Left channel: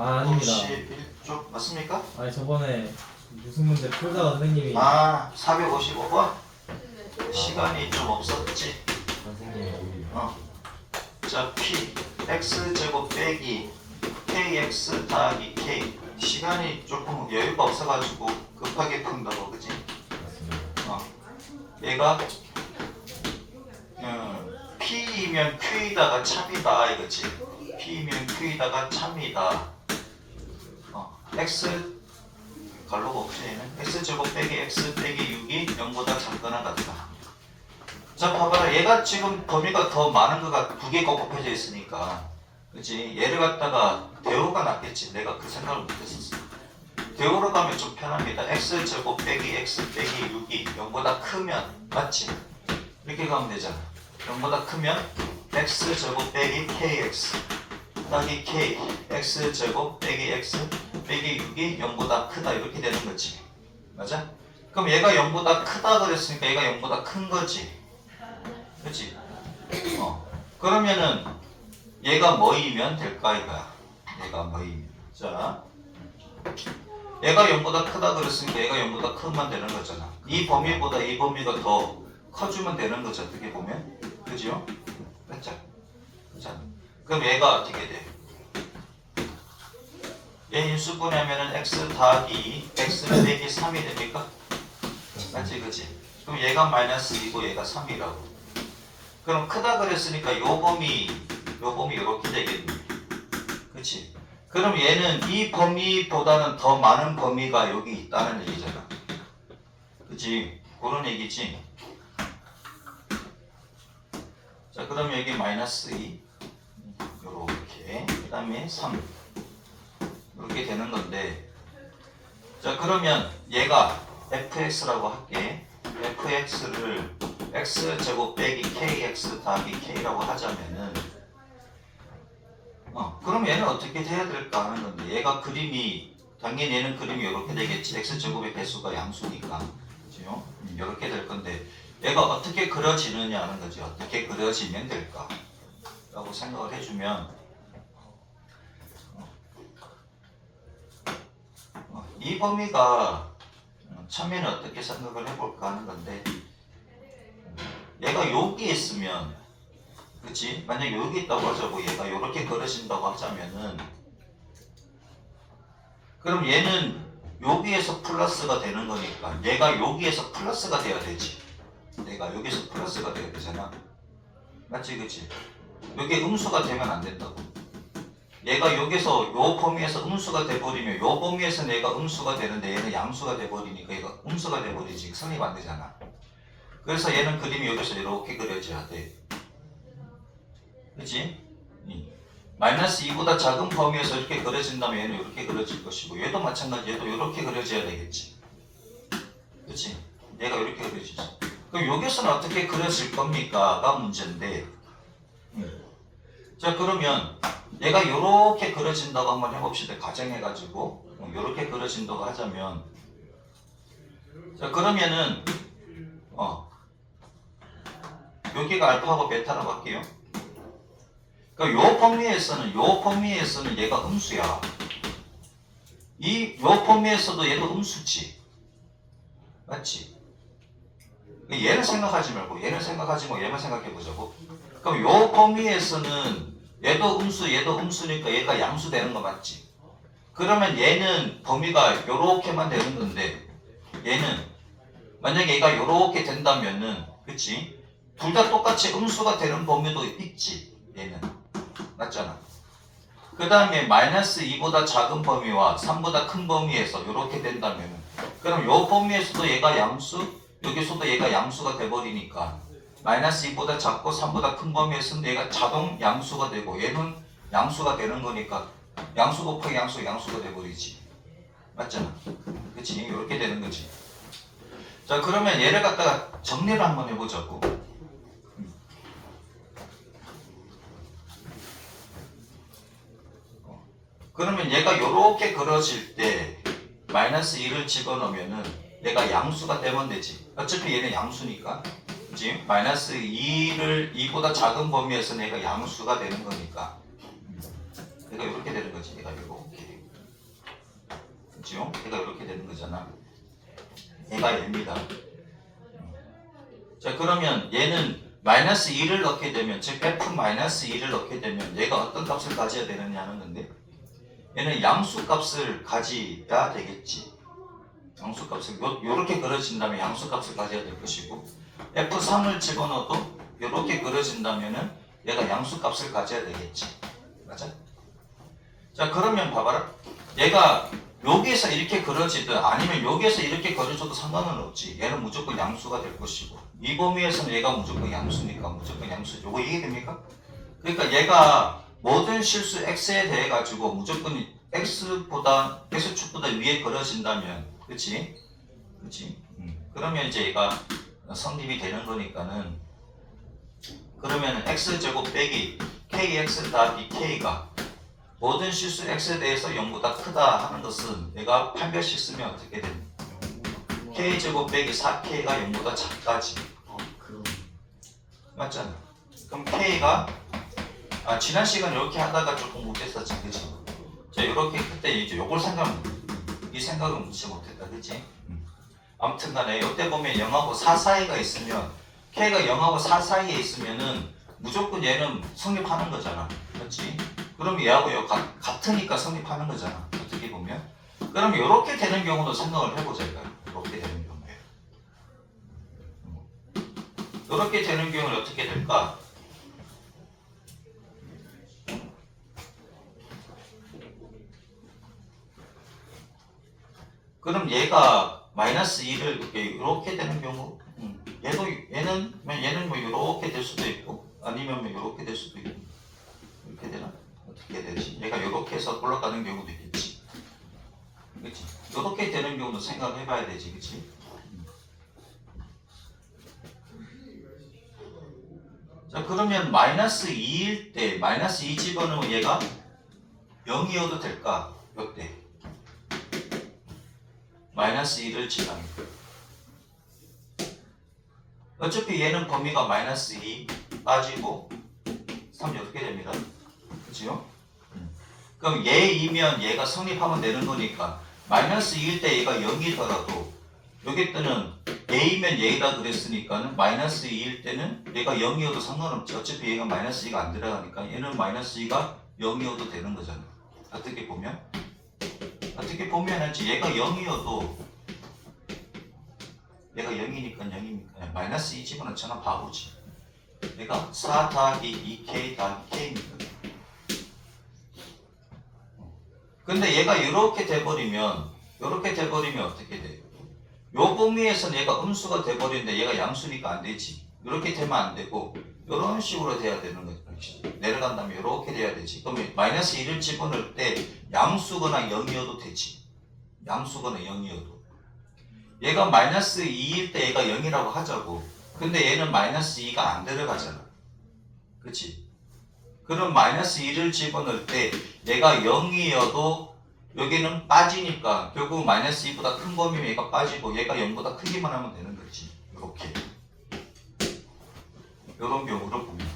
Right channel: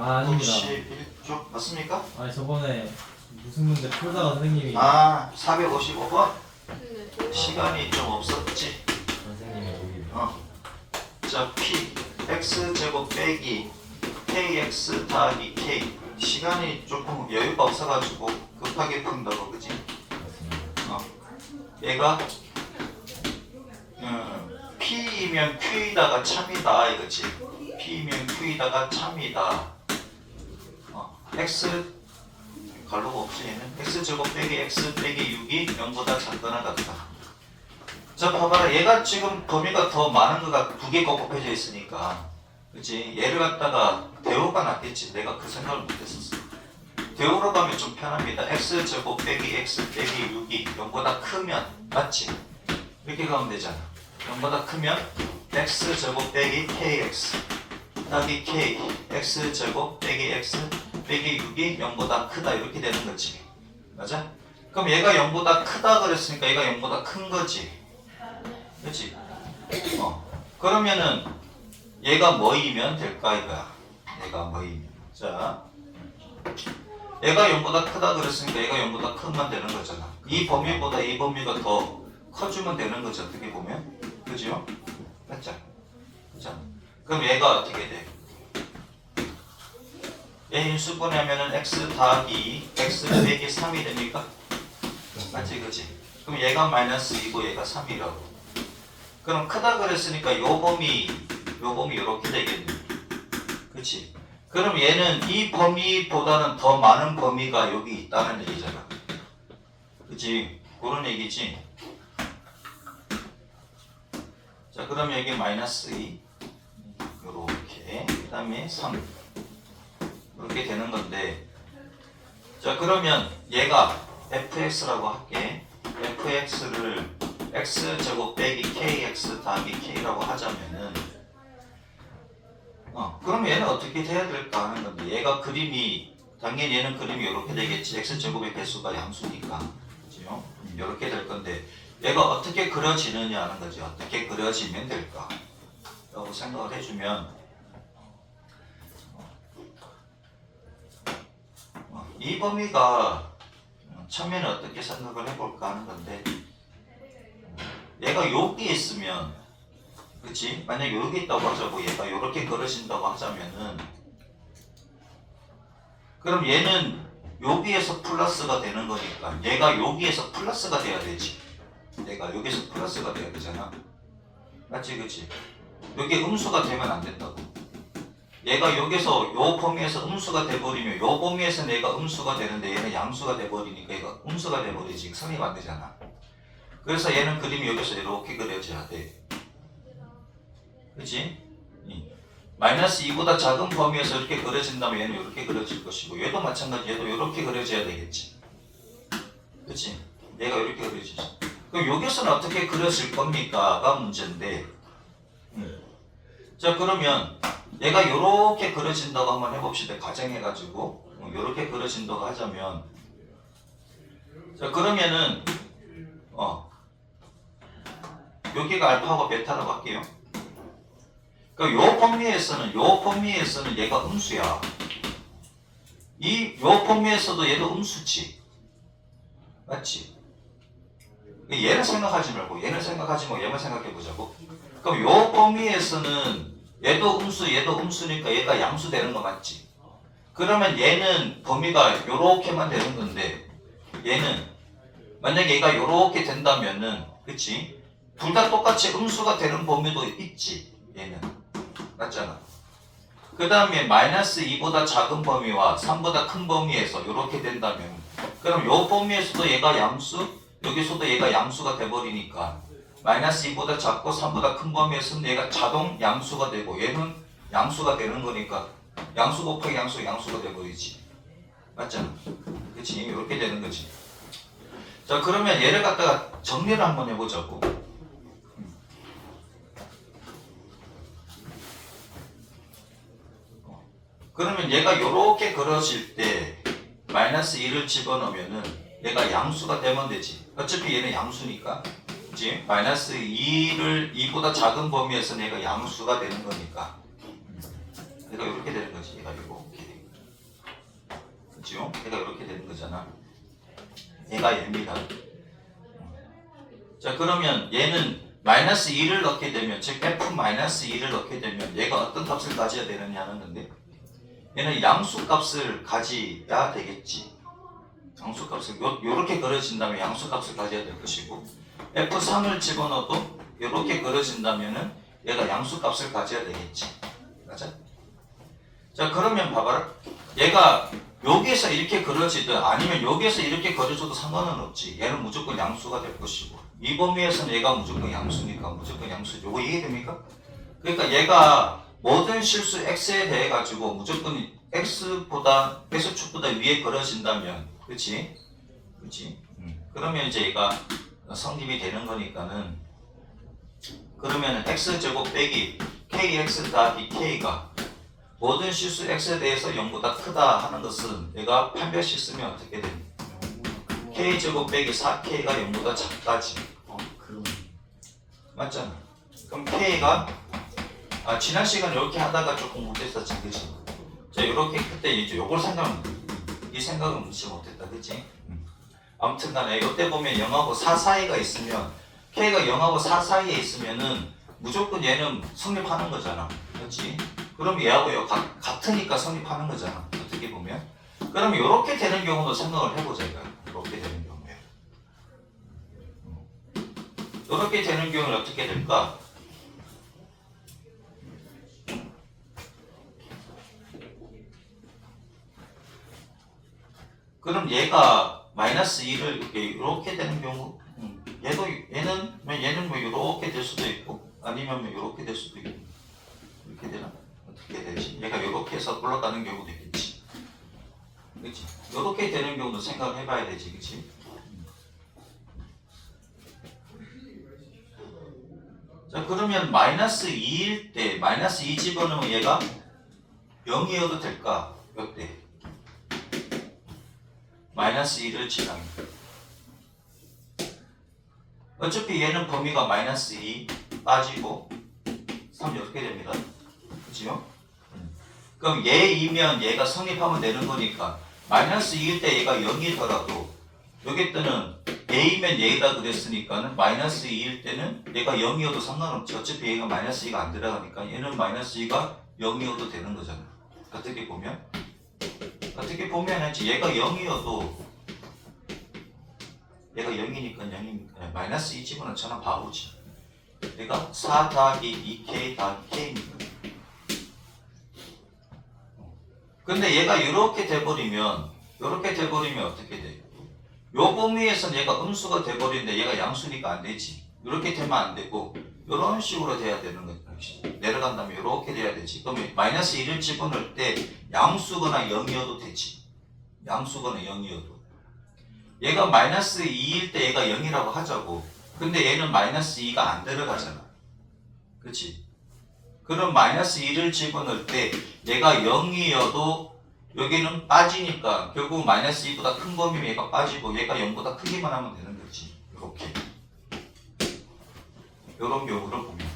아, 아닙니다. 451쪽 맞습니까? 아니 저번에 무슨 문제 풀다가 선생님이 455번? 시간이 좀 없었지. 선생님이 자, P X제곱 빼기 KX 더하기 K. 시간이 조금 여유가 없어가지고 급하게 푼다고, 그지? 얘가 P이면 Q이다가 참이다 이거지. P이면 Q이다가 참이다. X 갈로가 없지 얘는. X제곱 빼기 X 빼기 6이 0보다 작거나 같다. 자, 봐봐라. 얘가 지금 범위가 더 많은 거가 두 개가 곱해져 있으니까, 그치? 얘를 갖다가 대우가 낫겠지. 내가 그 생각을 못했었어. 대우로 가면 좀 편합니다. X제곱 빼기 X 빼기 6이 0보다 크면, 맞지? 이렇게 가면 되잖아. 0보다 크면 X제곱 빼기 KX 더하기 K X제곱 빼기 X 빼기 6이 0보다 크다. 이렇게 되는 거지. 맞아? 그럼 얘가 0보다 크다 그랬으니까 얘가 0보다 큰 거지. 그렇지? 그러면은 얘가 뭐이면 될까 이거야. 얘가 뭐이면. 자, 얘가 0보다 크다 그랬으니까 얘가 0보다 크면 되는 거잖아. 이 범위보다 이 범위가 더 커주면 되는 거죠. 어떻게 보면. 그죠? 맞죠? 자, 그럼 얘가 어떻게 돼? 얘 인수분해하면은 x 더하기 x 빼기 3이 됩니까? 맞지? 그지? 그럼 얘가 마이너스 2고 얘가 3이라고. 그럼 크다 그랬으니까 요 범위 이렇게 되겠네. 그치? 그럼 얘는 이 범위보다는 더 많은 범위가 여기 있다는 얘기잖아. 그치? 그런 얘기지. 자, 그럼 여기 마이너스 2 요렇게, 그 다음에 3 이렇게 되는 건데, 자, 그러면 얘가 fx라고 할게. fx를 x제곱 빼기 kx 더하기 k라고 하자면은 그럼 얘는 어떻게 해야 될까 하는 건데, 얘가 그림이 당연히 얘는 그림이 이렇게 되겠지. x제곱의 배수가 양수니까, 그죠? 이렇게 될 건데 얘가 어떻게 그려지느냐 하는 거지. 어떻게 그려지면 될까 라고 생각을 해주면, 이 범위가 처음에는 어떻게 생각을 해볼까 하는 건데, 얘가 여기 있으면, 그치? 만약 여기 있다고 하자고, 얘가 이렇게 그려진다고 하자면은, 그럼 얘는 여기에서 플러스가 되는 거니까 얘가 여기에서 플러스가 돼야 되지. 얘가 여기서 플러스가 돼야 되잖아. 맞지? 그치? 여기 음수가 되면 안 된다고. 얘가 여기서 요 범위에서 음수가 돼버리면 요 범위에서는 얘가 음수가 되는데 얘는 양수가 돼버리니까 얘가 음수가 돼버리지. 성립 안 되잖아. 그래서 얘는 그림이 여기서 이렇게 그려져야 돼. 그치? 마이너스 2보다 작은 범위에서 이렇게 그려진다면 얘는 이렇게 그려질 것이고, 얘도 마찬가지. 얘도 이렇게 그려져야 되겠지. 그치? 얘가 이렇게 그려지지. 그럼 여기서는 어떻게 그려질 겁니까?가 문제인데, 자, 그러면 얘가 이렇게 그려진다고 한번 해봅시다. 가정해가지고 이렇게 그려진다고 하자면, 자, 그러면은 여기가 알파하고 베타라고 할게요. 그러니까 요 범위에서는 얘가 음수야. 요 범위에서도 얘도 음수지. 맞지? 얘를 생각하지 말고 얘를 생각하지 말고 얘만 생각해 보자고. 그럼 요 범위에서는 얘도 음수니까 얘가 양수 되는 거 맞지? 그러면 얘는 범위가 요렇게만 되는 건데, 얘는 만약에 얘가 요렇게 된다면은, 그치? 둘 다 똑같이 음수가 되는 범위도 있지. 얘는 맞잖아. 그 다음에 마이너스 2보다 작은 범위와 3보다 큰 범위에서 이렇게 된다면, 그럼 요 범위에서도 얘가 양수, 여기서도 얘가 양수가 돼버리니까 마이너스 2보다 작고 3보다 큰 범위에서는 얘가 자동 양수가 되고 얘는 양수가 되는 거니까 양수 곱하기 양수가 돼버리지. 맞잖아. 그치? 이렇게 되는 거지. 자, 그러면 얘를 갖다가 정리를 한번 해보자고. 그러면 얘가 이렇게 그려질 때 마이너스 2를 집어넣으면은 얘가 양수가 되면 되지. 어차피 얘는 양수니까. 그치? 마이너스 2보다 작은 범위에서는 얘가 양수가 되는 거니까. 얘가 이렇게 되는 거지. 거지. 얘가 이렇게. 그죠? 얘가 이렇게 되는 거잖아. 얘가 얘입니다. 자, 그러면 얘는 마이너스 2를 넣게 되면, 즉 f 마이너스 2를 넣게 되면 얘가 어떤 값을 가져야 되느냐는 건데, 얘는 양수 값을 가져야 되겠지. 양수 값을 요렇게 그려진다면 양수 값을 가져야 될 것이고, f3을 집어넣어도 요렇게 그려진다면은 얘가 양수 값을 가져야 되겠지. 맞아? 자, 그러면 봐봐라. 얘가 여기에서 이렇게 그려지든 아니면 여기에서 이렇게 그려줘도 상관은 없지. 얘는 무조건 양수가 될 것이고, 이 범위에서는 얘가 무조건 양수니까 무조건 양수죠. 요거 이해됩니까? 그러니까 얘가 모든 실수 x에 대해 가지고 무조건 x보다 x축보다 위에 그려진다면, 그렇지? 그렇지? 그러면 이제 얘가 성립이 되는 거니까는, 그러면 x제곱 빼기 kx 더하기 k가 모든 실수 x에 대해서 0보다 크다 하는 것은 얘가 판별식 쓰면 어떻게 돼? k제곱 빼기 4k가 0보다 작다지. 그럼 맞잖아. 그럼 k가 지난 시간에 이렇게 하다가 조금 못했었지, 그치? 자, 이렇게 그때 이제 요걸 이 생각은 무시 못했다, 그치? 아무튼 간에 이때 보면 0하고 4 사이가 있으면, k가 0하고 4 사이에 있으면은 무조건 얘는 성립하는 거잖아, 그렇지? 그럼 얘하고 얘 같으니까 성립하는 거잖아, 어떻게 보면. 그럼 이렇게 되는 경우도 생각을 해보자, 이거. 이렇게 되는 경우에. 이렇게 되는 경우는 어떻게 될까? 그럼 얘가 마이너스 2를 이렇게 되는 경우, 얘는 뭐 이렇게 될 수도 있고, 아니면 뭐 이렇게 될 수도 있고, 이렇게 되나? 어떻게 되지? 얘가 이렇게 해서 올라가는 경우도 있겠지, 그렇지? 이렇게 되는 경우도 생각을 해봐야 되지, 그렇지? 자, 그러면 마이너스 2일 때 마이너스 2 집어넣으면 얘가 0이어도 될까? 이때 마이너스 2를 집어넣으면 어차피 얘는 범위가 마이너스 2 빠지고 3이 어떻게 됩니다? 그치요? 그럼 얘이면 얘가 성립하면 되는 거니까 마이너스 2일 때 얘가 0이더라도 여기 때는 A면 얘다 그랬으니까는 마이너스 2일 때는 얘가 0이어도 상관없지. 어차피 얘가 마이너스 2가 안 들어가니까 얘는 마이너스 2가 0이어도 되는 거잖아. 어떻게 보면 얘가 0이어도 얘가 0이니까 0이니까 마이너스 2 집어넣잖아. 바보지. 얘가 4 더하기 2k 더하기 k니까. 근데 얘가 이렇게 돼버리면 어떻게 돼? 요 범위에서는 얘가 음수가 돼버리는데 얘가 양수니까 안 되지. 이렇게 되면 안 되고 이런 식으로 돼야 되는 거지. 내려간다면 이렇게 돼야 되지. 그러면 마이너스 1을 집어넣을 때 양수거나 0이어도 되지. 양수거나 0이어도. 얘가 마이너스 2일 때 얘가 0이라고 하자고. 근데 얘는 마이너스 2가 안 들어가잖아. 그치? 그럼 마이너스 2를 집어넣을 때 얘가 0이어도 여기는 빠지니까 결국 마이너스 2보다 큰 범위면 얘가 빠지고 얘가 0보다 크기만 하면 되는 거지. 이렇게. 이런 경우를 보면.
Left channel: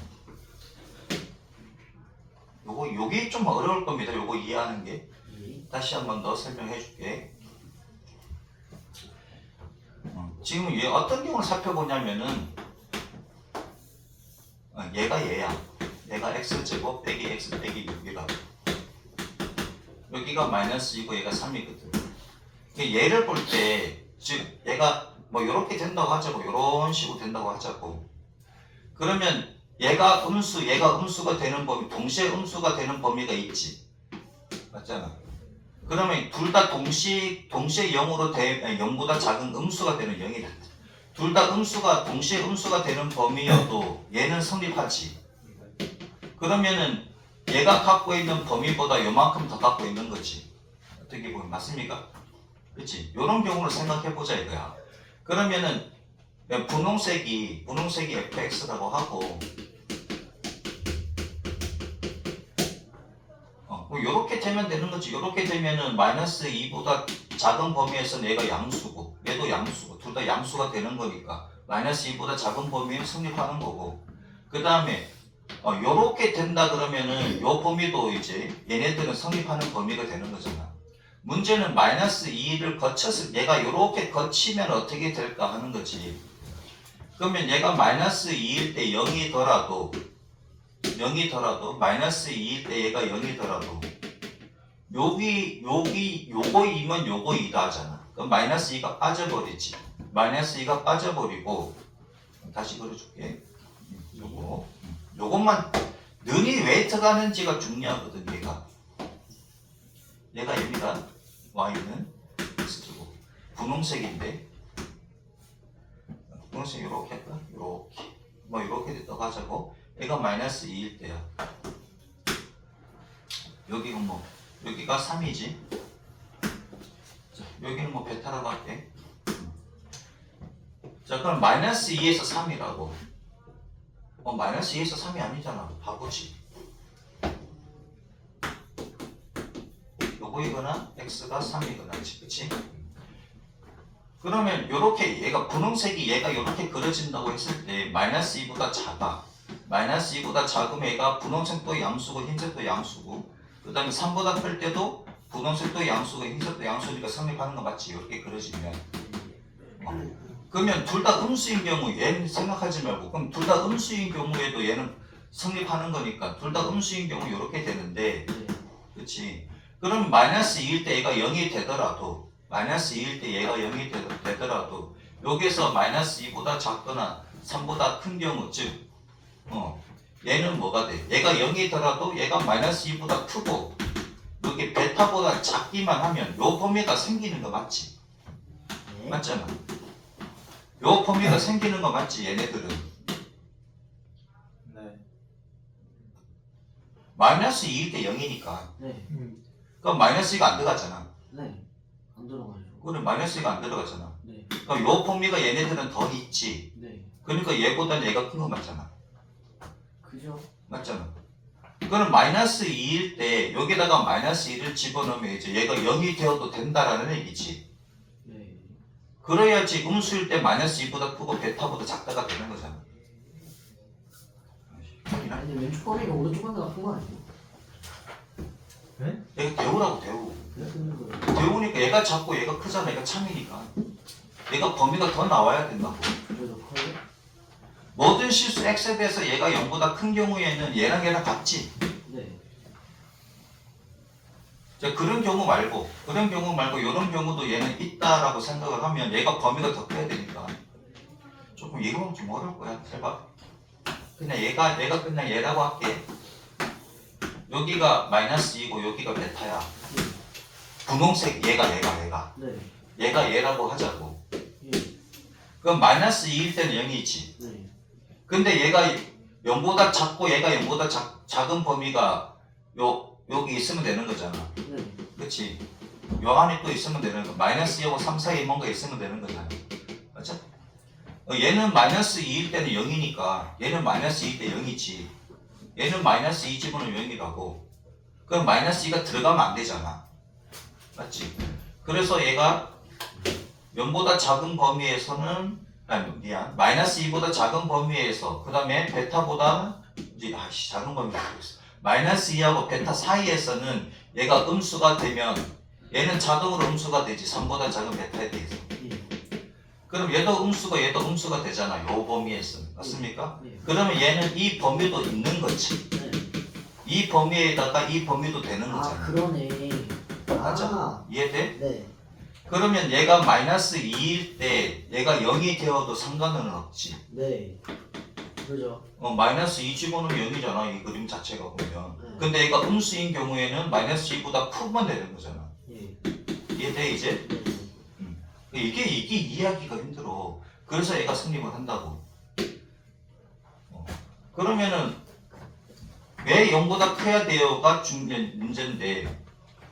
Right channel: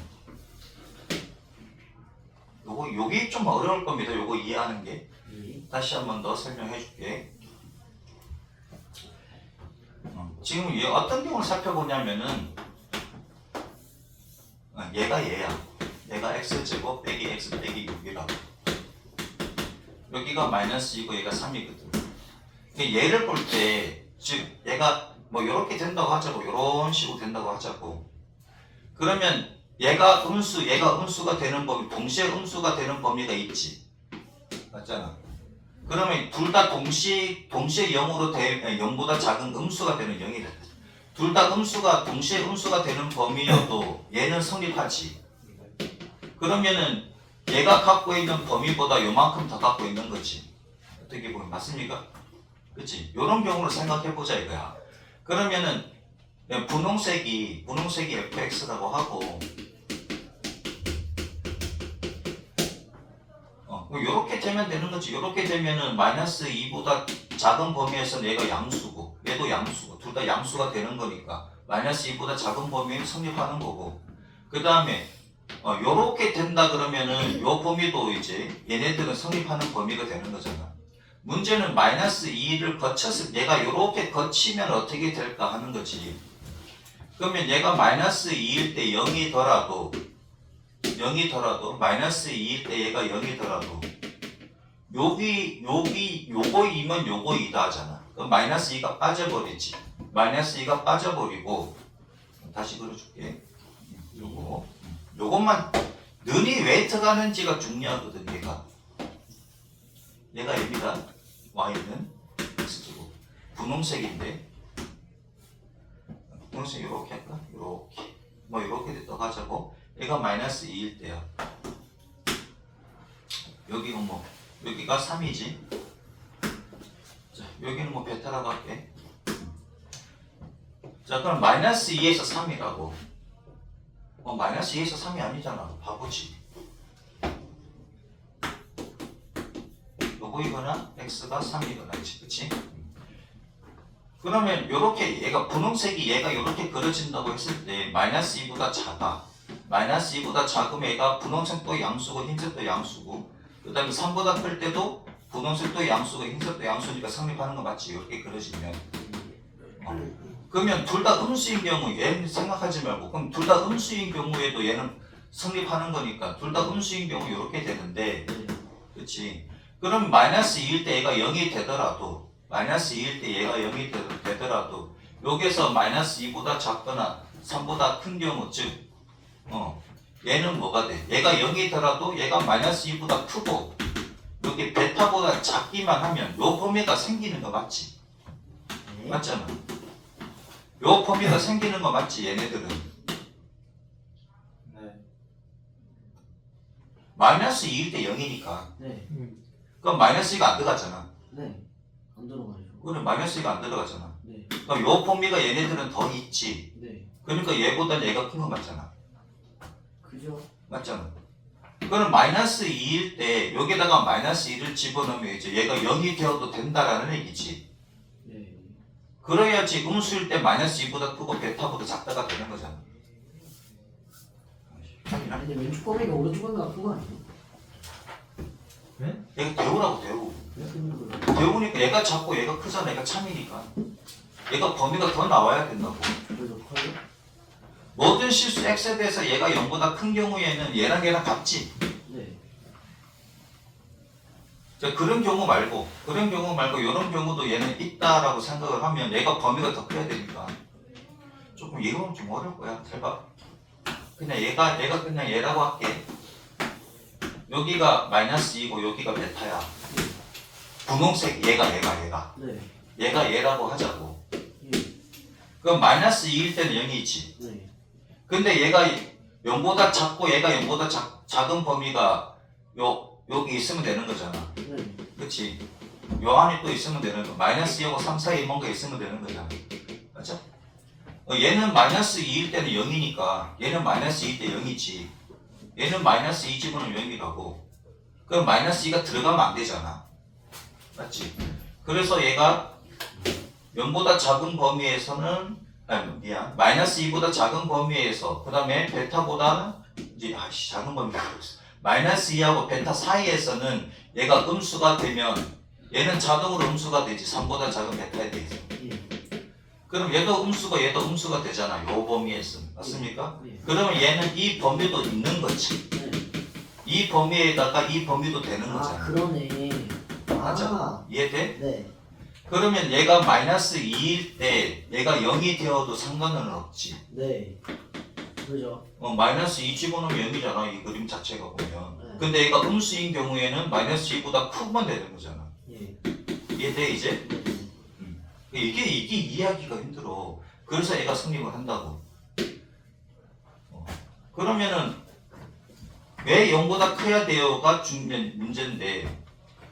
요게 좀 어려울 겁니다. 요거 이해하는 게. 다시 한 번 더 설명해 줄게. 지금 얘 어떤 경우를 살펴보냐면은 얘가 얘야. 얘가 x제곱 빼기 x 빼기 6이라고. 여기가 마이너스 2고 얘가 3이거든. 얘를 볼 때, 즉 얘가 뭐 이렇게 된다고 하자고, 이런 식으로 된다고 하자고. 그러면 얘가 음수가 되는 범위, 동시에 음수가 되는 범위가 있지. 맞잖아. 그러면 둘 다 동시에 0보다 작은 음수가 되는 0이다. 둘 다 동시에 음수가 되는 범위여도 얘는 성립하지. 그러면은 얘가 갖고 있는 범위보다 요만큼 더 갖고 있는 거지. 어떻게 보면 맞습니까? 그렇지? 이런 경우를 생각해보자 이거야. 그러면은 분홍색이 fx라고 하고 뭐 요렇게 되면 되는 거지. 요렇게 되면은 마이너스 2보다 작은 범위에서 얘가 양수고 얘도 양수고 둘 다 양수가 되는 거니까 마이너스 2보다 작은 범위에 성립하는 거고, 그 다음에 요렇게 된다 그러면은 요 범위도 이제 얘네들은 성립하는 범위가 되는 거잖아. 문제는 마이너스 2를 거쳐서 얘가 요렇게 거치면 어떻게 될까 하는 거지. 그러면 얘가 마이너스 2일 때 0이더라도 마이너스 2일 때 얘가 0이더라도 요거 2면 요거 2다 하잖아. 그럼 마이너스 2가 빠져버리지. 마이너스 2가 빠져버리고 다시 그려줄게. 요것만 눈이 왜 들어가는지가 중요하거든. 얘가 M이다. Y는 X제곱. 분홍색인데 분홍색 이렇게 할까? 이렇게 뭐 이렇게 또 가자고. 얘가 마이너스 2일 때야. 여기가 뭐 여기가 3이지. 자, 여기는 뭐 베타라고 할게. 자, 그럼 마이너스 2에서 3이라고. 마이너스 2에서 3이 아니잖아. 바보지. 요거이거나 x가 3이거나, 그치? 그러면 요렇게 얘가 분홍색이 얘가 요렇게 그려진다고 했을 때 마이너스 2보다 작아. 마이너스 2보다 작으면 얘가 분홍색도 양수고 흰색도 양수고, 그 다음에 3보다 클 때도 분홍색도 양수고 흰색도 양수니까 성립하는 거 맞지? 이렇게 그려지면. 그러면 둘 다 음수인 경우 얘는 생각하지 말고, 그럼 둘 다 음수인 경우에도 얘는 성립하는 거니까 둘 다 음수인 경우 이렇게 되는데, 그렇지? 그럼 마이너스 2일 때 얘가 0이 되더라도, 마이너스 2일 때 얘가 0이 되더라도 여기서 마이너스 2보다 작거나 3보다 큰 경우, 즉 얘는 뭐가 돼? 얘가 0이더라도 얘가 마이너스 2보다 크고 여기 베타보다 작기만 하면 요 범위가 생기는 거 맞지? 네. 맞잖아. 요 범위가 생기는 거 맞지? 얘네들은 네. 마이너스 2일 때 0이니까 네. 그럼 마이너스 2가 안 들어가잖아. 네. 안 들어가죠. 그래, 마이너스 2가 안 들어가잖아. 네. 그럼 요 범위가 얘네들은 더 있지. 네. 그러니까 얘보다 얘가 큰 거 맞잖아. 그죠? 맞잖아. 그럼 마이너스 2일 때 여기다가 마이너스 2를 집어넣으면 이제 얘가 0이 되어도 된다라는 얘기지. 네. 그래야지 음수일 때 마이너스 2보다 크고 베타보다 작다가 되는 거잖아. 아니 근데 왼쪽 범위가 오른쪽 범위가 큰 거 아니에요? 네? 얘가 대우라고 대우. 왜 그런 거예요? 대우니까 얘가 작고 얘가 크잖아. 얘가 참이니까. 얘가 범위가 더 나와야 된다고. 그래서 커요? 모든 실수 x에 대해서 얘가 0보다 큰 경우에는 얘랑 같지. 네. 자, 그런 경우 말고 이런 경우도 얘는 있다라고 생각을 하면 얘가 범위가 더 커야 되니까 조금 이거는 좀 어려울 거야. 잘 봐. 그냥 얘가 그냥 얘라고 할게. 여기가 마이너스 2고 여기가 베타야. 분홍색 얘가 네. 얘가 얘라고 하자고. 예. 그럼 마이너스 2일 때는 0이지. 네. 근데 얘가 0보다 작고 얘가 0보다 작은 범위가 여기 있으면 되는 거잖아. 네. 그치? 요 안에 또 있으면 되는 거. 마이너스 2하고 3 사이에 뭔가 있으면 되는 거잖아. 맞죠? 얘는 마이너스 2일 때는 0이니까 얘는 마이너스 2일 때 0이지. 얘는 마이너스 2 집어넣으면 0이라고. 그럼 마이너스 2가 들어가면 안 되잖아. 맞지? 그래서 얘가 0보다 작은 범위에서는 마이너스 2보다 작은 범위에서 그 다음에 베타보다는 이제 작은 범위가 있어. 마이너스 2하고 베타 사이에서는 얘가 음수가 되면 얘는 자동으로 음수가 되지. 3보다 작은 베타에 대해서. 예. 그럼 얘도 음수가 되잖아. 요 범위에서. 맞습니까? 네. 그러면 얘는 이 범위도 있는 거지. 네. 이 범위에다가 이 범위도 되는 아 거잖아. 그러네. 맞아. 이해돼? 네. 그러면 얘가 마이너스 2일 때 얘가 0이 되어도 상관은 없지. 네. 그죠? 마이너스 2 집어넣으면 0이잖아. 이 그림 자체가 보면. 네. 근데 얘가 음수인 경우에는 마이너스 2보다 크면 되는 거잖아. 예. 이해돼 이제? 네. 이게 이해하기가 힘들어. 그래서 얘가 성립을 한다고. 그러면은 왜 0보다 커야 돼요가 문제인데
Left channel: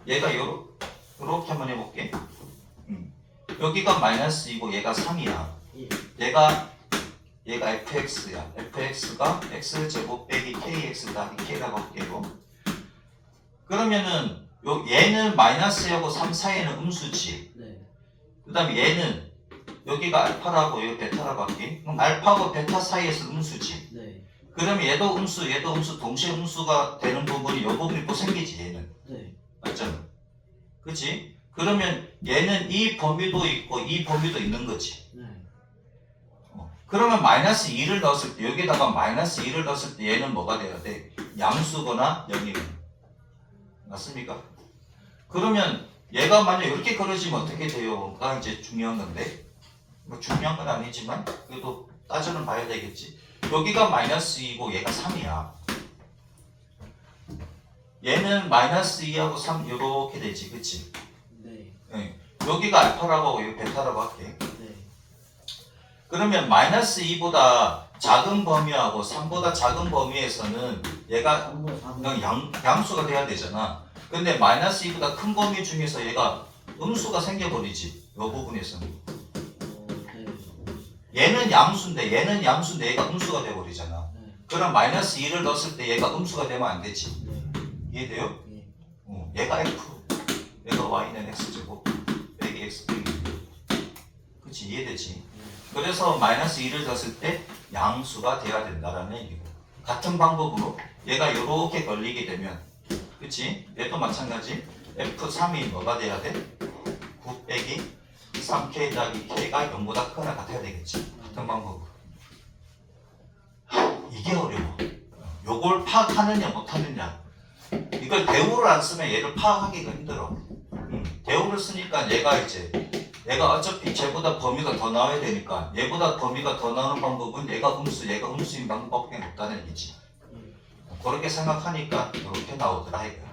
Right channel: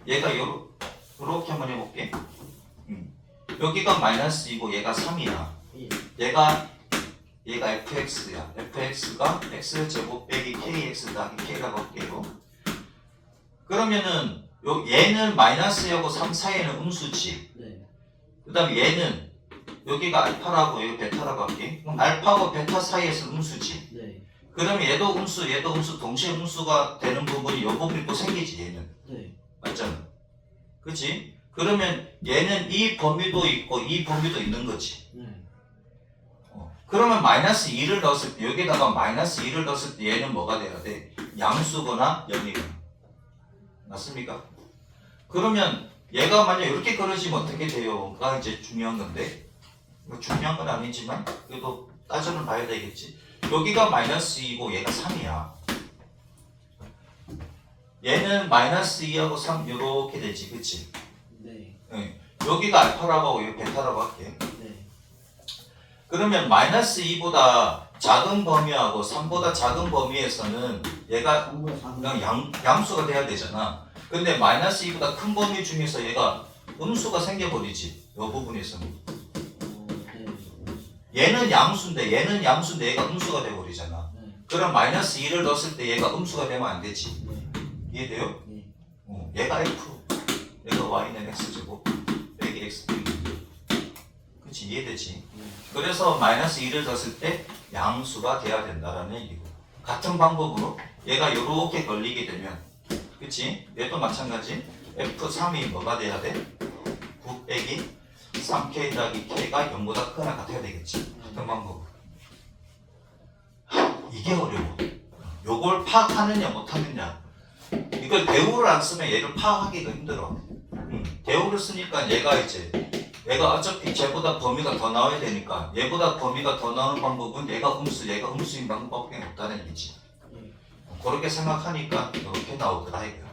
얘가 요렇게 한번 해볼게. 여기가 마이너스 2고 얘가 3이야. 예. 얘가 fx야. fx가 x제곱 빼기 kx다. 이 k라고 할게요. 그러면은 얘는 마이너스하고 3 사이에는 음수지. 네. 그 다음에 얘는 여기가 알파라고 여기 베타라고 할게. 그럼 알파하고 베타 사이에서 음수지. 네. 그러면 얘도 음수 동시에 음수가 되는 부분이 이 부분이 또 생기지 얘는. 네. 맞잖아. 그치? 그러면 얘는 이 범위도 있고 이 범위도 있는 거지. 네. 그러면 마이너스 2를 넣었을 때 여기다가 마이너스 2를 넣었을 때 얘는 뭐가 돼야 돼? 양수거나 0이거나. 맞습니까? 그러면 얘가 만약 이렇게 그려지면 어떻게 돼요?가 이제 중요한 건데 뭐 중요한 건 아니지만 그래도 따져는 봐야 되겠지. 여기가 마이너스 2고 얘가 3이야. 얘는 마이너스 2하고 3 이렇게 되지, 그치? 네. 네. 여기가 알파라고 하고 여기 베타라고 할게. 네. 그러면 마이너스 2보다 작은 범위하고 3보다 작은 범위에서는 얘가 3보다 4보다. 그냥 양수가 돼야 되잖아. 근데 마이너스 2보다 큰 범위 중에서 얘가 음수가 생겨버리지. 이 부분에서는. 네. 얘는 양수인데 얘가 음수가 돼버리잖아. 네. 그럼 마이너스 2를 넣었을 때 얘가 음수가 되면 안 되지. 네. 이해돼요? 네. 얘가 F, 얘가 Y는 X제곱, 빼기 X 빼기 2. 그치, 이해되지? 네. 그래서 마이너스 2를 넣었을 때 양수가 돼야 된다라는 얘기고. 같은 방법으로 얘가 이렇게 걸리게 되면, 그치? 얘도 마찬가지. F3이 뭐가 돼야 돼? 9 빼기 3K 더하기 K가 0보다 크거나 같아야 되겠지. 같은 방법으로. 이게 어려워. 요걸 파악하느냐 못하느냐. 이걸 대우를 안 쓰면 얘를 파악하기가 힘들어. 대우를 쓰니까 얘가 어차피 쟤보다 범위가 더 나와야 되니까 얘보다 범위가 더 나오는 방법은 얘가 음수인 방법밖에 없다는 얘기지. 그렇게 생각하니까 이렇게 나오더라 이거.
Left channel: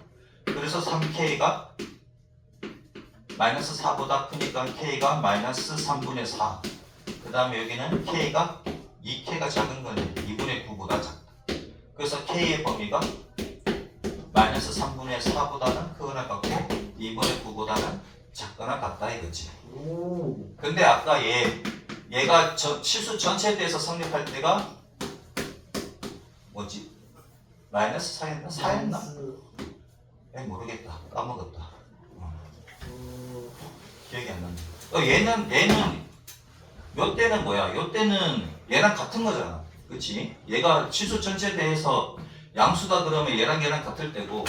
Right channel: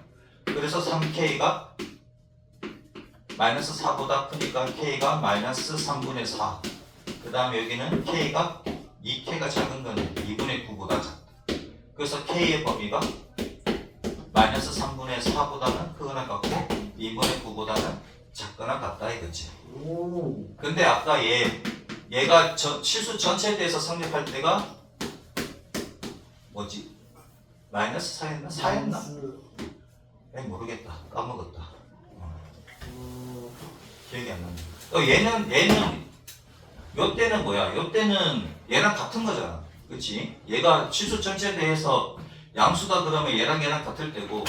그래서 3K가 마이너스 4보다 크니까 K가 마이너스 3분의 4. 그 다음에 여기는 K가 2K가 작은 거는 2분의 9보다 작다. 그래서 K의 범위가 마이너스 3분의 4보다는 크거나 같고 2분의 9보다는 작거나 같다 이거지. 오. 근데 아까 얘가 실수 전체에 대해서 성립할 때가 뭐지? 마이너스 4였나? 4였나? 모르겠다. 까먹었다. 기억이 안 나네. 얘는 요 때는 뭐야? 요 때는 얘랑 같은 거잖아. 그치? 얘가 실수 전체에 대해서 양수다 그러면 얘랑 같을 때고,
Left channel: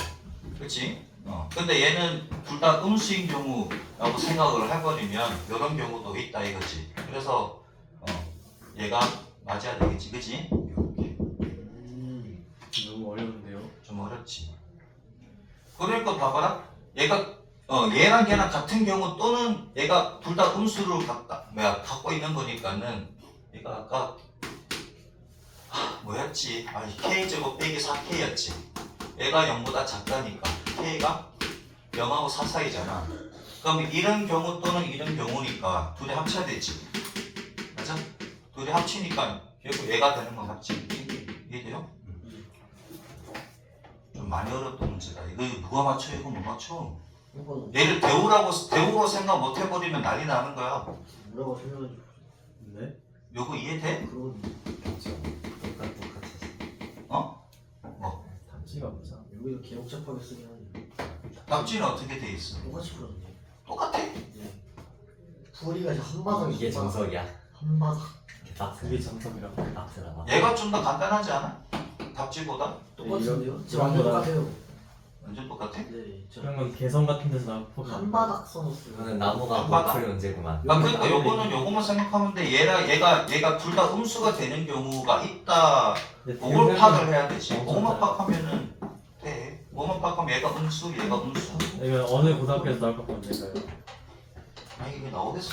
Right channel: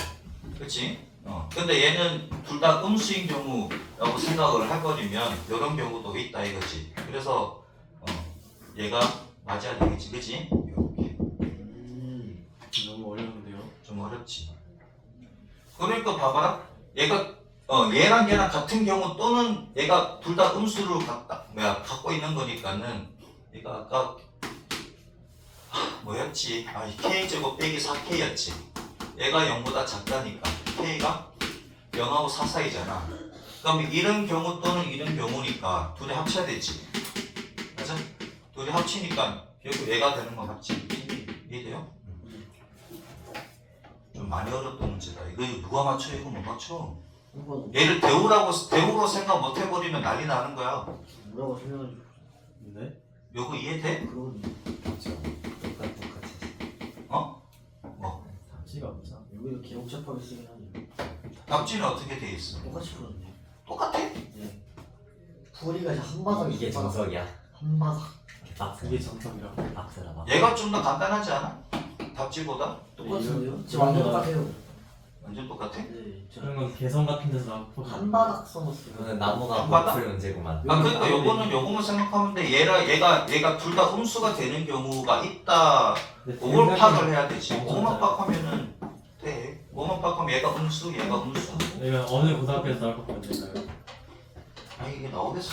그치? 근데 얘는 둘 다 음수인 경우라고 생각을 해버리면 이런 경우도 있다 이거지. 그래서 얘가 맞아야 되겠지, 그치? 이렇게. 너무 어려운데요. 좀 어렵지. 그러니까 봐봐라. 얘랑 같은 경우 또는 얘가 둘 다 음수를 갖고 있는 거니까는 얘가 아까 뭐였지? K제곱 빼기 4K였지. 얘가 0보다 작다니까 K가 0하고 4 사이잖아. 그럼 이런 경우 또는 이런 경우니까 둘이 합쳐야 되지. 맞아? 둘이 합치니까 결국 얘가 되는 건 맞지. 이해돼요? 좀 많이 어렵던 문제다. 이거 누가 맞춰? 이거 못 맞춰. 얘를 대우로 생각 못 해버리면 난리 나는 거야. 뭐라고 설명해 줘. 네? 요거 이해돼? 그러거든요. 답지가 뭐죠? 여기도 기록 접합을 쓰긴 하네요. 답지는 어떻게 돼 있어? 똑같이 풀었네요. 똑같아. 네. 풀이가 이제 한 바닥 이게 정석이야. 한 바닥. 그게 정석이라고. 빡세라. 얘가 좀 더 간단하지 않아? 답지보다? 똑같은데요? 이런 지금 완전 거랑- 똑같아요. 완전 똑같아? 네. 그런 건 개성 같은 데서 나오고 한 바닥 써놨어요. 이거는 나무가 안 받아? 풀 문제구만. 그러니까 요거만 생각하면 돼. 얘가 둘 다 음수가 되는 경우가 있다. 그걸 파악을 해야 되지. 그것만 파악하면은 돼. 그것만 파악하면 얘가 음수, 얘가 음수. 이건 어느 고등학교에서 나올 것 같은데요? 이게 나오겠어?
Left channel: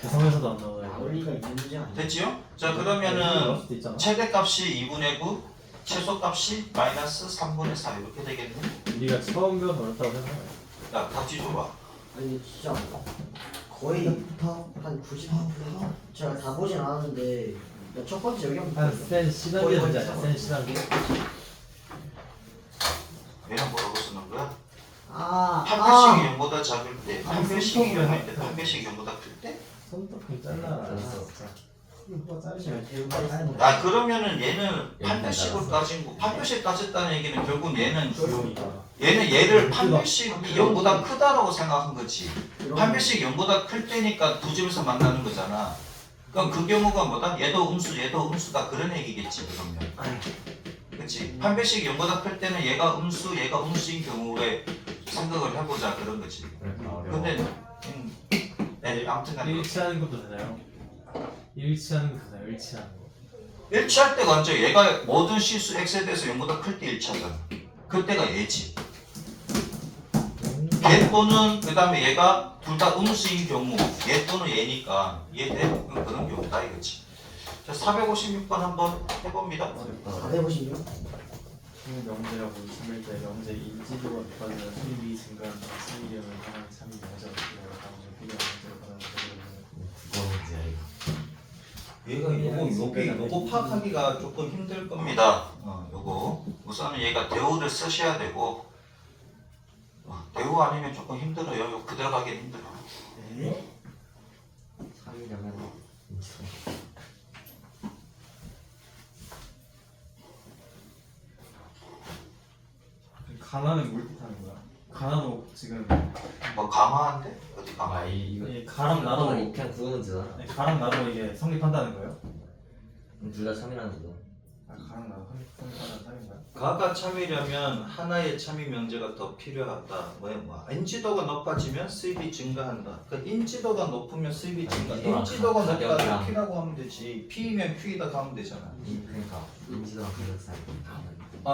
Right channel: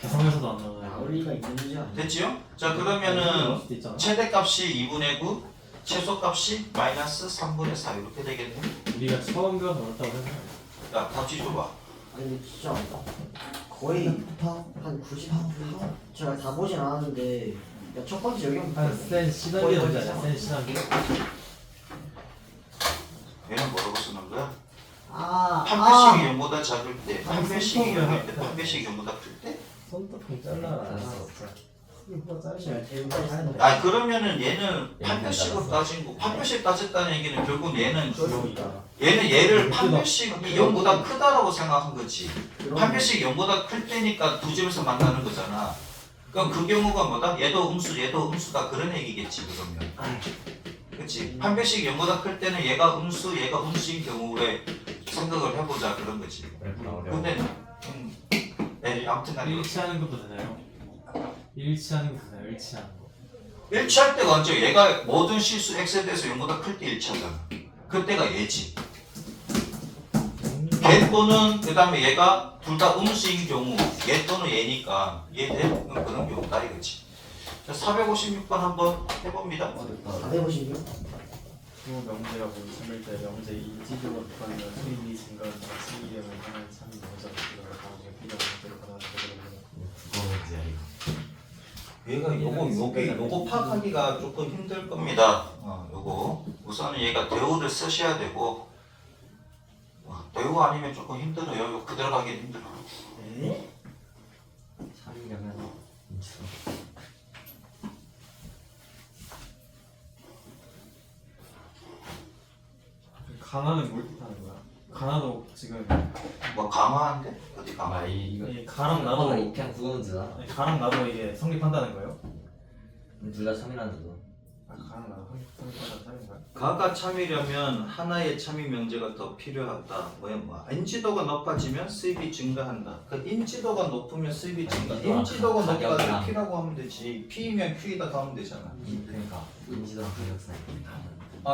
개성에서도 안 나와요. 마무리가 있는 문제 아니에요? 됐지요? 자 나올 그러면은 수도 있잖아. 최대값이 2분의 9, 최소값이 마이너스 3분의 4 이렇게 되겠네. 우리가 처음 배워서 어렵다고 생각해요. 야, 답지 줘봐. 아니 이거 진짜 거의 한 90%. 제가 다 보진 않았는데 첫 번째 여기 한센 시단계 되지 않냐? 센 시단계? 얘는 뭐라고 쓰는 거야? 아, 8배씩이 0보다 작을 때, 아니, 8배씩이 손톱을 0인데 8배씩이 0보다 클 때? 손톱 좀 잘라라. 이거 자르시면 아 그러면은 얘는 얘는 8배씩으로 따진 거 8배씩 따졌다는 얘기는 결국 얘는 그러니까. 얘를 8배씩이 0보다 크다라고 생각한 거지. 그럼 8배씩 0보다 클 때니까 두 집에서 만나는 거잖아. 그럼 그 경우가 뭐다? 얘도 음수다 그런 얘기겠지 그러면. 그렇지. 판별식 연보다 클 때는 얘가 음수인 경우에 생각을 해보자 그런 거지. 근데 네, 아무튼간에 일치하는 것도 되나요? 일치하는 것도 되나요? 일치하는 거. 일치할 때가 언제? 얘가 모든 실수 x에 대해서 0보다 클 때 일치하잖아. 그때가 얘지. 걔 또는 그 다음에 얘가 둘 다 음수인 경우 얘 또는 얘니까 얘 대 그런 경우다 이거지. 자, 456번 한번 해봅니다. 456? 후 명제가 본 3일 때 명제 인지도가 높아지면 수익이 증가한다. 수익량을 향한 참이 명제가 높아지면 당시 필요한 문제로 가능하다. 얘가 요거 파악하기가 조금 힘들 겁니다. 요거 우선은 얘가 대우를 쓰셔야 되고 대우 아니면 조금 힘들어요. 요 그대로 가기 힘들어. 네? 3이라면 가나는 뭘 뜻하는 거야? 가나도 지금 뭐 강화한데? 어디 강화? 이거 이 가랑 나도 그냥 구분은 되잖아. 가랑 나도 이게 성립한다는 거예요? 둘다 3이라는 거. 아 가랑 나도 성립한다는 사인 거야? 가가 참이려면 하나의 참이 명제가 더 필요하다. 인지도가 높아지면 수입이 증가한다. 그 인지도가 높으면 수입이 증가. 인지도가 높다고 가격이랑. P라고 하면 되지. P면 Q이다 가면 되잖아. 그러니까 인지도가 가격사.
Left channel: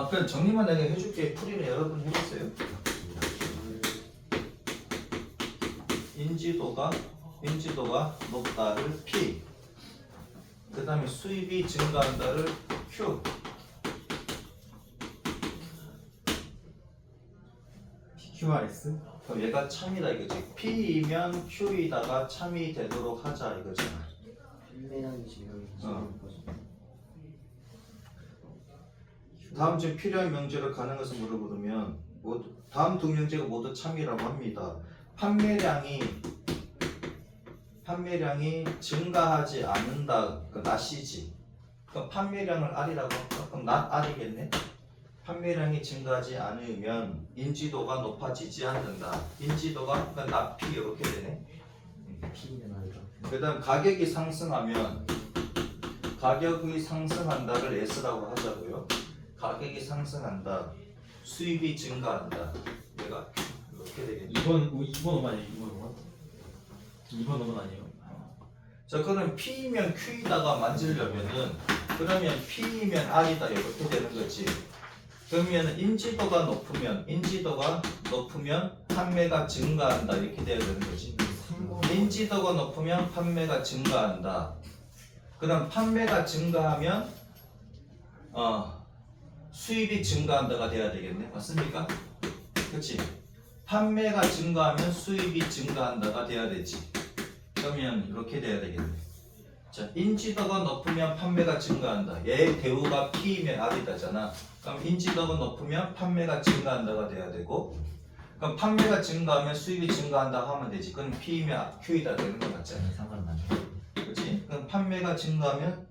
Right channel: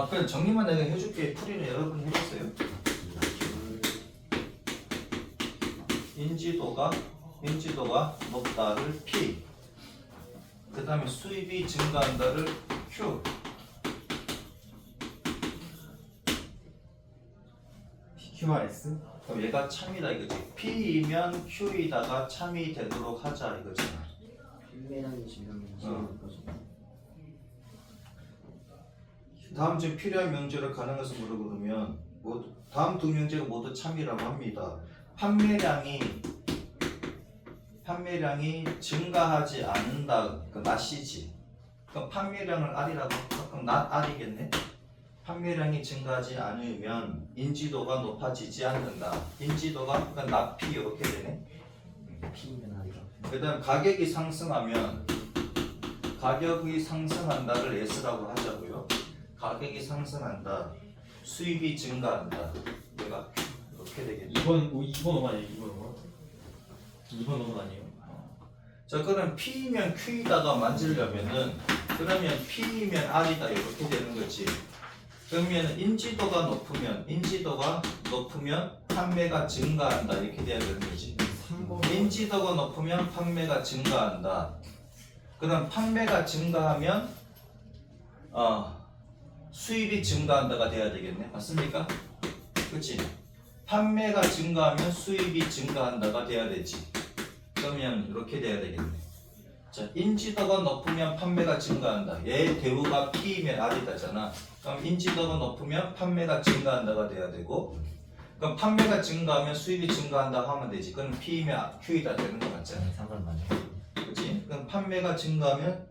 그래 정리만 내가 해줄게. 풀이를 여러분 해보세요. 인지도가 높다를 P. 그 다음에 수입이 증가한다를 Q. PQRS? 그럼 얘가 참이다 이거지. P이면 Q이다가 참이 되도록 하자 이거잖아. 필매량이 지금 다음 중 필요한 명제를 가능한 것을 물어보면 다음 두 명제가 모두 참이라고 합니다. 판매량이 증가하지 않는다. 그 낫이지. 그럼 판매량을 R이라고 할까? 그럼 낫 R이겠네. 판매량이 증가하지 않으면 인지도가 높아지지 않는다. 인지도가 그러니까 낫 P 이렇게 되네. P면 아니죠. 그 다음 가격이 상승하면 가격이 상승한다를 S라고 하자고요. 가격이 상승한다. 수입이 증가한다. 내가 이렇게 되겠네. 2번 5번 아니에요? 2번 5번 아니에요? 자 그럼 P면 Q이다가 만지려면은 그러면 P면 R이다 이렇게 되는 거지. 그러면 인지도가 높으면 판매가 증가한다 이렇게 돼야 되는 거지. 인지도가 높으면 판매가 증가한다. 그럼 판매가 증가하면 수입이 증가한다가 돼야 되겠네. 맞습니까? 그렇지? 판매가 증가하면 수입이 증가한다가 돼야 되지. 그러면 이렇게 돼야 되겠네. 자, 인지도가 높으면 판매가 증가한다. 얘 대우가 P이면 R이다잖아. 그럼 인지도가 높으면 판매가 증가한다가 돼야 되고, 그럼 판매가 증가하면 수입이 증가한다 하면 되지. 그럼 P이면 Q이다 되는 거 맞잖아. 상관없네. 그렇지? 그럼 판매가 증가하면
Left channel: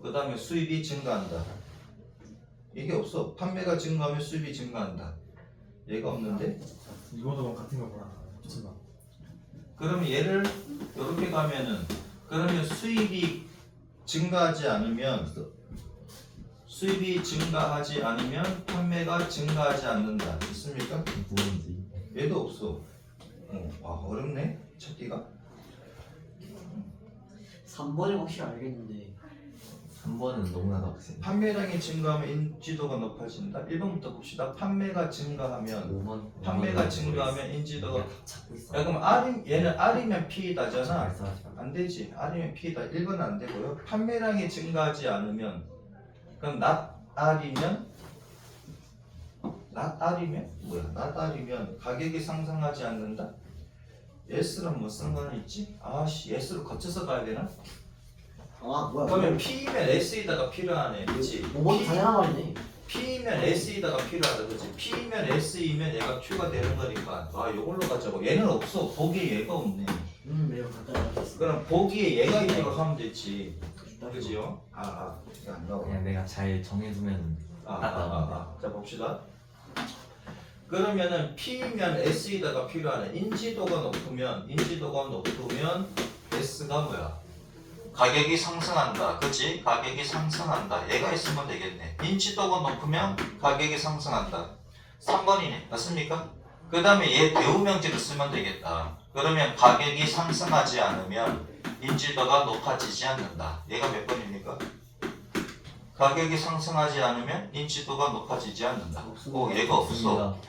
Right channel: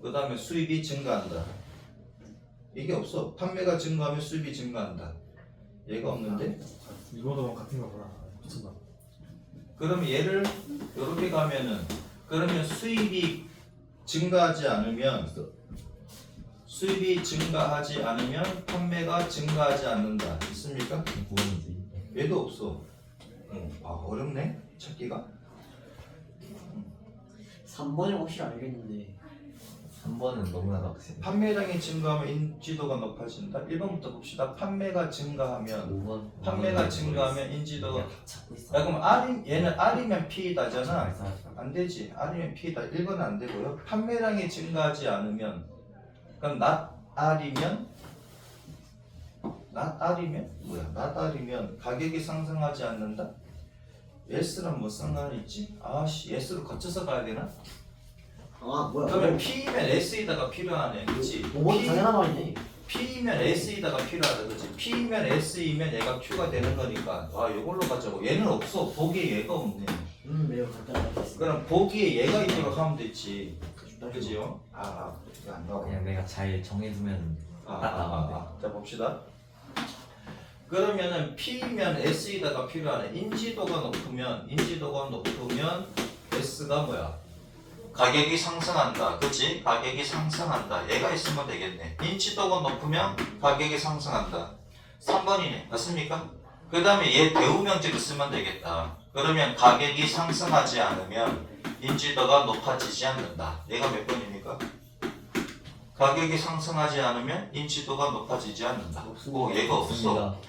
그 다음에 수입이 증가한다. 이게 없어. 판매가 증가하면 수입이 증가한다. 얘가 없는데? 2번 5번 같은 거구나. 미쳤나? 그러면 얘를 이렇게 가면은 그러면 수입이 증가하지 않으면 판매가 증가하지 않는다. 있습니까? 구분이지. 얘도 없어. 어렵네 찾기가. 3번이 확실히 알겠는데 3번은 너무나도 확실해. 판매량이 증가하면 인지도가 높아진다. 1번부터 봅시다. 판매가 증가하면 5번. 판매가 증가하면 인지도가 찾고 있어. 야 그럼 얘는 R이면 P다잖아. 말씀하지 마. 안 되지. R이면 P다. 1번은 안 되고요. 판매량이 증가하지 않으면 그럼 not R이면 뭐야? not R이면 가격이 상승하지 않는다. S랑 뭐 상관이 있지? 아씨 S로 거쳐서 가야 되나? 뭐야 그러면 P면 S에다가 필요하네. 그렇지? 5번 당연한 말이네. P면 S에다가 필요하다. 그렇지? P면 S이면 얘가 Q가 되는 거니까 요걸로 가자고. 얘는 없어. 보기에 얘가 없네. 매우 간단하게 그럼 보기에 얘가 있도록 하면 됐지. 그지요? 이거 안 나와. 그냥 내가 잘 정해두면 자 봅시다. 그러면은 P면 S에다가 필요하네. 인지도가 높으면 S가 뭐야? 가격이 상승한다. 그치? 가격이 상승한다. 얘가 있으면 되겠네. 인지도가 높으면 가격이 상승한다. 3번이네. 맞습니까? 그 다음에 얘 대우명제를 쓰면 되겠다. 그러면 가격이 상승하지 않으면 인지도가 높아지지 않는다. 얘가 몇 번입니까? 가격이 상승하지 않으면 인지도가 높아지지 않는다. 오, 얘가 없어.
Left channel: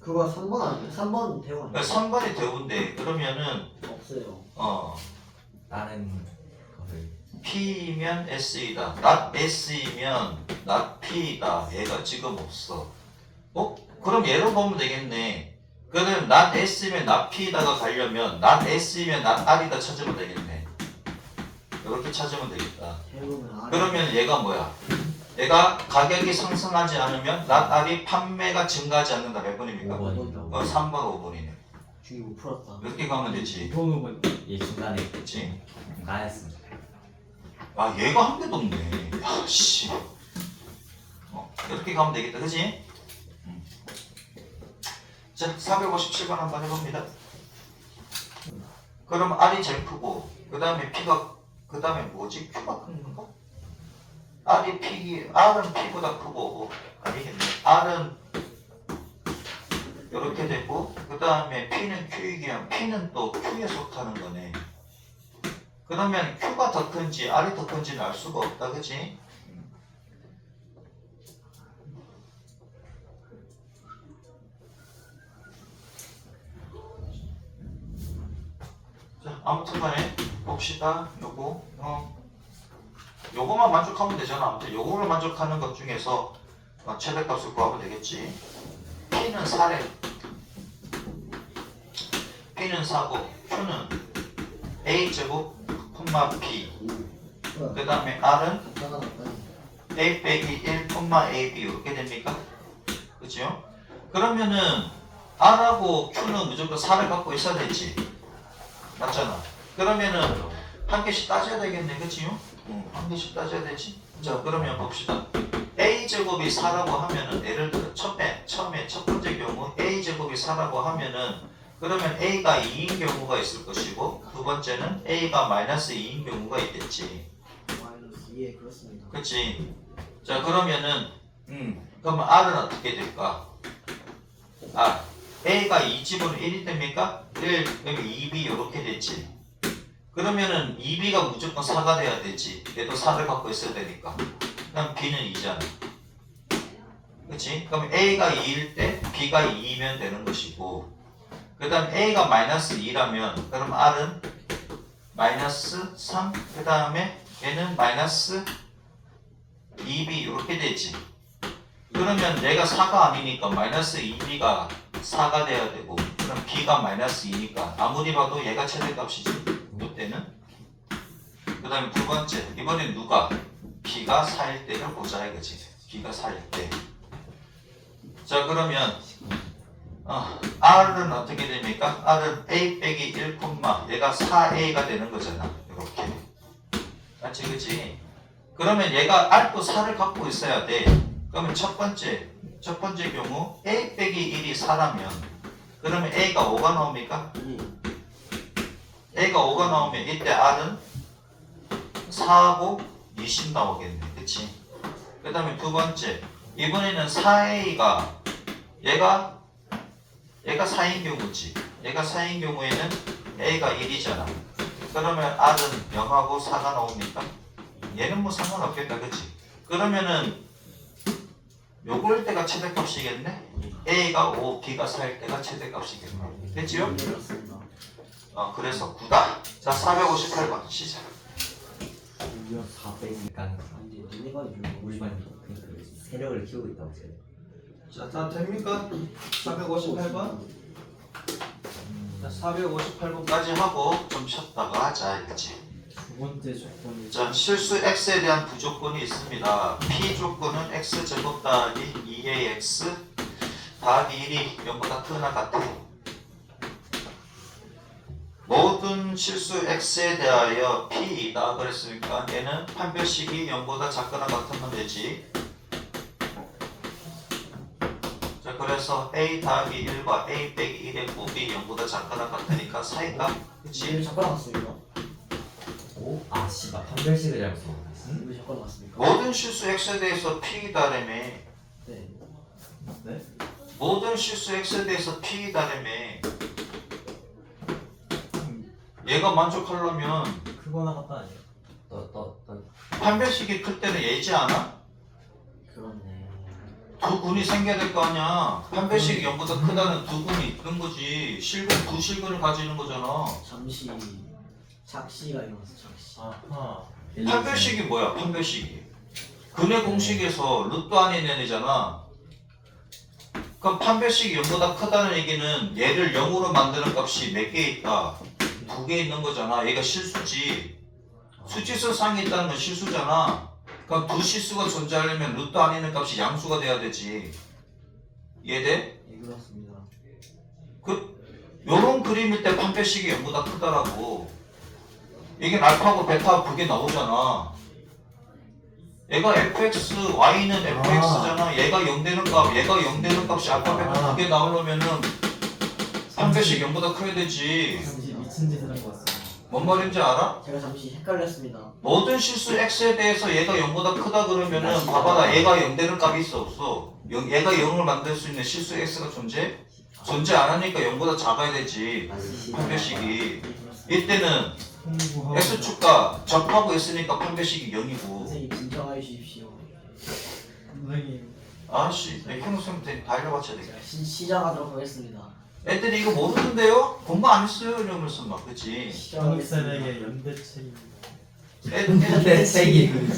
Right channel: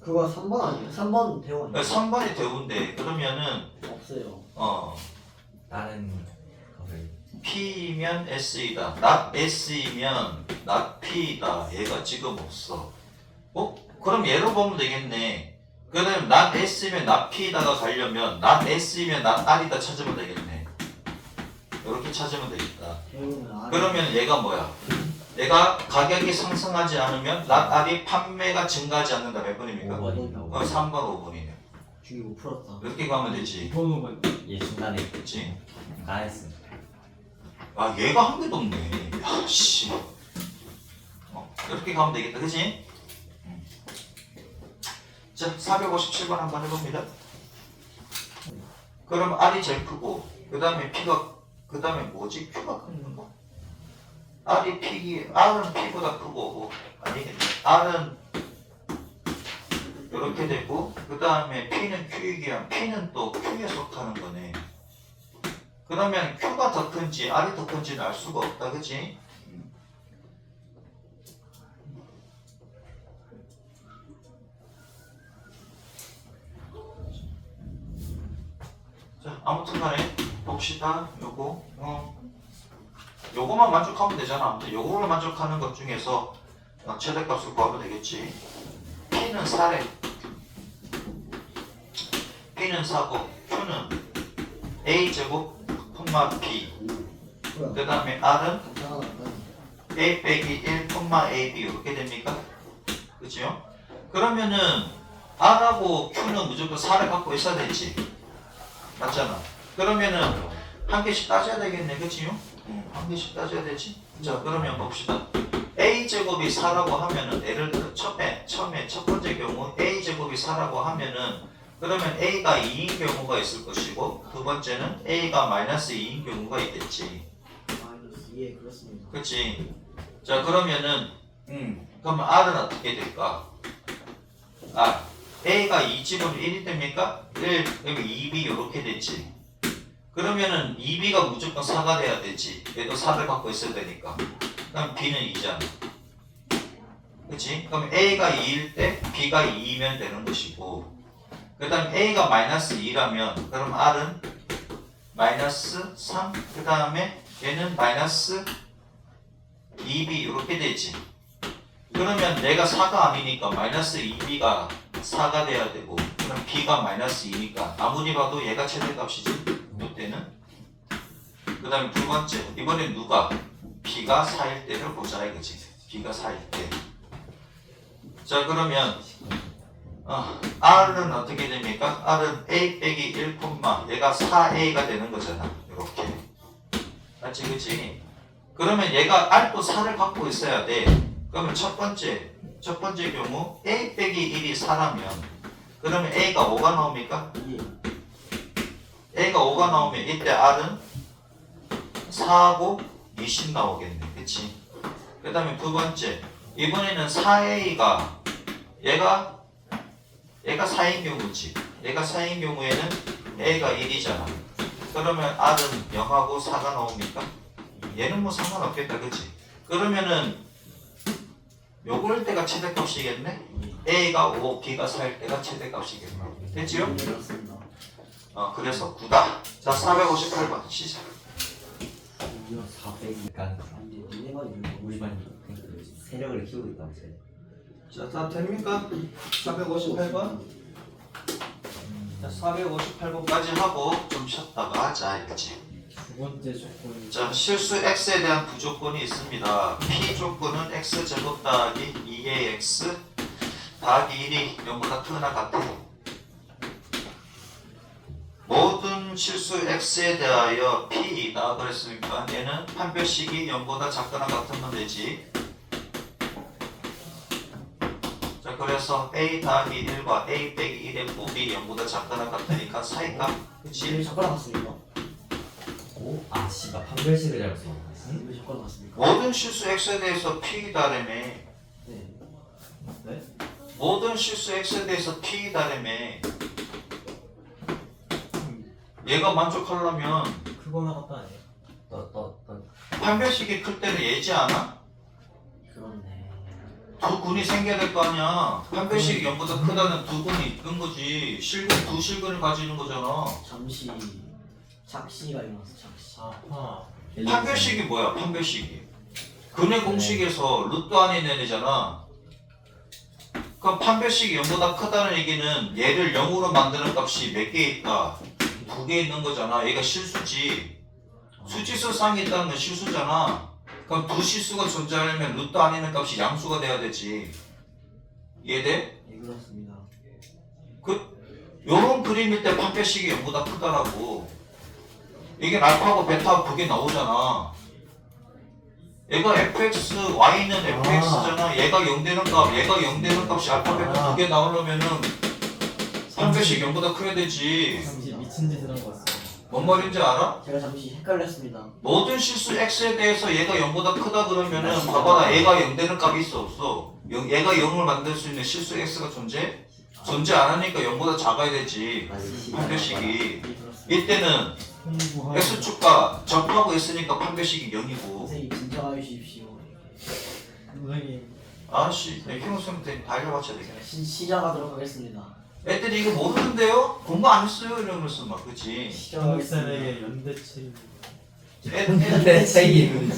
그거 3번 아니에요? 3번 대원 3번이 대우인데 그러면은 없어요. 다른 거를 P면 S이다. not S이면 not P다. 얘가 지금 없어. 그럼 얘로 보면 되겠네. 그럼 not S면 not P다가 가려면 not S면 not R이다 찾으면 되겠네. 이렇게 찾으면 되겠다. 대원은 그러면 얘가 뭐야? 얘가 가격이 상승하지 않으면 not R이 판매가 증가하지 않는다. 몇 번입니까? 5번이다. 3번 5번이네. 중이 못 풀었다. 이렇게 가면 되지. 번호가 얘 중간에 그치? 나였습니다. 아 얘가 한 개도 없네. 야 씨. 이렇게 가면 되겠다. 그치? 자 457번 한번 해봅니다. 그럼 R이 제일 크고 그 다음에 P가 그 다음에 뭐지? Q가 큰 건가? R은 P보다 크고 아니겠네. R은 이렇게 되고 그 다음에 P는 Q이기면 P는 또 Q에 속하는 거네. 그러면 Q가 더 큰지 R이 더 큰지는 알 수가 없다. 그치? 자 아무튼 간에 봅시다. 요거만 만족하면 되잖아. 아무튼 요거를 만족하는 것 중에서 최대값을 구하면 되겠지. P는 4래. P는 4고 Q는 A제곱 콤마 B. 그 다음에 R은 A 빼기 1 콤마 AB 이렇게 됩니까? 그치요? 그러면은 R하고 Q는 무조건 4를 갖고 있어야 되지. 맞잖아. 그러면은 한 개씩 따져야 되겠네. 그치요? 한 개씩 따져야 되지. 자 그러면 봅시다. A제곱이 4라고 하면은 예를 들어 처음에 첫 번째 경우 A제곱이 4라고 하면은 그러면 A가 2인 경우가 있을 것이고 두 번째는 A가 마이너스 2인 경우가 있겠지. 마이너스 2에 그렇습니다. 그치? 자 그러면은 그러면 R은 어떻게 될까? R A가 2집으로 1이 됩니까? 1 그러면 2B 이렇게 됐지. 그러면은 2B가 무조건 4가 돼야 되지. 얘도 4를 갖고 있어야 되니까. 그럼 B는 2잖아. 그치? 그럼 A가 2일 때 B가 2이면 되는 것이고 그 다음 A가 마이너스 2라면 그럼 R은 마이너스 3 그 다음에 얘는 마이너스 2B 이렇게 되지. 그러면 내가 4가 아니니까 마이너스 2B가 4가 돼야 되고 그럼 B가 마이너스 2니까 아무리 봐도 얘가 최대값이지. 이때는 그 다음에 두 번째 이번엔 누가? B가 4일 때를 보자 이거지. B가 4일 때. 자 그러면 R은 어떻게 됩니까? R은 A 빼기 1 콤마 얘가 4A가 되는 거잖아. 이렇게 맞지 그치? 그러면 얘가 R도 4를 갖고 있어야 돼. 그러면 첫 번째 경우 A 빼기 1이 4라면 그러면 A가 5가 나옵니까? A가 5가 나오면 이때 R은 4하고 20 나오겠네. 그치? 그 다음에 두 번째 이번에는 4A가 얘가 4인 경우지. 얘가 4인 경우에는 A가 1이잖아. 그러면 R은 0하고 4가 나옵니까? 얘는 뭐 상관없겠다. 그치? 그러면은 요걸 때가 최대값이겠네? A가 5, B가 4일 때가 최대값이겠네. 됐지요? 그렇습니다. 그래서 9다. 자 458번 시작. 이거 400이 가능성. 근데 니네가 우리 반이 세력을 키우고 있다고 쟤. 자, 다 됩니까? 458번. 자, 458번까지 하고 좀 쉬었다가 하자 이거지. 두 번째 조건이 자, 실수 x에 대한 부조건이 있습니다. p 조건은 x 제곱 더하기 2의 x 더하기 1이 0보다 크거나 같아. 모든 실수 x에 대하여 p이다 그랬으니까 얘는 판별식이 0보다 작거나 같으면 되지. 자, 그래서 a 더하기 1과 a 빼기 1의 곱이 0보다 작거나 같으니까 사이값. 그치? 잠깐 왔습니다. 오? 아 씨발 판별식을 잘못 써. 왜 저거 나왔습니까? 모든 실수 x에 대해서 p 다름에 네. 네? 모든 실수 x에 대해서 p 다름에 얘가 만족하려면 크거나 같다 아니에요? 떠 판별식이 클 때는 얘지 않아? 그렇네. 두 군이 생겨야 될 거 아니야. 판별식이 0보다 크다는 두 군이 있는 거지. 실근 두 실근을 가지는 거잖아. 잠시 작시가 일어났어. 작시. 아하. 판별식이 뭐야? 판별식이 근의 공식에서 루트 안에 있는 애잖아. 그럼 판별식이 0보다 크다는 얘기는 얘를 0으로 만드는 값이 몇 개 있다? 2개 있는 거잖아. 얘가 실수지. 수치수상이 있다는 건 실수잖아. 그럼 두 실수가 존재하려면 루트 안에 있는 값이 양수가 돼야 되지. 이해돼? 예, 그렇습니다. 요런 그림일 때 판별식이 0보다 크다라고. 이게 알파고 베타 그게 나오잖아. 얘가 fx, y는 fx잖아. 얘가 0 되는 값, 얘가 0 되는 값이 알파 베타 그게 나오려면은 판별식 0보다 커야 되지. 잠시 미친 짓을 한 것 같습니다. 뭔 말인지 알아? 제가 잠시 헷갈렸습니다. 모든 실수 x에 대해서 얘가 0보다 크다 그러면은 봐봐라. 얘가 0 되는 값이 있어 없어? 얘가 0을 만들 수 있는 실수 x가 존재? 존재 안 하니까 0보다 작아야 되지. 판별식이. 예, 그렇습니다. 이때는 홍보하고 x축과 접하고 있으니까 판별식이 0이고. 선생님 진정해 주십시오. 선생님 아씨, 형수님 다 알려봤자 돼. 제가 시작하도록 하겠습니다. 애들이 이거 모르는데요? 공부 안 했어요? 이러면서 막 그치? 시작하겠습니다. 한국생에게 연대 책임 내 책임.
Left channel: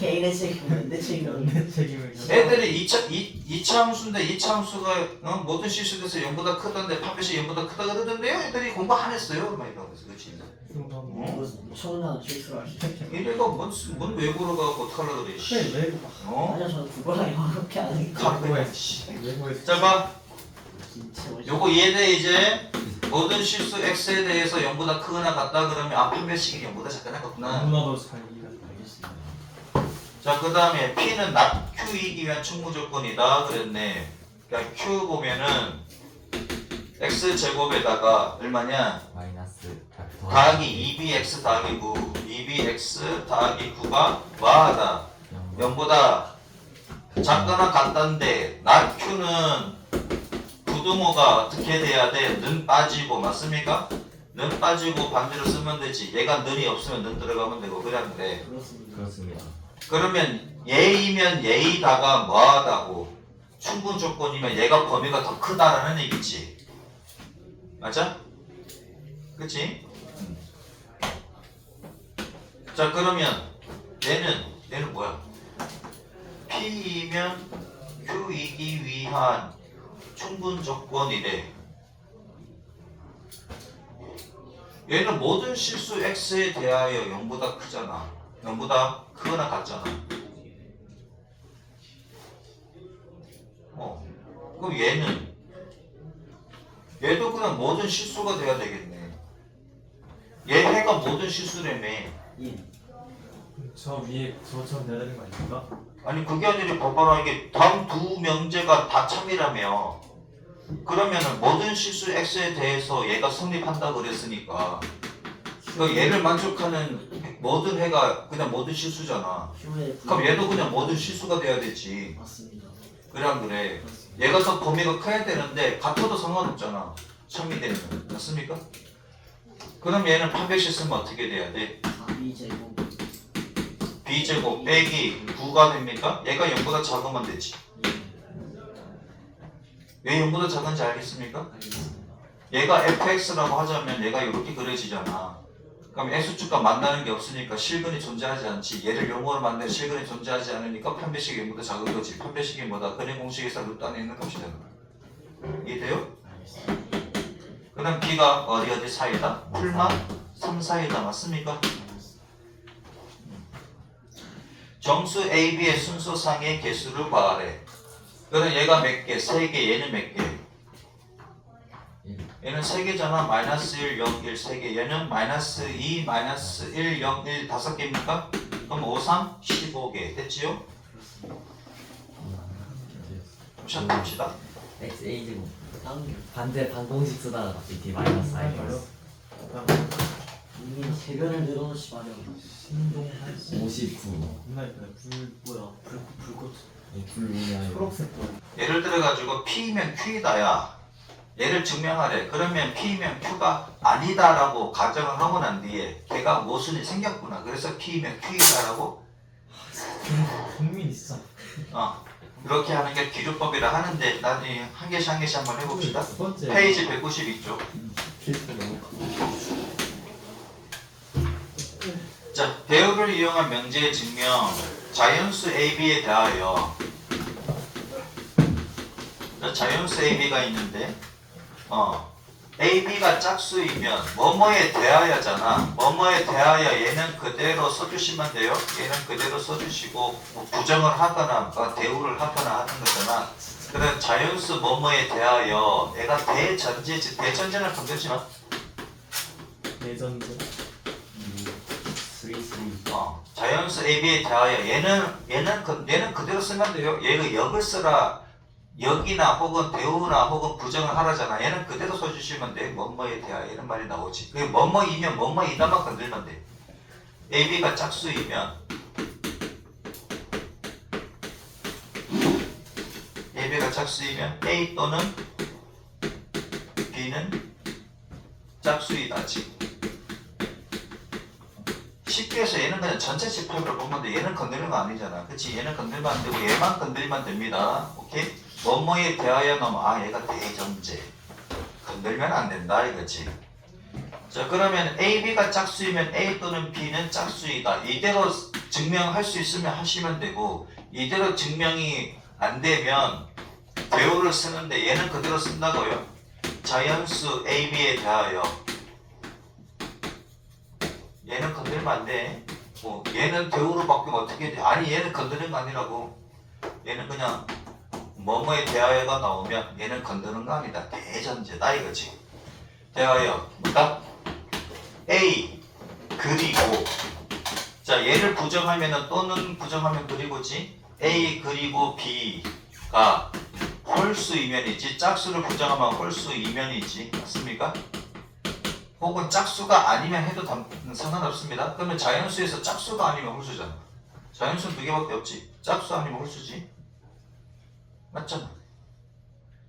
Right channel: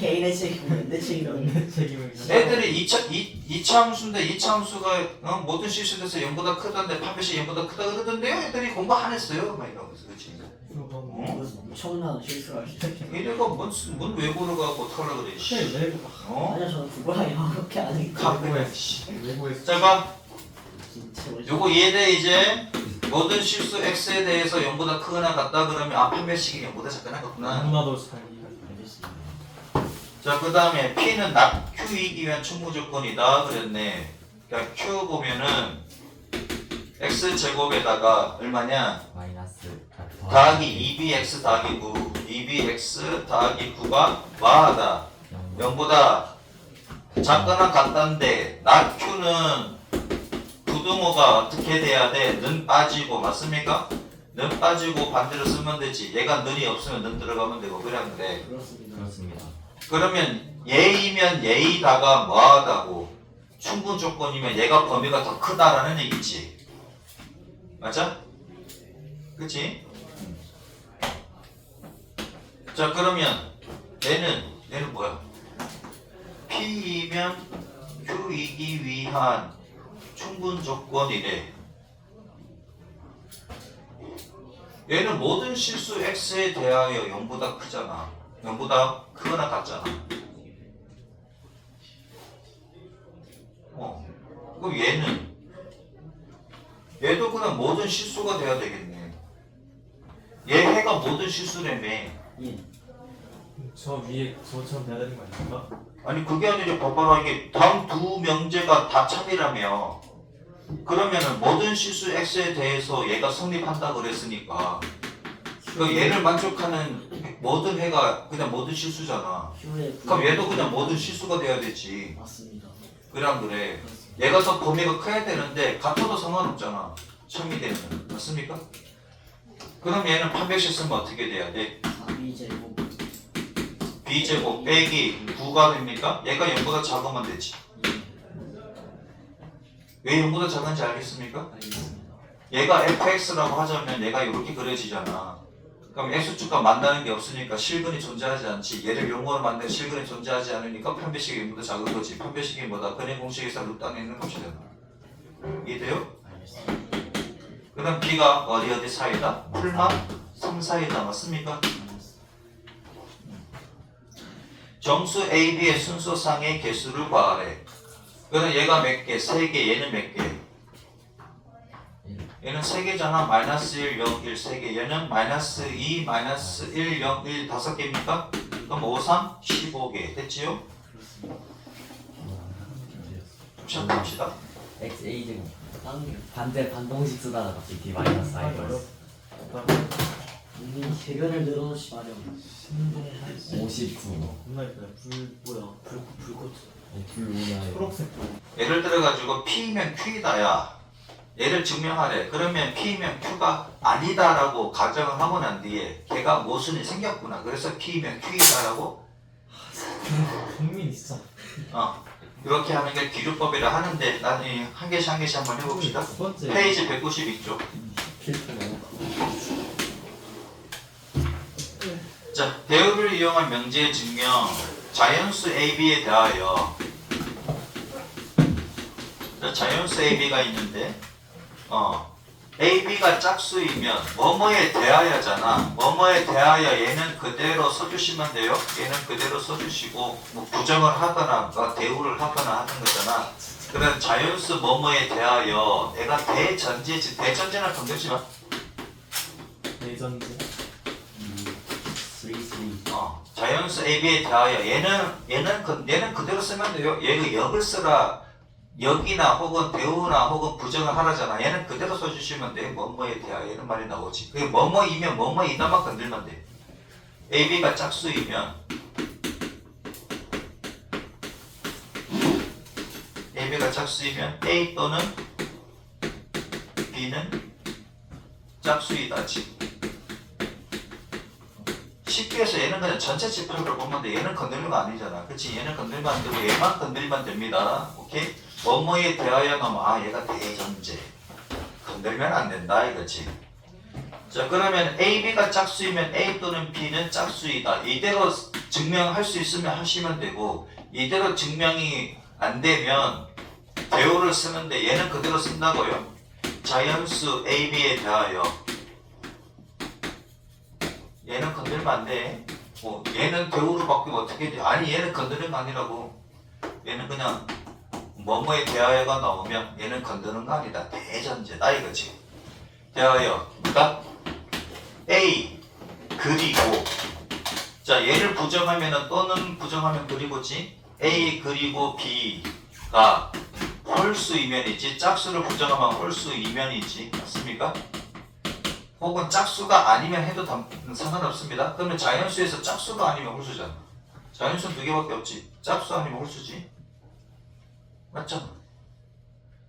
개인의 책임은 내 책임은 연대 책임을 애들이 2차 함수인데 2차 함수가 모든 실수돼서 0보다 크다는데 판별식 0보다 크다 그러던데요? 애들이 공부 안 했어요? 막 이러면서 그치? 처분한 실수를 하시죠. 이래가 뭔 외고로 가고 어떡하려고 그래 씨. 그래 왜 어? 아니요 저는 그거랑 이렇게 안 하기 갖고 해 외고에 자 봐. 진짜 요거 이해돼 이제? 모든 실수 x에 대해서 0보다 크거나 같다 그러면 아 판별식이 0보다 작거나 같구나. 너무나도 잘 이해가 알겠습니다. 자, 그 다음에 P는 낙 Q이기 위한 충분 조건이다 그랬네. 그러니까 Q 보면은 X제곱에다가 얼마냐? 마이너스 더하기 2bx 더하기 9 2bx 더하기 9가 뭐하다? 0보다 작거나 같다는데 낙 Q는 부등호가 어떻게 돼야 돼? 는 빠지고 맞습니까? 는 빠지고 반대로 쓰면 되지. 얘가 는이 없으면 는 들어가면 되고 그랬는데 그렇습니다. 그렇습니다. 그러면 얘이면 얘이다가 뭐하다고 충분 조건이면 얘가 범위가 더 크다라는 얘기지. 맞아? 그치? 자 그러면 얘는 뭐야? P이면 Q이기 위한 충분 조건이래. 얘는 모든 실수 x에 대하여 0보다 크잖아. 0보다 크거나 같잖아. 그럼 얘도 그냥 모든 실수가 돼야 되겠네. 얘 해가 모든 실수라며. 예. 저 위에 저처럼 돼야 되는 거 아닙니까? 아니 그게 아니라 봐봐라 이게 다음 두 명제가 다 참이라며. 그러면은 모든 실수 x에 대해서 얘가 성립한다 그랬으니까 그 얘를 만족하는 모든 해가 그냥 모든 실수잖아. 휴에 그럼 얘도 그냥 모든 실수가 돼야 되지. 맞습니다. 그래 안 그래? 그렇습니다. 얘가 더 범위가 커야 되는데 같아도 상관없잖아. 참이 되면 맞습니까? 그럼 얘는 판별식 쓰면 어떻게 돼야 돼? 4b제곱 b제곱 빼기 9가 됩니까? 얘가 0보다 작으면 되지. 왜 0보다 작은지 알겠습니까? 알겠습니다. 얘가 fx라고 하자면 얘가 이렇게 그려지잖아. 그럼 x축과 만나는 게 없으니까 실근이 존재하지 않지. 얘를 용어로 만든 실근이 존재하지 않으니까 판별식이 0보다 작은 거지. 판별식이 뭐다? 근의 공식에서 루트 안에 있는 값이 되는 거야. 이해돼요? 알겠습니다. 그 다음 b가 어디 사이다? 풀마 3 사이다. 맞습니까? 정수 A, B의 순서상의 개수를 구하래. 그럼 얘가 몇 개? 3개. 얘는 몇 개? 얘는 3개잖아. 마이너스 1, 0, 1, 3개. 얘는 마이너스 2, 마이너스 1, 0, 1, 5개입니까? 그럼 5, 3, 15개. 됐지요? 시작합시다. x a 제곱 다음 게 반대 반공식 쓰다가 갑자기 d 마이너스 i 플러스. 이미 개변을 늘어놓지 마렴. 신동 59. 겁나 예쁘네. 불 뭐야? 불꽃. 불 뭐냐? 초록색 불. 예를 들어가지고 P면 Q다야. 얘를 증명하래. 그러면 P면 Q가 아니다라고 가정을 하고 난 뒤에 걔가 모순이 생겼구나. 그래서 P면 Q이다라고 국민 있어. 이렇게 하는 게 기류법이라 하는데 나중에 한 개씩 한번 해봅시다. 두 번째. 페이지 192쪽. 자, 대우를 이용한 명제의 증명. 자연수 AB에 대하여. 자, 자연수 AB가 있는데 AB가 짝수이면 뭐뭐에 대하여잖아. 뭐뭐에 대하여 얘는 그대로 써주시면 돼요. 얘는 그대로 써주시고 뭐 부정을 하거나 뭐 대우를 하거나 하는 거잖아. 그럼 자연수 뭐뭐에 대하여 내가 대전제지. 대전제는 건들지 마. 내전제. 3. 자연수 AB에 대하여 얘는 그대로 쓰면 돼요. 얘가 역을 쓰라. 역이나 혹은 대우나 혹은 부정을 하라잖아. 얘는 그대로 써주시면 돼. 뭐뭐에 대하여 이런 말이 나오지. 그게 뭐뭐이면 뭐뭐이다만 건들면 돼. AB가 짝수이면 AB가 짝수이면 A 또는 B는 짝수이다지. 쉽게 해서 얘는 그냥 전체 집합을 보면 돼. 얘는 건들면 아니잖아. 그치? 얘는 건들면 안 되고 얘만 건들면 됩니다. 오케이? 뭐뭐에 대하여 넣으면 얘가 대전제. 건들면 안 된다 이거지. 자, 그러면 AB가 짝수이면 A 또는 B는 짝수이다. 이대로 증명할 수 있으면 하시면 되고 이대로 증명이 안 되면 대우를 쓰는데 얘는 그대로 쓴다고요. 자연수 AB에 대하여 얘는 건들면 안 돼. 얘는 대우로 바뀌면 어떻게 돼? 아니 얘는 건드는 거 아니라고. 얘는 그냥 뭐뭐에 대하여가 나오면 얘는 건드는 거 아니다. 대전제다 이거지. 대하여 그러니까 A 그리고 자 얘를 부정하면은 또는 부정하면 그리고지. A 그리고 B가 홀수 이면이지. 짝수를 부정하면 홀수 이면이지. 맞습니까? 혹은 짝수가 아니면 해도 상관없습니다. 그러면 자연수에서 짝수가 아니면 홀수잖아. 자연수는 두 개밖에 없지. 짝수 아니면 홀수지. 맞잖아.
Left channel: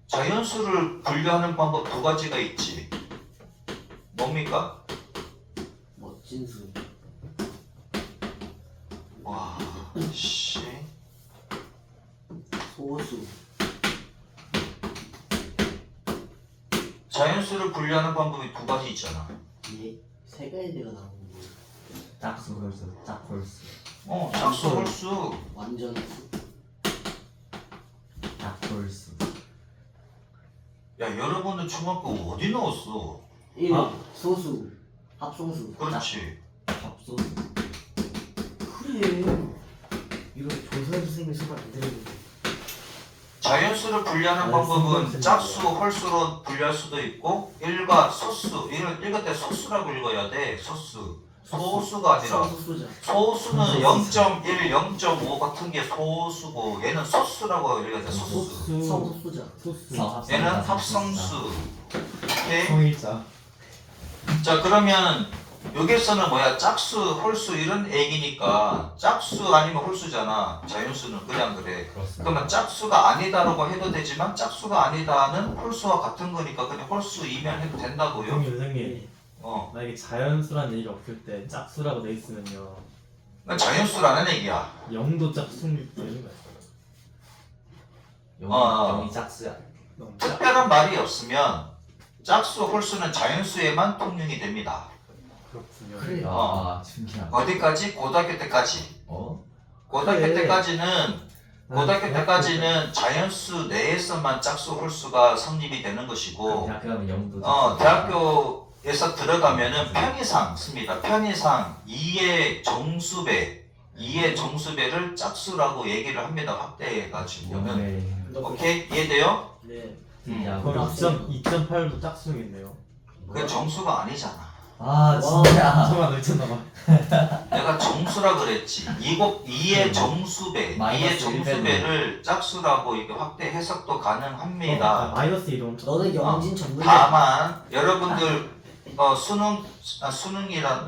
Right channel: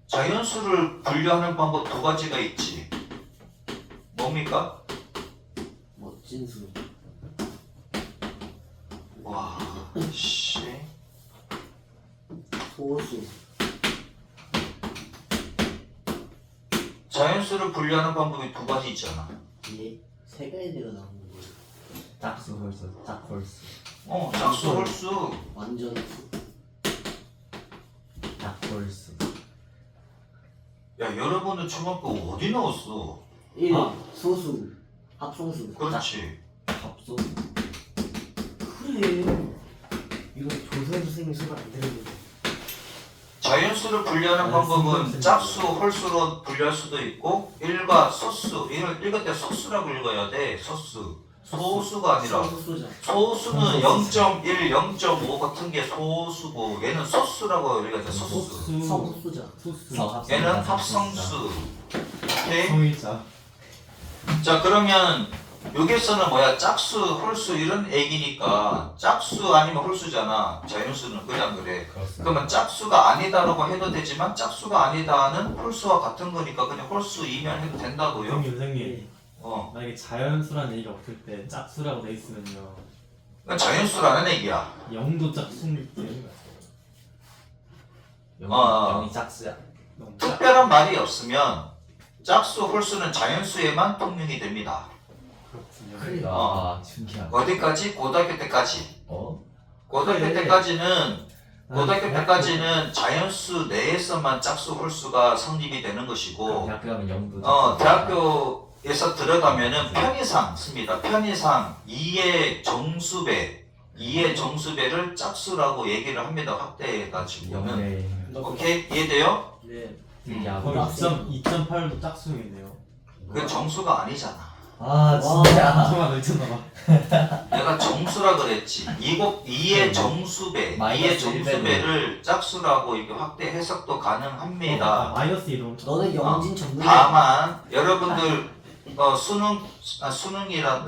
자연수를 분류하는 방법 두 가지가 있지. 뭡니까? 멋진 수. 와, 씨. 소수. 자연수를 분류하는 방법이 두 가지 있잖아. 예. 세 가지가 나오는 거. 짝수 홀수. 짝홀수. 짝수, 홀수. 완전 수. 짝홀수. 야, 여러분들 중학교 어디 나왔어? 1. 아. 소수. 합성수. 그렇지. 합소. 그래. 이거 조선 선생님 수업 안 들었는데. 자연수를 분류하는 방법은 짝수, 홀수로 분류할 수도 있고 일과 소수, 읽을 때 소수라고 읽어야 돼. 소수. 소수가 아니라 소수자. 소수는 0.1, 0.5 같은 게 소수고 얘는 소수라고 읽어야 돼. 소수. 성수자. 소수. 얘는 합성수. 오케이? 성의자. 자, 그러면 여기서는 뭐야? 짝수, 홀수 이런 얘기니까 짝수 아니면 홀수잖아. 자연수는 그냥 그래. 그렇습니다. 그러면 짝수가 아니다라고 해도 되지만 짝수가 아니다는 홀수와 같은 거니까 그냥 홀수이면 해도 된다고요. 선생님. 만약에 자연수라는 얘기가 없을 때 짝수라고 돼 있으면요. 그건 자연수라는 얘기야. 0도 짝수일 때 영이 짝수야. 너무 짝. 특별한 말이 없으면 짝수, 홀수는 자연수에만 통용이 됩니다. 그렇군요. 그래. 아, 신기하다. 어디까지? 고등학교 때까지. 고등학교 그래. 고등학교 때까지는 자연수 내에서만 짝수, 홀수가 성립이 되는 것이고 대학교 가면 영도. 대학교에서 들어가면은 편의상 씁니다. 편의상 2의 정수배를 짝수라고 얘기를 합니다. 확대해가지고는. 영네. 오케이? 이해돼요? 네. 그럼 2.8도 짝수겠네요. 그게 정수가 아니잖아. 아, 진짜. 저만 늦었나봐. 내가 정수라 그랬지. 2의 정수배, 2의 마이너스 정수배를 짝수라고 이렇게 확대 해석도 가능합니다. 마이너스 2도 너는 영진 전문. 다만 여러분들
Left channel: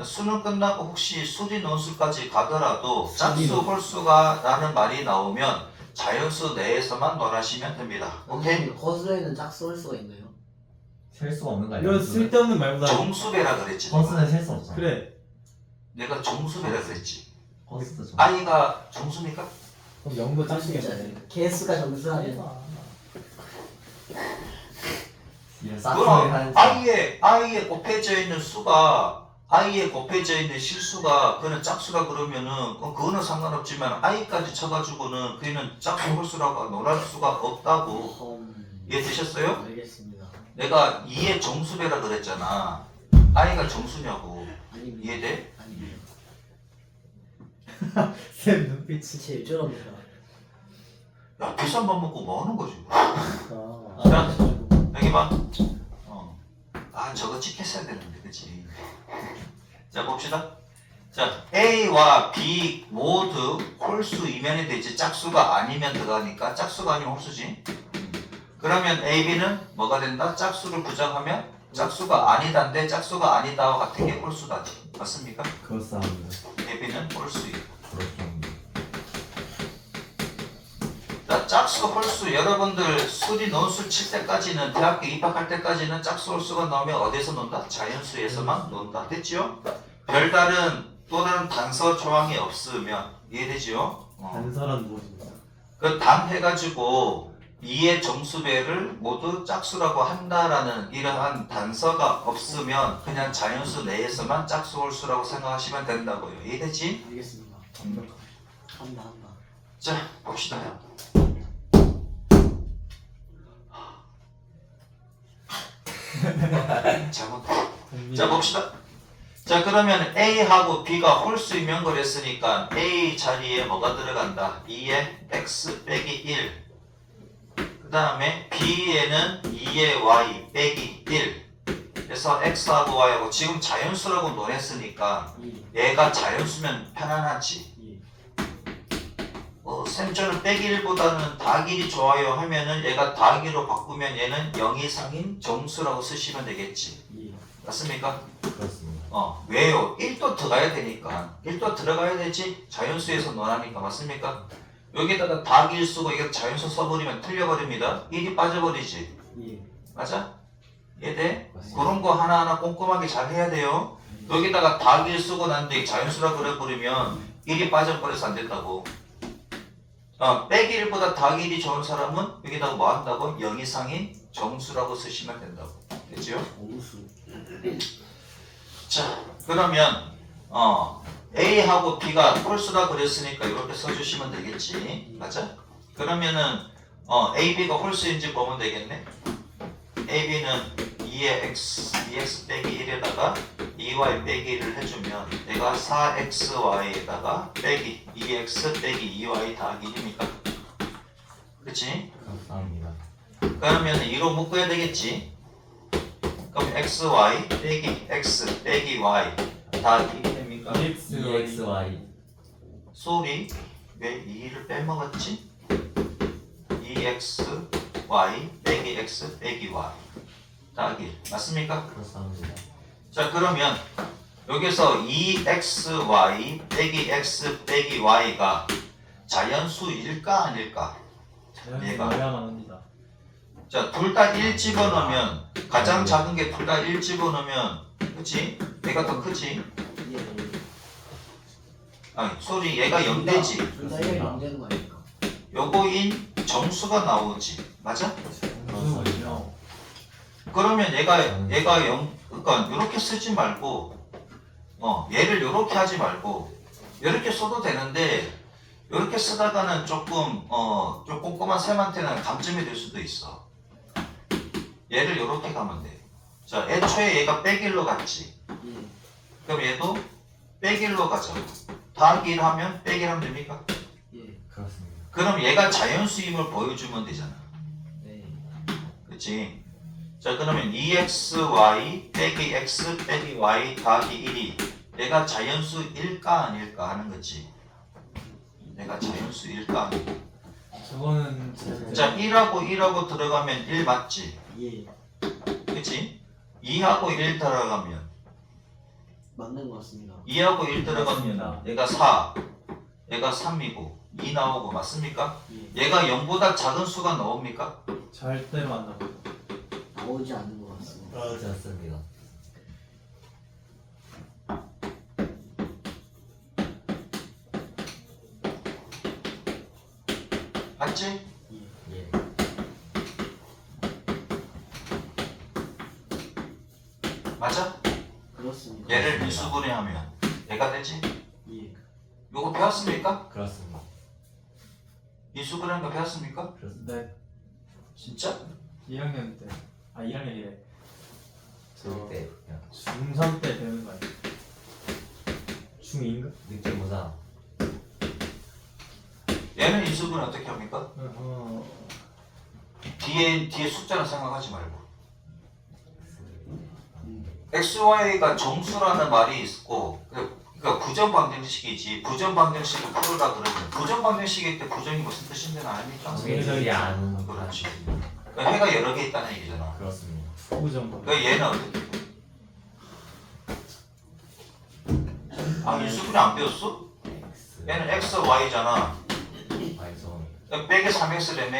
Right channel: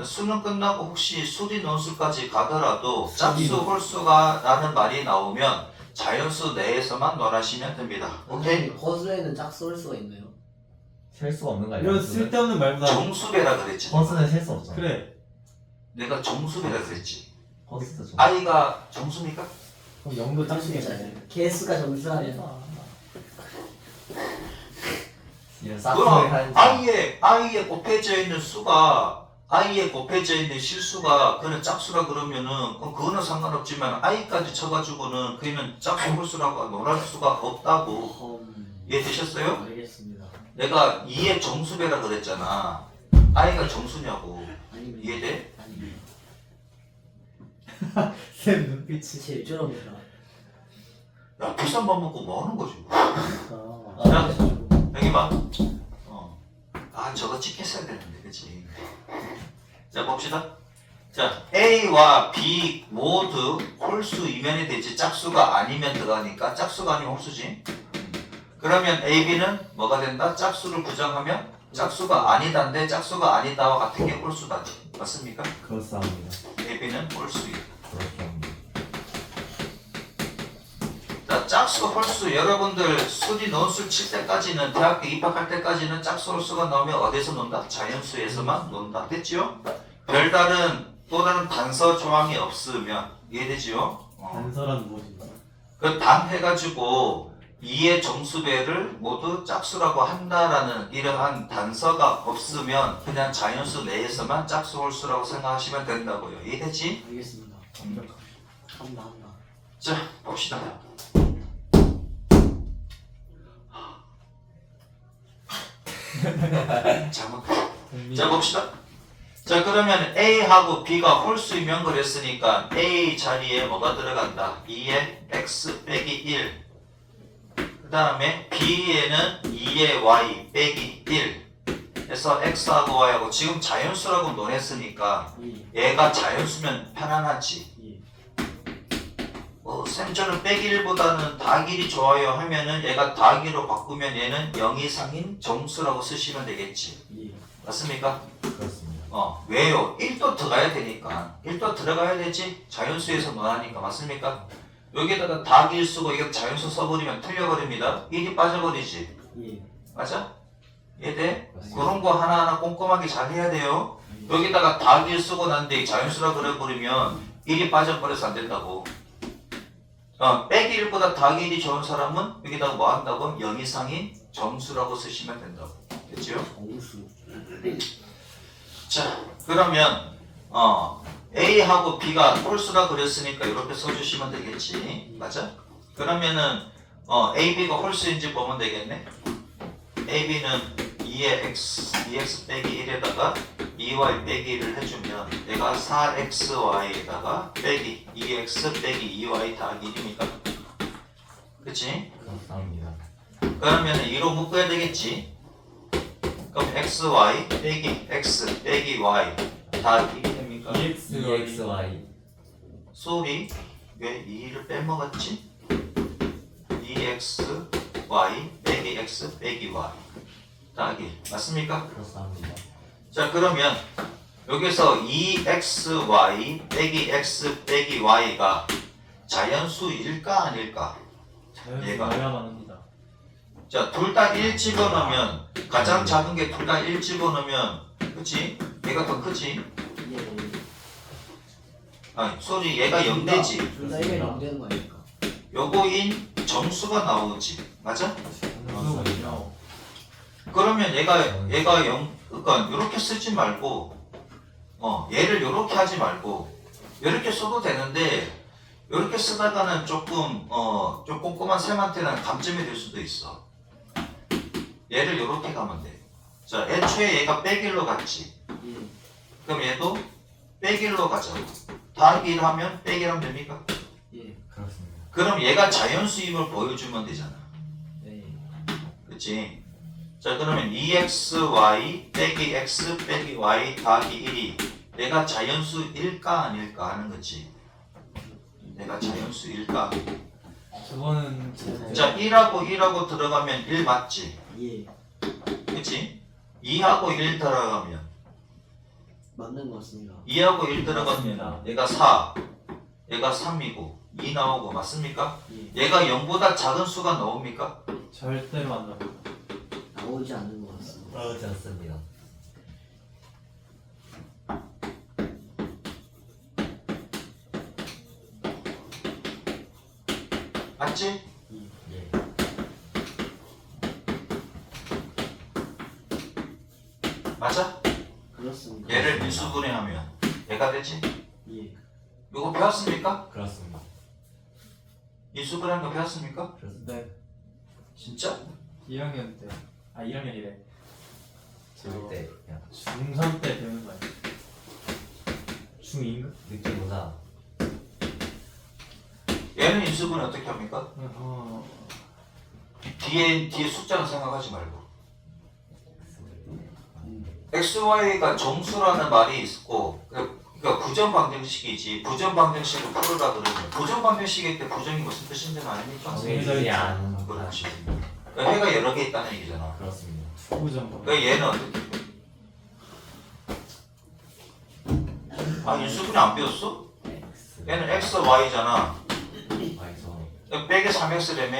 수능 끝나고 혹시 수리 논술까지 가더라도 짝수 홀수가라는 말이 나오면 자연수 내에서만 논하시면 됩니다. 오케이? 거수에는 짝수 올 수가 있나요? 셀 수가 없는 거 아니야? 이건 쓸데없는 말보다 정수배라 그랬지. 허스는 셀 수 없잖아. 그래. 내가 정수배라 그랬지. 허스도 좀. i가 정수니까? 그럼 0도 짝수겠네. 개수가 정수라면 이런 그럼 싹소리 하는 i에 곱해져 있는 수가 i에 곱해져 있는 실수가 그는 짝수라 그러면은 그거는 상관없지만 i까지 쳐가지고는 그는 짝수 홀수라고 논할 수가 없다고. 이해되셨어요? 알겠습니다. 내가 2의 정수배라 그랬잖아. i가 정수냐고. 아닙니다. 이해돼? 아닙니다. 쌤 눈빛이. 제일 저럽니다. 야 비싼 밥 먹고 뭐 하는 거지? 아, 여기 봐. 저거 찍혔어야 되는데, 그치? 자, 봅시다. 자, A와 B 모두 홀수 이면이 되지 짝수가 아니면 들어가니까 짝수가 아니면 홀수지. 그러면 A, B는 뭐가 된다? 짝수를 부정하면 짝수가 아니다인데 짝수가 아니다와 같은 게 홀수다지. 맞습니까? 그렇습니다. A, B는 홀수이다. 그렇죠. 자, 짝수 홀수 여러분들 수리 논술 칠 때까지는 대학교 입학할 때까지는 짝수 홀수가 나오면 어디서 논다? 자연수에서만 논다. 됐지요? 별다른 또 다른 단서 조항이 없으면 이해되지요? 단서란 무엇입니까? 그 단 해가지고 2의 정수배를 모두 짝수라고 한다라는 이러한 단서가 없으면 그냥 자연수 내에서만 짝수 홀수라고 생각하시면 된다고요. 이해되지? 알겠습니다. 한다. 자, 봅시다. 잘못. 자, 봅시다. 자, 그러면 A하고 B가 홀수이면 그랬으니까 A 자리에 뭐가 들어간다? 2의 X 빼기 1. 그 다음에 B에는 2의 Y 빼기 1. 그래서 X하고 Y하고 지금 자연수라고 논했으니까 얘가 자연수면 편안하지. 쌤 저는 빼기 1보다는 더하기 1이 좋아요 하면은 얘가 더하기로 바꾸면 얘는 0 이상인 정수라고 쓰시면 되겠지. 맞습니까? 그렇습니다. 왜요? 1도 들어가야 되니까. 1도 들어가야 되지? 자연수에서 논하니까. 맞습니까? 여기다가 더하기 1 쓰고 이거 자연수 써버리면 틀려버립니다. 1이 빠져버리지. 맞아? 이해돼? 그런 거 하나하나 꼼꼼하게 잘 해야 돼요. 여기다가 더하기 1 쓰고 난 뒤에 자연수라 그래버리면 1이 빠져버려서 안 된다고. 빼기 1보다 더하기 1이 좋은 사람은 여기다가 뭐 한다고? 0 이상인 정수라고 쓰시면 된다고. 됐죠? 정수. 자, 그러면 A하고 B가 홀수라 그랬으니까 이렇게 써주시면 되겠지. 맞아? 그러면은 A, B가 홀수인지 보면 되겠네. A, B는 2x 빼기 1에다가 2y 빼기 1을 해주면 내가 4xy에다가 빼기 2x 빼기 2y 더하기 1이니까. 그치? 감사합니다. 그러면 2로 묶어야 되겠지. 그럼 xy 빼기 x 빼기 y 더하기 1이 됩니까? EXY. 쏘리 왜 2를 빼먹었지? 2xy 빼기 x 빼기 y 더하기 1 맞습니까? 그렇습니다. 자 그러면 여기서 2xy 빼기 x 빼기 y가 자연수일까 아닐까? 얘가. 자연스러워야만 합니다. 자, 둘 다 1 집어넣으면 가장 작은 게 둘 다 1 집어넣으면 그치? 얘가 더 크지? 소리 얘가 0되지? 둘다 1이 안 되는 거 아닙니까? 요거인 정수가 나오지 맞아? 그렇군요. 그러면 얘가 0 그러니까 요렇게 쓰지 말고 얘를 요렇게 하지 말고 요렇게 써도 되는데 요렇게 쓰다가는 조금 좀 꼼꼼한 쌤한테는 감점이 될 수도 있어. 얘를 요렇게 가면 돼. 자, 애초에 얘가 빼기로 갔지. 그럼 얘도 빼기로 가자고. 더하기 1 하면 빼기 1 하면 됩니까? 그렇습니다. 그럼 얘가 자연수임을 보여주면 되잖아. 그치? 자, 그러면 2xy 빼기 x 빼기 y 더하기 1이 얘가 자연수일까 아닐까 하는 거지. 얘가 자연수일까? 저거는 자, 1하고 1하고 들어가면 1 맞지? 예. 그치? 2하고 1 들어가면 맞는 것 같습니다. 2하고 1 들어가면 얘가 4, 얘가 3이고 2 나오고 맞습니까? 예. 얘가 0보다 작은 수가 나옵니까? 절대로 안 나옵니다. 나오지 않는 것 같습니다. 그렇지 않습니다. 맞지? 예. 맞아? 그렇습니다. 얘를 미수분해하면 얘가 되지? 예. 이거 배웠습니까? 그렇습니다. 미수분해한 거 배웠습니까? 네. 진짜? 1학년 때. 아 1학년이래. 들을 때 그냥 중3 때 배우는 거예요. 중2인가? 느낌보다 얘는 인수분해 어떻게 합니까? 어. 뒤에 숫자는 생각하지 말고 XY가 정수라는 말이 있고 그러니까 부정방정식이지 부정방정식을 풀으라 그러면 부정방정식일 때 부정이 무슨 뜻인지는 아닙니까? 정해지지 않은 아, 그렇지. 그러니까 해가 여러 개 있다는 얘기잖아. 그렇습니다. 후정보. 그러니까 얘는 어떻게 돼? 아 인수분해 안 배웠어? X 얘는 X, Y잖아. Y선 빼기 3X라며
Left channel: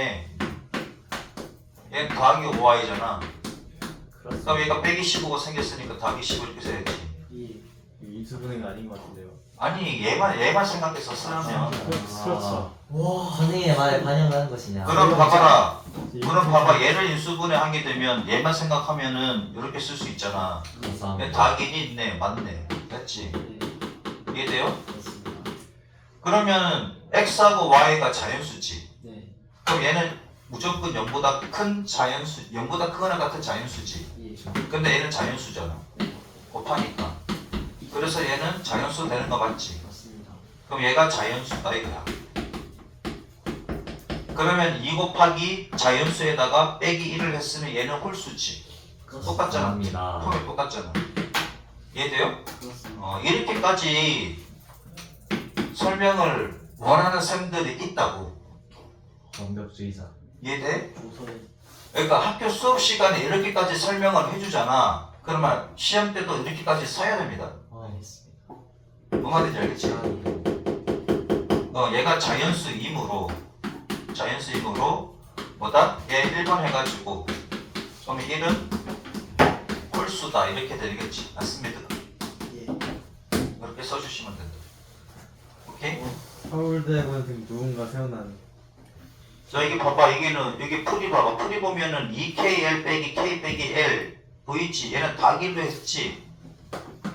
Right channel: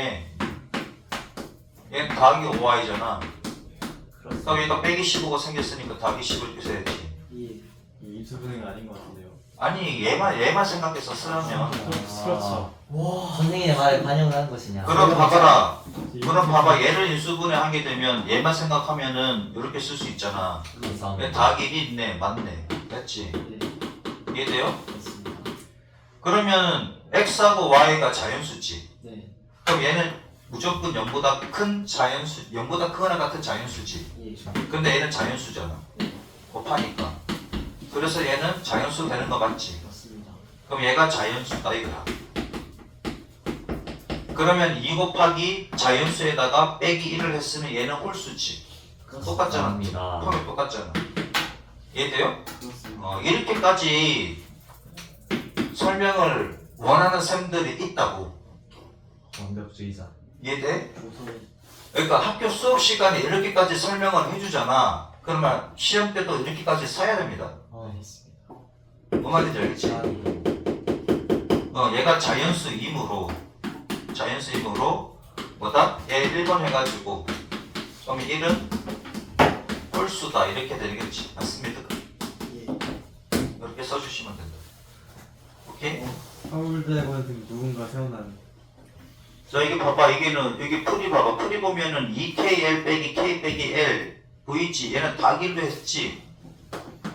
얘는 더하기 5Y잖아. 그럼 얘가 빼기 15가 생겼으니까 더하기 10을 이렇게 써야지. 예. 인수분해가 아닌 것 같은데요. 아니 얘만 생각해서 쓰라면 그렇죠. 와. 선생님의 말에 반영하는 것이냐? 그럼 봐봐라. 그럼 봐봐 얘를 인수분해 하게 되면 얘만 생각하면은 이렇게 쓸 수 있잖아. 근데 감사합니다. 더하기 1 있네. 맞네. 됐지? 예. 이해돼요? 그렇습니다. 그러면 X하고 Y가 자연수지. 네. 그럼 얘는 무조건 0보다 큰 자연수, 0보다 크거나 같은 자연수지. 예. 근데 얘는 자연수잖아. 곱하니까. 그래서 얘는 자연수 되는 거 맞지? 맞습니다. 그럼 얘가 자연수다 이거야. 그러면 2 곱하기 자연수에다가 빼기 1을 했으면 얘는 홀수지. 똑같잖아. 감사합니다. 폼이 똑같잖아. 이해돼요? 그렇습니다. 이렇게까지 설명을 원하는 쌤들이 있다고. 완벽주의자. 이해돼? 조선에 그러니까 학교 수업 시간에 이렇게까지 설명을 해주잖아. 그러면 시험 때도 이렇게까지 써야 됩니다. 알겠습니다. 뭐 말인지 알겠지? 아, 얘가 자연수이므로 뭐다? 얘 1번 해가지고 그러면 1은 홀수다 이렇게 되겠지. 맞습니다. 예. 이렇게 써주시면 된다. 오케이? 서울대학원 누군가 세워난. 자 이게 봐봐 이게는 여기 풀이 봐봐 풀이 보면은 2KL 빼기 K 빼기 L 보이지? 얘는 다길로 했지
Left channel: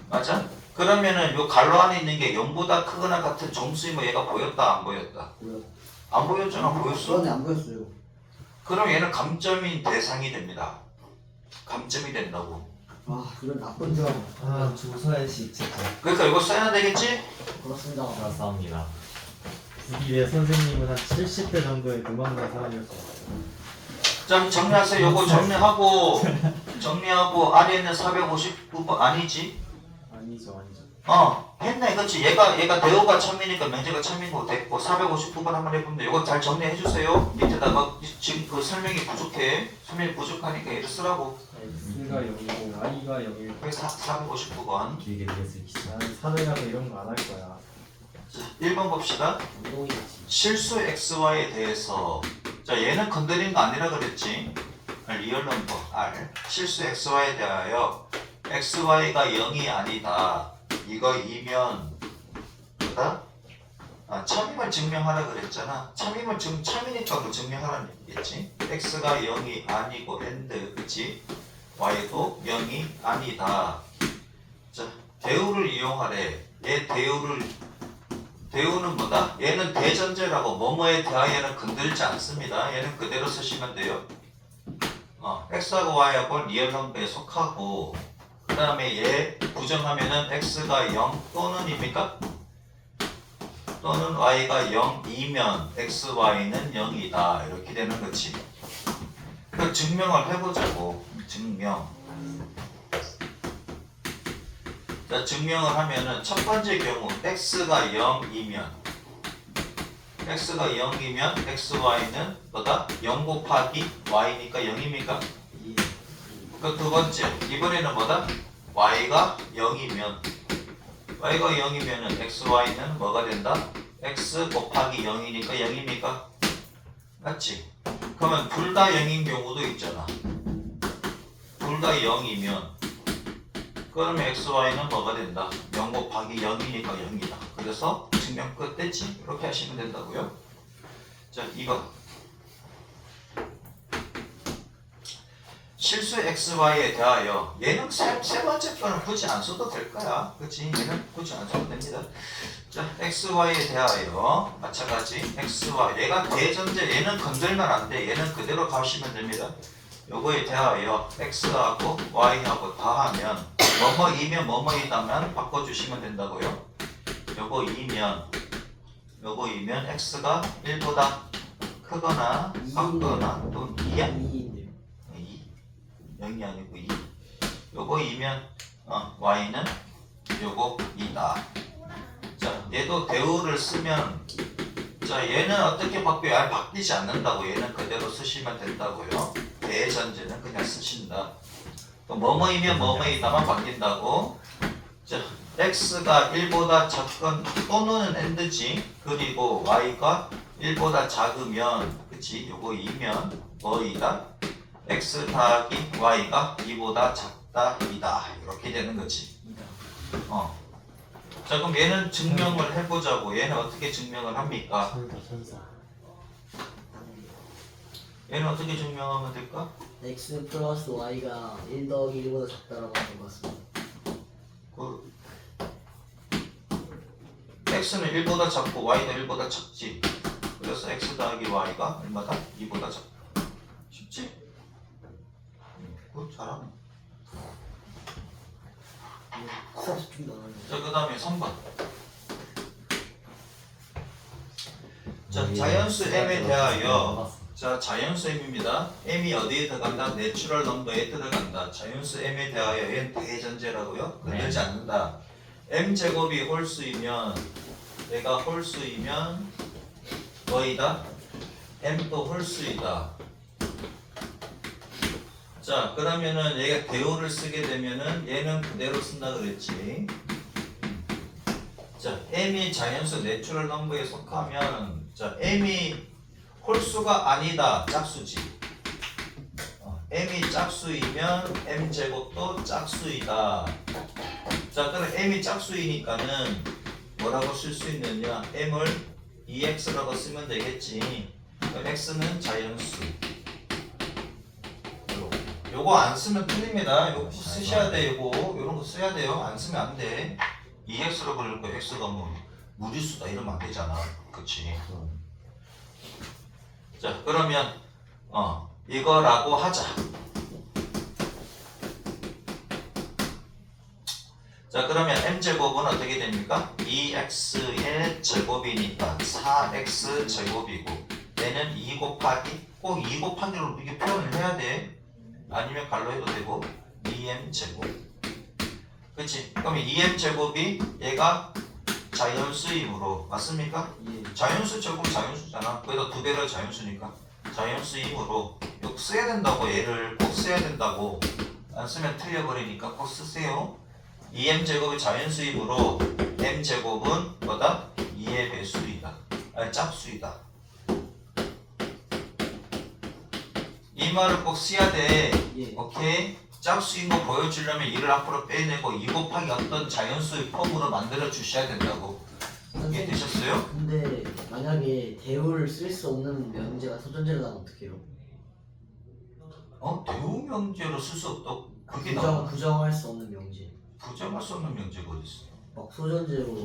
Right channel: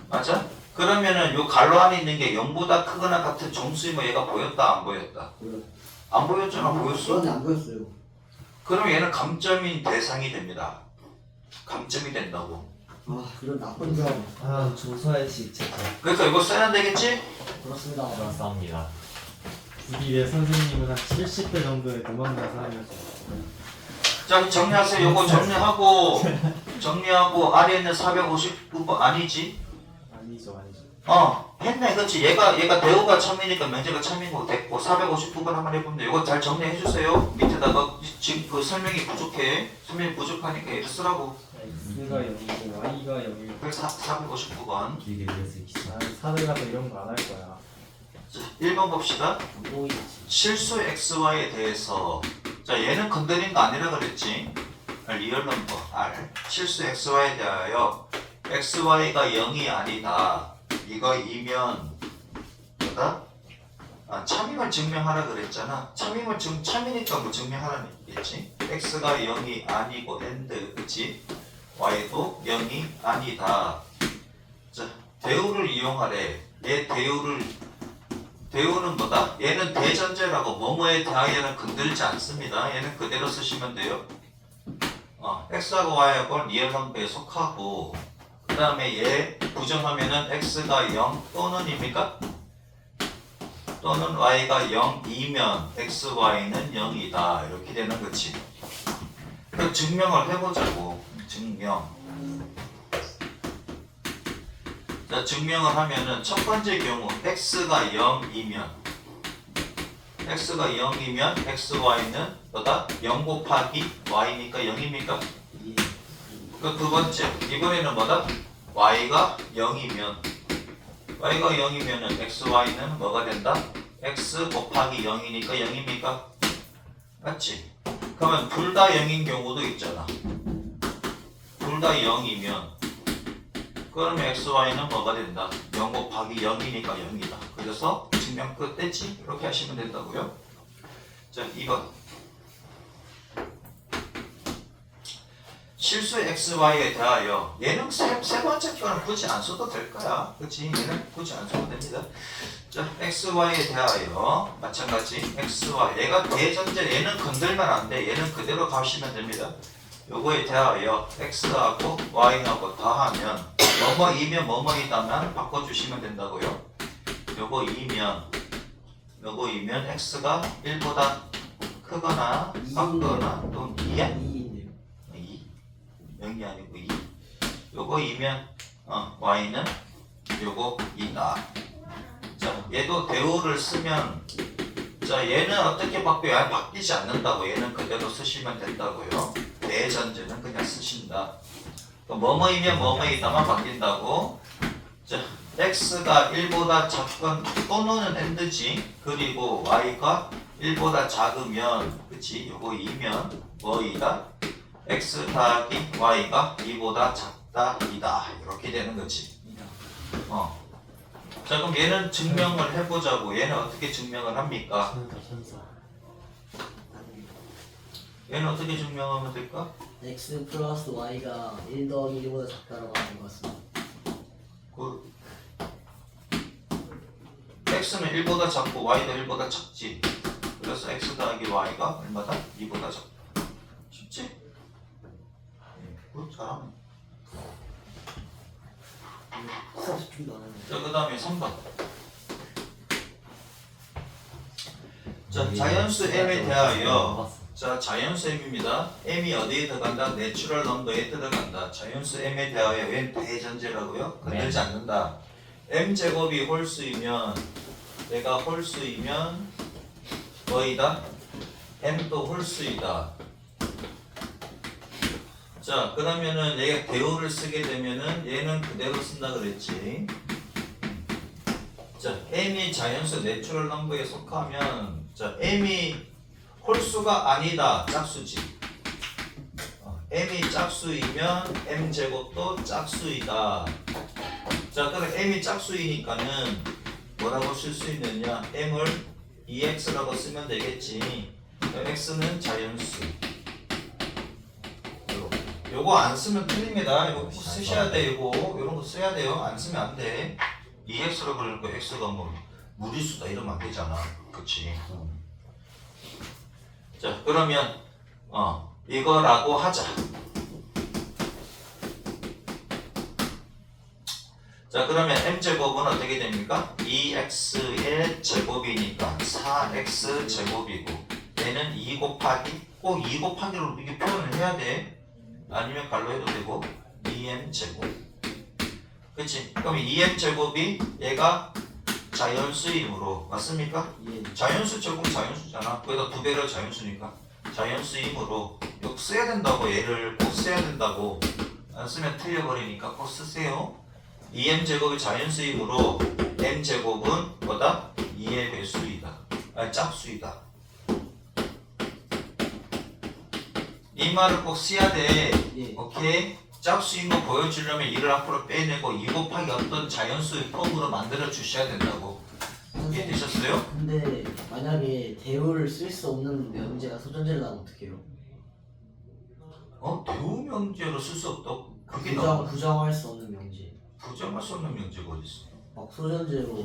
맞아? 그러면은 요 갈로 안에 있는 게 0보다 크거나 같은 정수이면 얘가 보였다 안 보였다? 보여. 안 보였잖아 보였어? 그런데 안 보였어요. 그럼 얘는 감점인 대상이 됩니다. 감점이 된다고. 아, 이런 나쁜 줄 알고. 아 조서의식 진짜 그러니까 이거 써야 되겠지? 그렇습니다. 감사합니다. 우리 내 선생님은 한 70대 정도의 도망간 사람이었어요. 자 정리하세요. 요거 정리하고 아래에 있는 459번 아니지? 아니죠. 했네 그렇지 얘가 대우가 참이니까 명제가 참인 거 됐고 459번 한번 해보면 이거 잘 정리해 주세요. 밑에다가 지금 그 설명이 부족하니까 얘를 쓰라고. X가 0이고 Y가 0이고. 그래서 459번 길게 들을 수 있어. 나는 사대 가서 이런 거 안 할 거야. 1번 봅시다. 안 보이겠지. 실수 XY에 대해서 자 얘는 건드린 거 아니라 그랬지. 리얼 넘버 R 실수 XY에 대하여 XY가 0이 아니다. 이거 2면 뭐다? 참임을 증명하라 그랬잖아. 참이니까 뭐 증명하라는 얘기겠지. X가 0이 아니고 and 그치? Y도 0이 아니다. 자 대우를 이용하래. 얘 대우는 뭐다? 얘는 대전제라고 뭐뭐에 대하여는 건들지 않습니다. 얘는 그대로 쓰시면 돼요. X하고 Y하고 리얼 넘버에 속하고 그 다음에 얘 부정하면은 X가 0 또는입니까? 또는 Y가 0이면 XY는 0이다 이렇게 되는 거지. 그 증명을 해보자고. 증명. 자 증명을 하면은 첫 번째 경우 X가 0이면 XY는 뭐다? 0 곱하기 Y니까 0입니까? 예. 그 두 번째 이번에는 뭐다? y가 0이면 y가 0이면은 xy는 뭐가 된다? x 곱하기 0이니까 0입니까? 맞지? 그러면 둘 다 0인 경우도 있잖아. 둘 다 0이면 그러면 xy는 뭐가 된다? 0 곱하기 0이니까 0이다. 그래서 증명 끝 됐지? 이렇게 하시면 된다고요. 자 2번 실수 xy에 대하여 얘는 세 번째 거는 굳이 안 써도 될 거야. 그치? 얘는 굳이 안 써도 됩니다. 자 xy에 대하여 마찬가지 xy 얘가 대전제 얘는 건들면 안 돼. 얘는 그대로 가시면 됩니다. 요거에 대하여 x하고 y하고 다하면 뭐뭐이면 뭐뭐이다면 바꿔주시면 된다고요. 요거이면 x가 1보다 크거나 작거나 또는 2야? 2인데요. 2? 0이 아니고 2. 요거이면 y는 요거 2다. 자 얘도 대우를 쓰면 자 얘는 어떻게 바뀌어요? 바뀌지 않는다고. 얘는 그대로 쓰시면 된다고요. 대전제는 그냥 쓰신다. 또 뭐뭐이면 뭐뭐이다만 바뀐다고. 자 x가 1보다 작건 또는 and지. 그리고 y가 1보다 작으면 그치? 요거 2면 뭐이다? x 더하기 y가 2보다 작다 2다 이렇게 되는 거지. 자 그럼 얘는 증명을 해보자고. 얘는 어떻게 증명을 합니까? 천사. 얘는 어떻게 증명하면 될까? x 플러스 y가 1 더하기 1보다 작다라고 하는 것 같습니다. 그 x는 1보다 작고 y가 1보다 작지. 그래서 x 더하기 y가 얼마다? 2보다 작다. 쉽지? 잘하네. 수학 집중도 안 하는데. 자, 그 다음에 3번. 자, 자연수 m에 대하여. 자, 자연수 m입니다. m이 어디에 들어간다? 내추럴 넘버에 들어간다. 자연수 m에 대하여 n 대전제라고요. 건들지 않는다. m제곱이 홀수이면 얘가 홀수이면 뭐이다? m도 홀수이다. 자 그러면은 얘가 대우를 쓰게 되면은 얘는 그대로 쓴다 그랬지. 자 m이 자연수 내추럴 넘버에 속하면 자 m이 홀수가 아니다 짝수지. m이 짝수이면 m제곱도 짝수이다. 자 그럼 m이 짝수이니까는 뭐라고 쓸 수 있느냐? m을 2x라고 쓰면 되겠지. x는 자연수. 요거 안 쓰면 틀립니다. 이거 꼭 쓰셔야 돼. 요런 거 써야 돼요. 안 쓰면 안 돼. 2x로 그럴 거 x가 뭐 무리수다 이러면 안 되잖아. 그치? 자 그러면 이거라고 하자. 자 그러면 m제곱은 어떻게 됩니까? 2x의 제곱이니까 4x 제곱이고 얘는 2 곱하기 꼭 2 곱하기로 이렇게 표현을 해야 돼. 아니면 갈로 해도 되고 2m 제곱. 그치? 그럼 2m 제곱이 얘가 자연수이므로 맞습니까? 예. 자연수 제곱 자연수잖아. 거기다 두 배를 자연수니까 자연수이므로 이거 써야 된다고. 얘를 꼭 써야 된다고. 안 쓰면 틀려버리니까 꼭 쓰세요. 2m 제곱이 자연수이므로 m 제곱은 뭐다? 2의 배수이다. 아니 짝수이다. 이 말을 꼭 써야 돼. 예. 오케이? 짝수인 거 보여주려면 2를 앞으로 빼내고 2 곱하기 어떤 자연수의 폼으로 만들어 주셔야 된다고. 이해되셨어요? 근데 만약에 대우를 쓸 수 없는 명제가 소전제를 나면 어떡해요? 대우 명제로 쓸 수 없다고? 그게 나와. 부정할 수 없는 명제. 부정할 수 없는 명제가 어디 있어? 막 소전제로.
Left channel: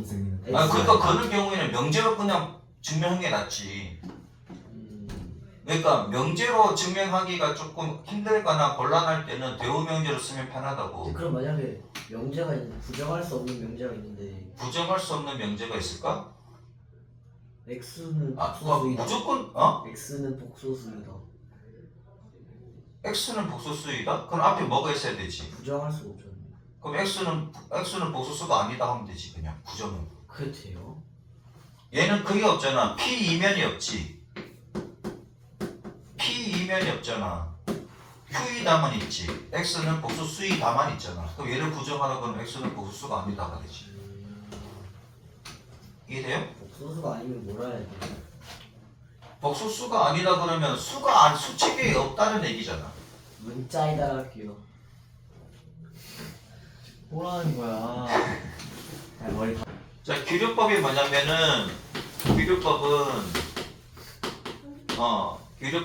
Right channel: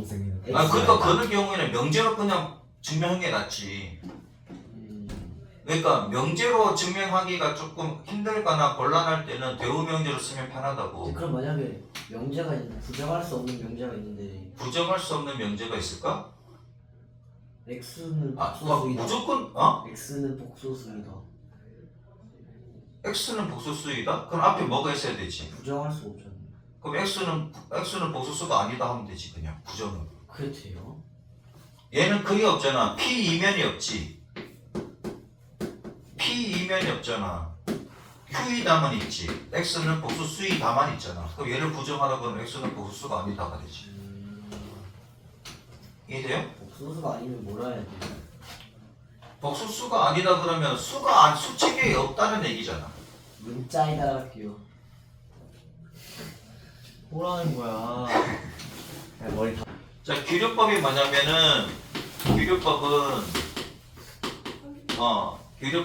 그러니까 그런 경우에는 명제로 그냥 증명하는 게 낫지. 그러니까 명제로 증명하기가 조금 힘들거나 곤란할 때는 대우 명제로 쓰면 편하다고. 그럼 만약에 명제가 있는데 부정할 수 없는 명제가 있는데 부정할 수 없는 명제가 있을까? x는 그거 복소수이다. 무조건 x는 복소수이다. x는 복소수이다? 그럼 앞에 뭐가 있어야 되지? 부정할 수 없잖아요. 그럼 x는 복소수가 아니다 하면 되지. 그냥 부정은. 그게 돼요? 얘는 그게 없잖아. p 이면이 없지. p 이면이 없잖아. q이다만 있지. x는 복수 수이다만 있잖아. 그럼 얘를 부정하라 그러면 x는 복수수가 아니다가 되지. 이해돼요? 복수수가 아니면 뭐라 해야 돼? 복수수가 아니다 그러면 수체계에 없다는 얘기잖아. 문자에다가 할게요. 뭐라는 거야? 뭘 다. 자, 규律법이 뭐냐면은 규律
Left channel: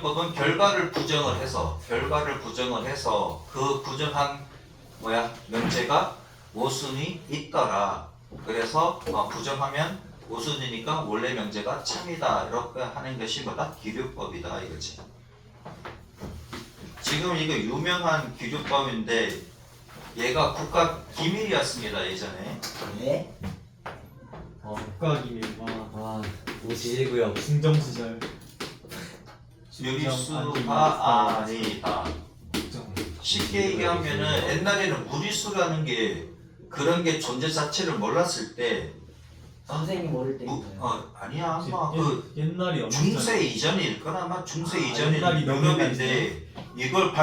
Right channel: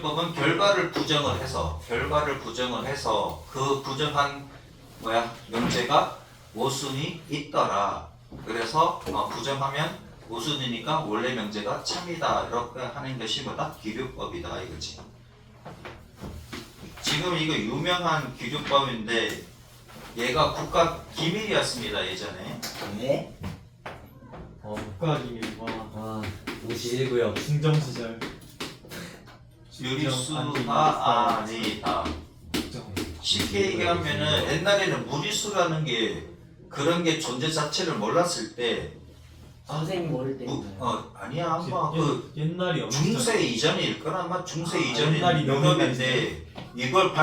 법은 결과를 부정을 해서 그 부정한 명제가 모순이 있더라. 그래서 부정하면 모순이니까 원래 명제가 참이다. 이렇게 하는 것이 뭐다? 규律법이다 이거지. 지금 이거 유명한 규律법인데 얘가 국가 기밀이었습니다 예전에. 네? 국가기밀과 와 51구역 중정 시절 유리수가 아니다. 쉽게 얘기하면은 옛날에는 무리수라는 게 그런 게 존재 자체를 몰랐을 때 선생님 모를 때인가요? 아니야 아마 그 옛날이 엄청 중세 이전일 거나 아마 중세 이전이 옛날이 너무 유명인데 이걸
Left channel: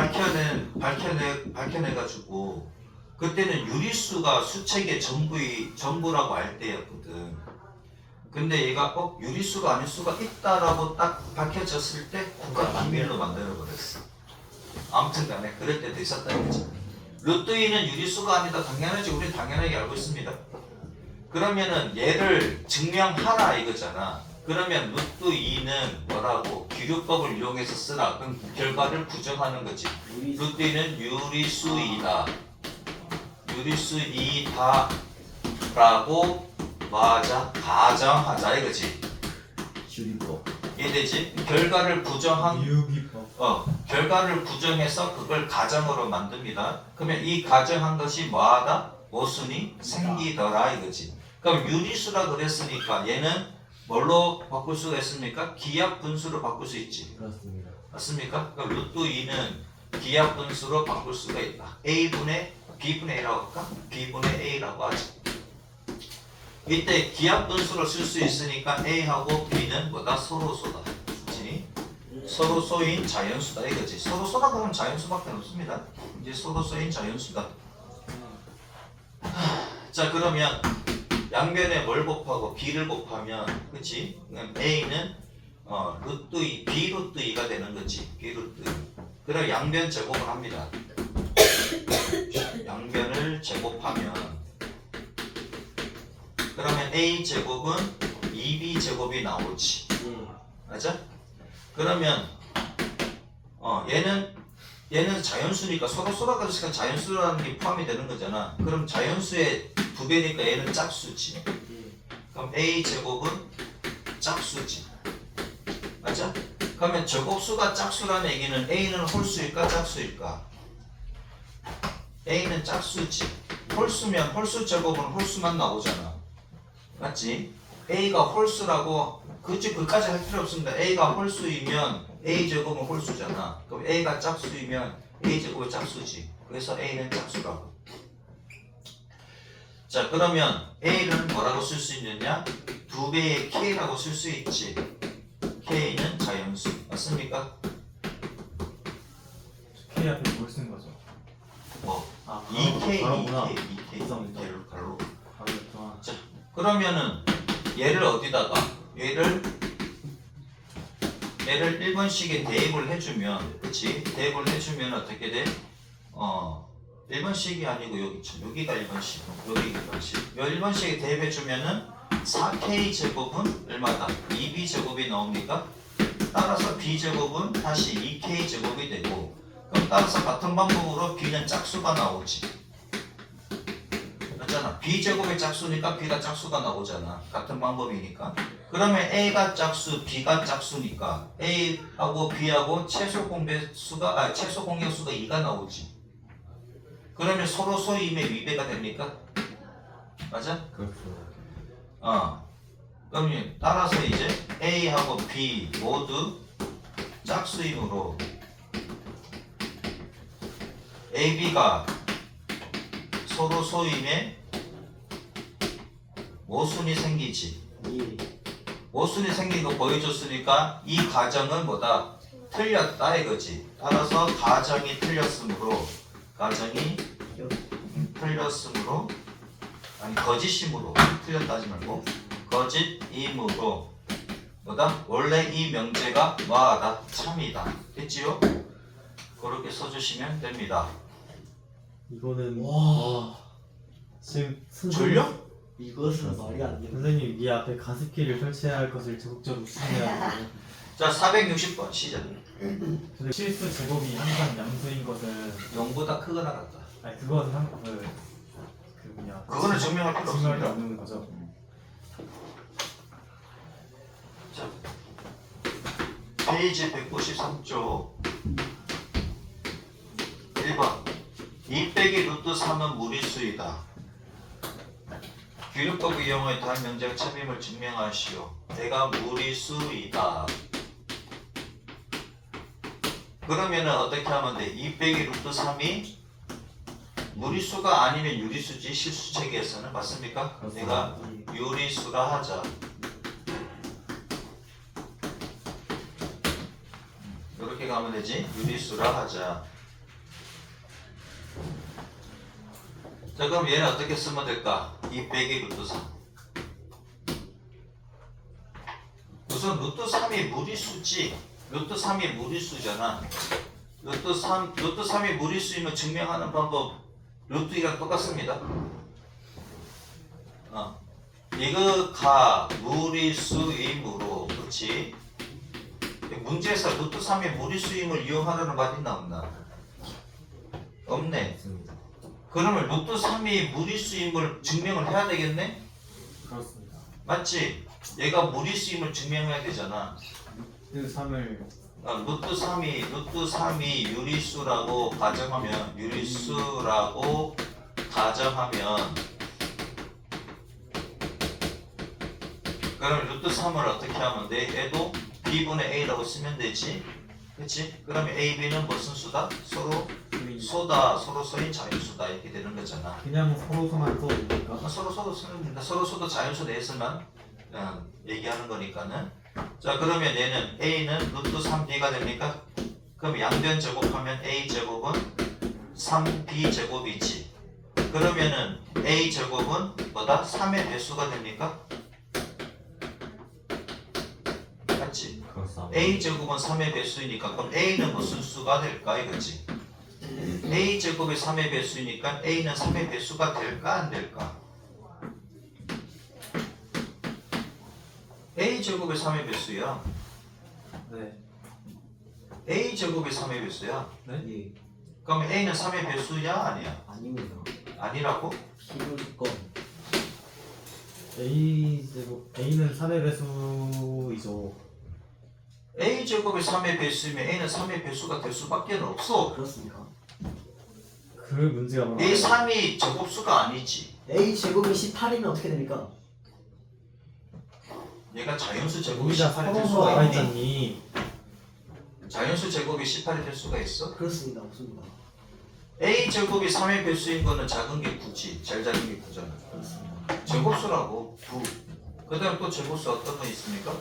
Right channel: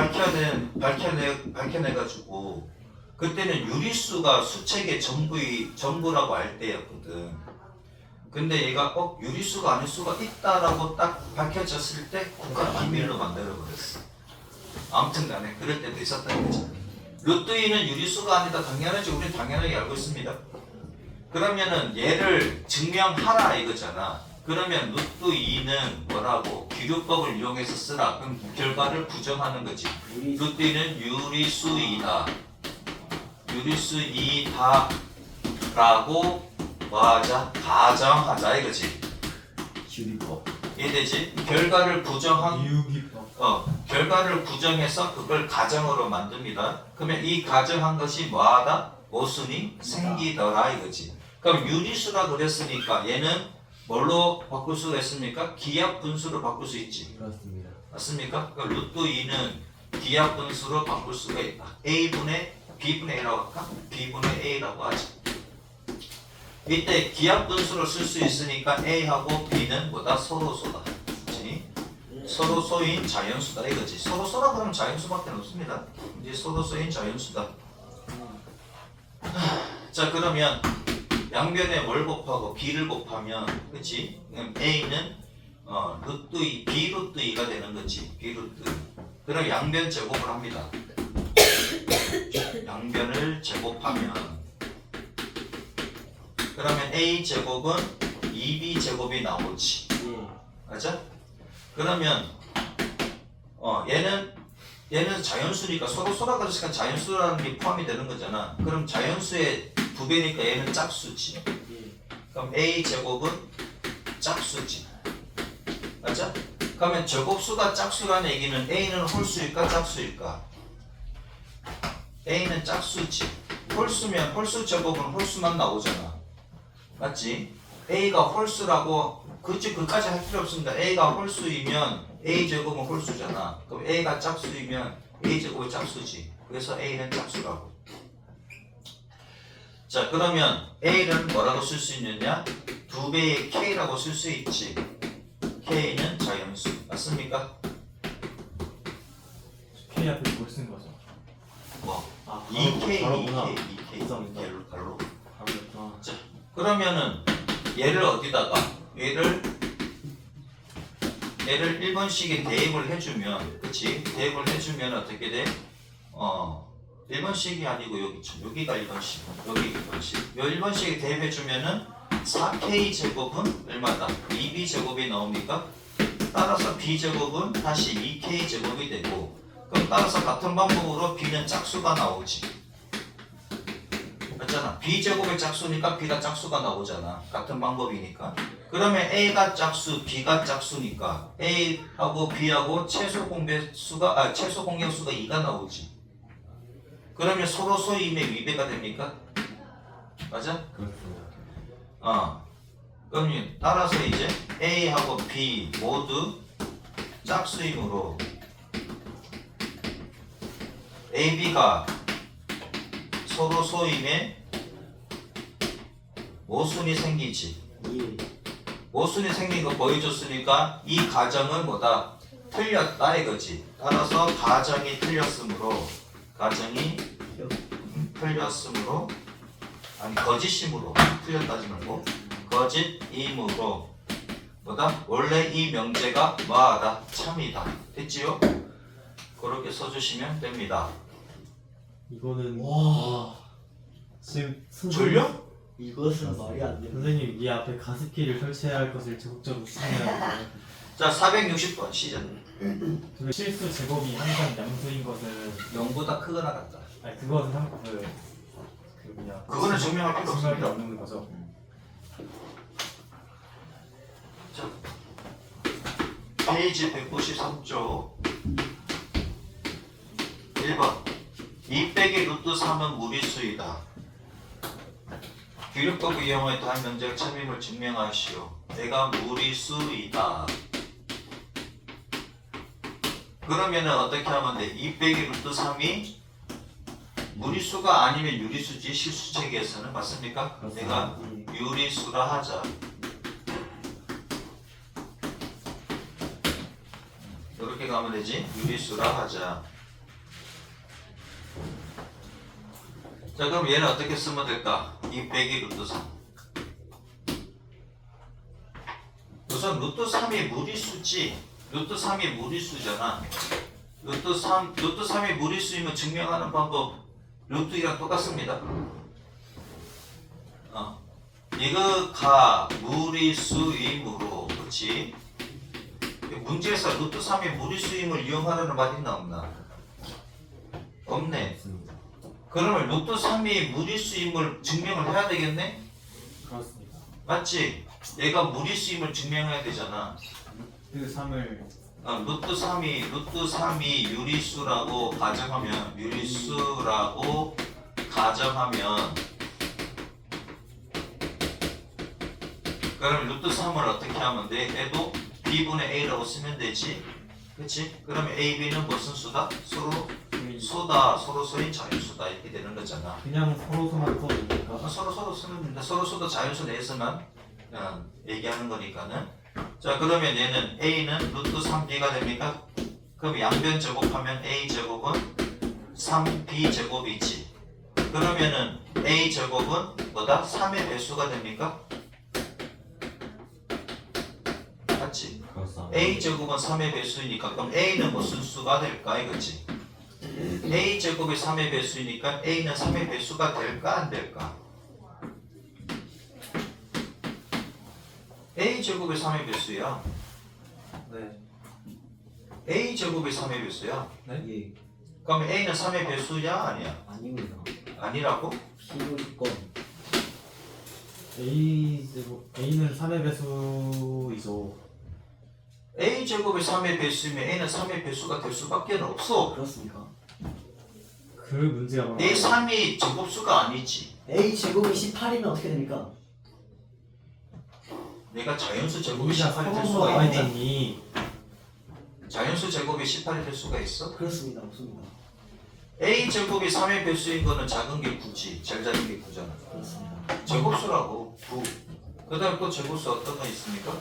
밝혀내가지고 그때는 유리수가 수책의 전부라고 알 때였거든. 근데 얘가 유리수가 아닐 수가 있다라고 딱 밝혀졌을 때 국가 기밀로 만들어버렸어. 아무튼 간에 그럴 때도 있었다는 거죠. 루트 2는 유리수가 아니다. 당연하지. 우리 당연하게 알고 있습니다. 그러면은 얘를 증명하라 이거잖아. 그러면 루트 2는 뭐라고? 규律법을 이용해서 쓰라. 그럼 결과를 부정하는 거지. 루트 2는 유리수이다. 유리수이다 라고 맞아 가정하자 이거지. 규리법. 이해되지? 결과를 부정한 유기법 결과를 부정해서 그걸 가정으로 만듭니다. 그러면 이 가정한 것이 뭐하다? 모순이 생기더라 이거지. 그럼 유리수라 그랬으니까 얘는 뭘로 바꿀 수가 있습니까? 기하 분수로 바꿀 수 있지. 그렇습니다. 맞습니까? 그럼 루트 2는 기하 분수로 바꿀 수가 있다. A분의 B분의 A라고 할까? B분의 A라고 하죠. 이때 기하 분수를 쓸 수 있으니까 A하고 B는 뭐다? 서로소다. 그렇지? 서로소인 자연수다 이거지. 서로소라 그러면 자연수밖에 없습니다. 이제 서로소인 자연수다. 자 그러면 양변에 뭘 곱하고 B를 곱하면 그치? A는 루트 2, B 루트 2가 되는 거지. B 루트. 그럼 양변 제곱을 합니다. 양변을 제곱하면 그러면 A 제곱은 2B 제곱이 나오지. 맞아? 그러면 얘는 자연수니까 서로 그랬으니까 자연수라는 게 포함이 되는 거잖아. 그럼 자연수의 부배니까 얘는 짝수지. 그럼 A 제곱은 짝수지. 맞아? 그러면 제곱수가 짝수라는 얘기는 A는 홀수일까 짝수일까? A는 짝수지. 홀수면 홀수 제곱은 홀수만 나오잖아. 맞지? A가 홀수라고 그치 그까지 할 필요 없습니다. A가 홀수이면 A 제곱은 홀수잖아. 그럼 A가 짝수이면 A 제곱이 짝수지. 그래서 A는 짝수라고. 자 그러면 A를 뭐라고 쓸 수 있느냐? 2배의 K라고 쓸 수 있지. K는 자연수. 맞습니까? K 앞에 뭘 쓴 거죠? 뭐 아 2K, 바로구나 2K 가로. 바로였구나. 그러면은 얘를 어디다가 얘를 1번씩에 대입을 해주면 그치? 대입을 해주면 어떻게 돼? 1번씩이 아니고 여기가 1번씩 여기가 1번씩 요 1번씩에 대입해주면은 4K 제곱은 얼마다? 2B 제곱이 나옵니까? 따라서 B 제곱은 다시 2K 제곱이 되고 그럼 따라서 같은 방법으로 B는 짝수가 나오지. 맞잖아. B 제곱의 짝수니까 B가 짝수가 나오잖아. 같은 방법이니까. 그러면 A가 짝수, B가 짝수니까 A하고 B하고 최소 공격수가 2가 나오지. 그러면 서로 소임의 위배가 됩니까? 맞아? 그렇구나. 그러면 따라서 이제 A하고 B 모두 짝수이므로 AB가 서로 소임에 모순이 생기지. 모순이 생긴 거 보여줬으니까 이 가정은 뭐다? 틀렸다 이거지. 따라서 가정이 틀렸으므로 아니 거짓이므로 틀렸다지 말고 거짓이므로 뭐다? 원래 이 명제가 뭐하다? 참이다. 됐지요? 그렇게 써주시면 됩니다. 이거는 와. 지금 졸려? 이것은 말이 안 돼. 선생님 이 앞에 가습기를 설치해야 할 것을 적극적으로 추진해야 돼요. 자 460번 시작. 근데 실수 제곱이 항상 양수인 것은 0보다 크거나 같다. 아니 그것은 그 뭐냐 그거는 증명할 필요 증명할 게 없습니다. 없는 거죠. 자, 페이지 193쪽 1번 2 빼기 루트 3은 무리수이다. 규율법 이용해 단 면적 참임을 증명하시오. 내가 무리수이다. 그러면은 어떻게 하면 돼? 2 빼기 루트 3이 무리수가 아니면 유리수지 실수 체계에서는 맞습니까? 내가 유리수라 하자. 이렇게 가면 되지? 유리수라 하자. 자 그럼 얘는 어떻게 쓰면 될까? 2 빼기 루트 3. 우선 루트 3이 무리수지. 루트 3이 무리수잖아. 루트 3이 무리수이면 증명하는 방법 루트 2랑 똑같습니다. 이거 무리수이므로 그렇지? 문제에서 루트 3의 무리수임을 이용하라는 말 있나 없나? 없네. 그러면 루트 3이 무리수임을 증명을 해야 되겠네? 그렇습니다. 맞지? 얘가 무리수임을 증명해야 되잖아. 그 3을 루트 3이 유리수라고 가정하면 그러면 루트 3을 어떻게 하면 돼? 얘도 b분의 a라고 쓰면 되지. 그치? 그러면 a, b는 무슨 수다? 서로 소다. 서로 소인 자유수다. 이렇게 되는 거잖아. 그냥 서로서만 써도 됩니까? 서로 쓰면 됩니다. 서로 소도 자유수 내에서만 얘기하는 거니까는. 자 그러면 얘는 a는 루트 3b가 됩니까? 그럼 양변 제곱하면 a 제곱은 3b 제곱이지. 그러면은 a 제곱은 뭐다? 3의 배수가 됩니까? 맞지? a 제곱은 3의 배수이니까 그럼 a는 무슨 수가 될까 이거지. a 제곱이 3의 배수이니까 a는 3의 배수가 될까 안 될까? a 제곱이 3의 배수야. 네. a 제곱이 3의 배수야. 예. 그럼 a는 3의 배수야 아니야? 아닙니다. 아니라고? 필요 조건. A는 3의 배수이죠. a 제곱이 3의 배수이면 a는 3의 배수가 될 수밖에 없어. 그렇습니까? 그 문제가 뭐냐? 이 3이 제곱수가 아니지. A 제곱이 18이면 어떻게 됩니까? 얘가 자연수 제곱이 여기다 18이 될 서로서 수가 나와 있니? 있잖니. 자연수 제곱이 18이 될 수가 있어? 그렇습니다. 없습니다. a 제곱이 3의 배수인 거는 작은 게 9지. 제일 작은 게 9잖아. 그렇습니다. 제곱수라고 9. 그 다음에 또 제곱수 어떤 거 있습니까?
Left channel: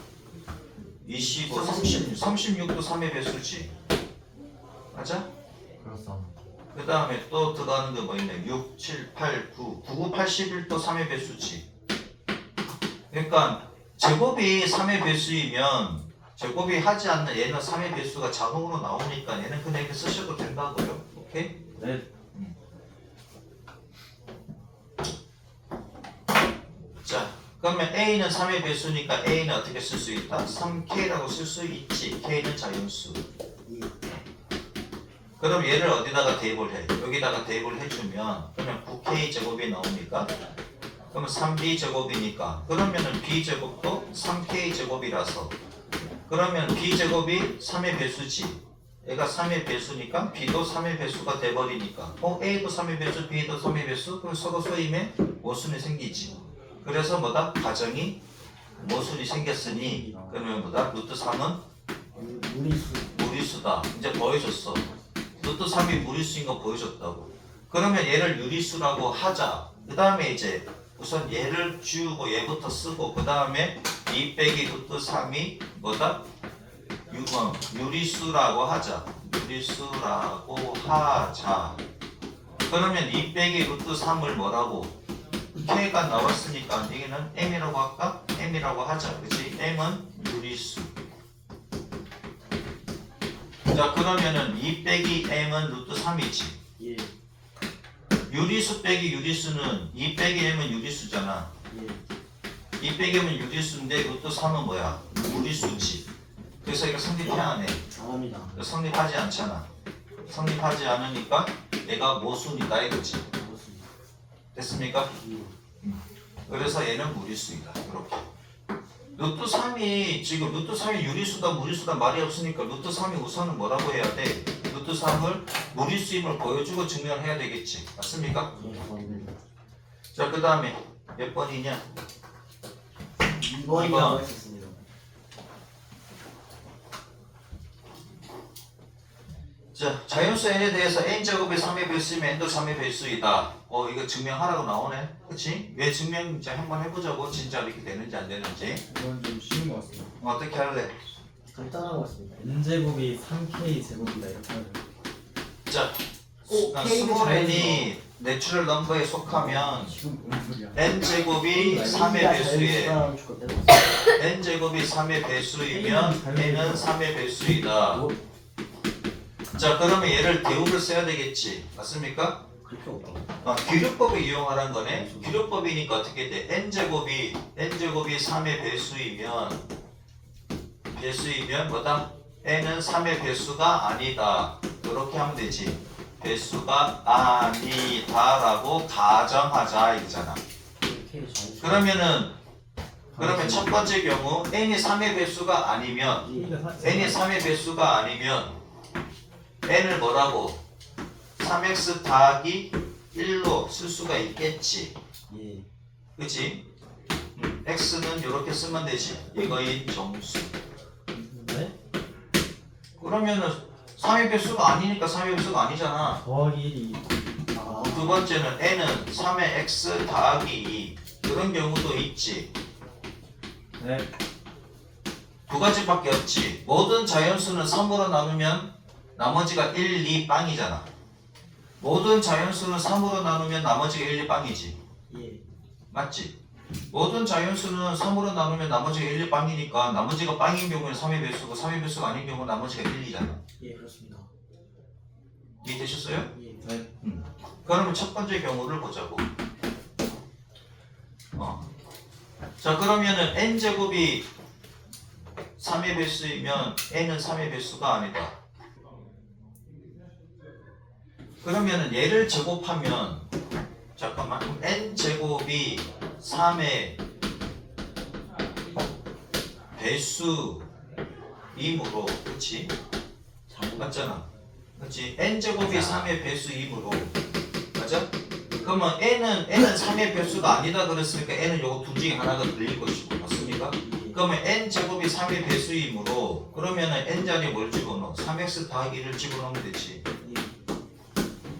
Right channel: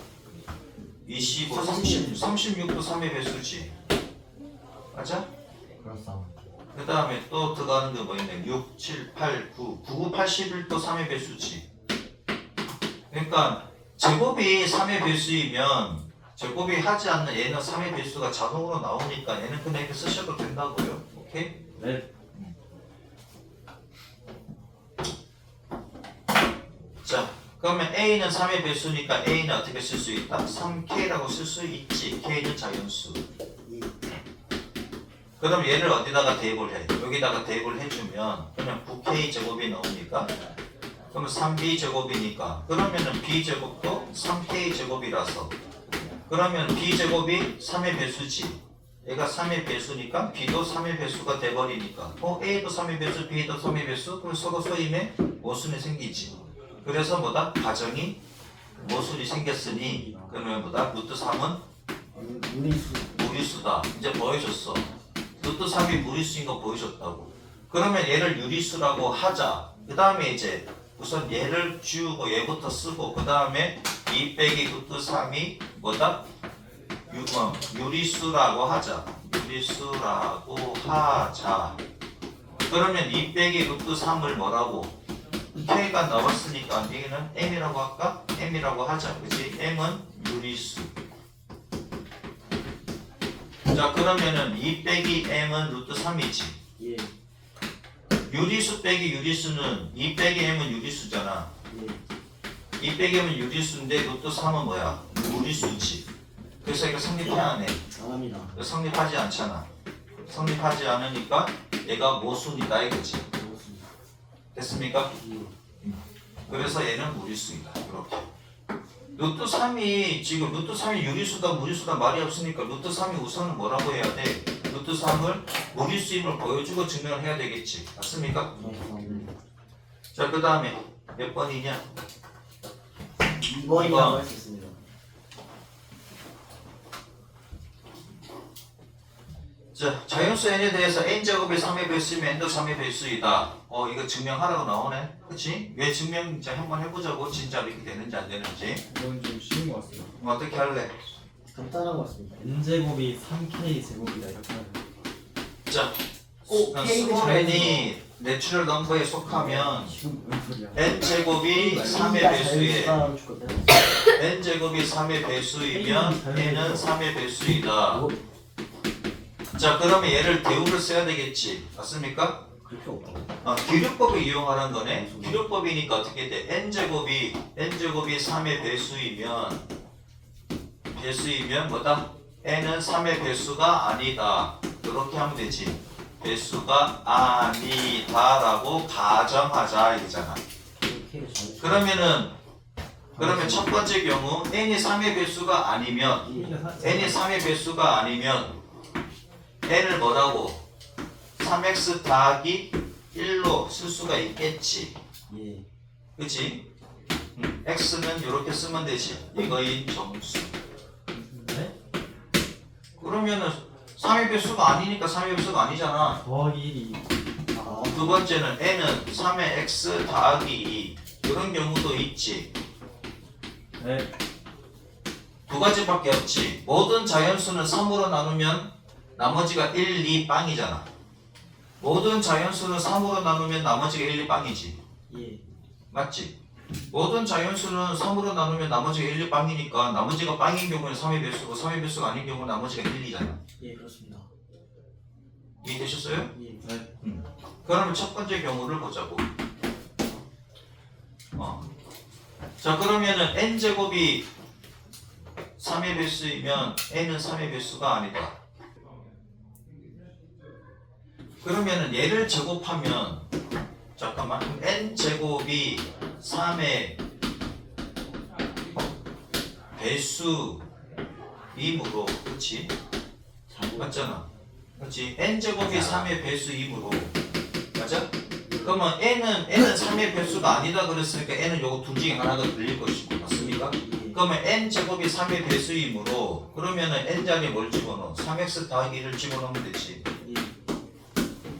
25, 30, 36도 3의 배수지. 맞아? 그렇습니다. 그 다음에 또 들어가는 게 뭐 있네. 6, 7, 8, 9, 9, 81도 3의 배수지. 그러니까 제곱이 3의 배수이면 제곱이 하지 않는 얘는 3의 배수가 자동으로 나오니까 얘는 그냥 이렇게 쓰셔도 된다고요. 오케이? 네. 자, 그러면 A는 3의 배수니까 A는 어떻게 쓸 수 있다? 3K라고 쓸 수 있지. K는 자연수. 그럼 얘를 어디다가 대입을 해? 여기다가 대입을 해주면 그러면 9K 제곱이 나옵니까? 그러면 3B 제곱이니까 그러면은 B 제곱도 3K 제곱이라서 그러면 B 제곱이 3의 배수지. 얘가 3의 배수니까 B도 3의 배수가 돼버리니까 A도 3의 배수, B도 3의 배수 그럼 서로 소임에 모순이 생기지. 그래서 뭐다? 가정이 모순이 생겼으니 그러면 뭐다? 루트 3은 무리수. 무리수다. 이제 보여줬어. 루트 3이 무리수인 거 보여줬다고. 그러면 얘를 유리수라고 하자. 그 다음에 이제 우선 얘를 지우고 얘부터 쓰고 그 다음에 2 빼기 루트 3이 뭐다? 유리수라고 하자. 유리수라고 하자. 그러면 2 빼기 루트 3을 뭐라고? K가 나왔으니까 여기는 M이라고 할까? M이라고 하자. 그치? M은 유리수. 자, 그러면은 2 빼기 M은 루트 3이지. 예. 유리수 빼기 유리수는 2 빼기 M은 유리수잖아. 예. 2 빼기 M은 유리수인데 루트 3은 뭐야? 무리수지. 그래서 이거 성립해야 하네. 안 합니다. 성립하지 않잖아. 성립하지 않으니까 얘가 모순이다 이거지. 그렇습니다. 됐습니까? 예. 그래서 얘는 무리수이다. 이렇게. 루트 3이 지금 루트 3이 유리수다 무리수다 말이 없으니까 루트 3이 우선은 뭐라고 해야 돼? 루트 3을 무리수임을 보여주고 증명을 해야 되겠지. 맞습니까? 예. 감사합니다. 자, 그 다음에 몇 번이냐? 2번이라고 했었습니다. 자, 자연수 n에 대해서 n제곱이 3의 배수이면 n도 3의 배수이다. 이거 증명하라고 나오네. 그치? 왜 증명 자 한번 해보자고. 진짜 이렇게 되는지 안 되는지. 이건 좀 쉬운 것 같습니다. 어떻게 할래? 간단한 것 같습니다. n제곱이 3k 제곱이다 이렇게 하면 자, K는 스몰 n이 내추럴 넘버에 속하면 지금 뭔 소리야? n제곱이 3의 배수에 n제곱이 3의 배수이면 n은 3의 배수이다. 자, 그러면 얘를 대우를 써야 되겠지. 맞습니까? 그렇게 없다고. 기류법을 이용하라는 거네. 기류법이니까 어떻게 돼? n제곱이 3의 배수이면 뭐다? n은 3의 배수가 아니다. 이렇게 하면 되지. 배수가 아니다라고 가정하자 이거잖아. 그렇게 잘. 그러면 첫 번째 경우 n이 3의 배수가 아니면 n이 3의 배수가 아니면 n을 뭐라고? 3x 더하기 1로 쓸 수가 있겠지. 예. 그치? x는 이렇게 쓰면 되지. 이거인 정수. 네? 그러면은 3의 배수가 아니니까 3의 배수가 아니잖아. 더하기 1이 아. 두 번째는 n은 3의 x 더하기 2. 이런 경우도 있지. 네. 두 가지밖에 없지. 모든 자연수는 3으로 나누면 나머지가 1, 2 빵이잖아. 모든 자연수는 3으로 나누면 나머지가 1, 2 빵이지. 예. 맞지? 모든 자연수는 3으로 나누면 나머지가 1, 2 빵이니까 나머지가 빵인 경우는 3의 배수고 3의 배수가 아닌 경우는 나머지가 1, 2잖아. 예, 그렇습니다. 이해되셨어요? 예. 네. 그러면 첫 번째 경우를 보자고. 자, 그러면은 n제곱이 3의 배수이면 n은 3의 배수가 아니다. 그러면은 얘를 제곱하면 잠깐만 n제곱이 3의 배수이므로 그치? 맞잖아. 그치? n제곱이 3의 배수이므로 맞아? 그러면 n은 3의 배수가 아니다 그랬으니까 n은 요거 둘 중에 하나가 들릴 것이고 맞습니까? 그러면 n제곱이 3의 배수이므로 그러면은 n자리에 뭘 집어넣어? 3x 더하기 1을 집어넣으면 되지.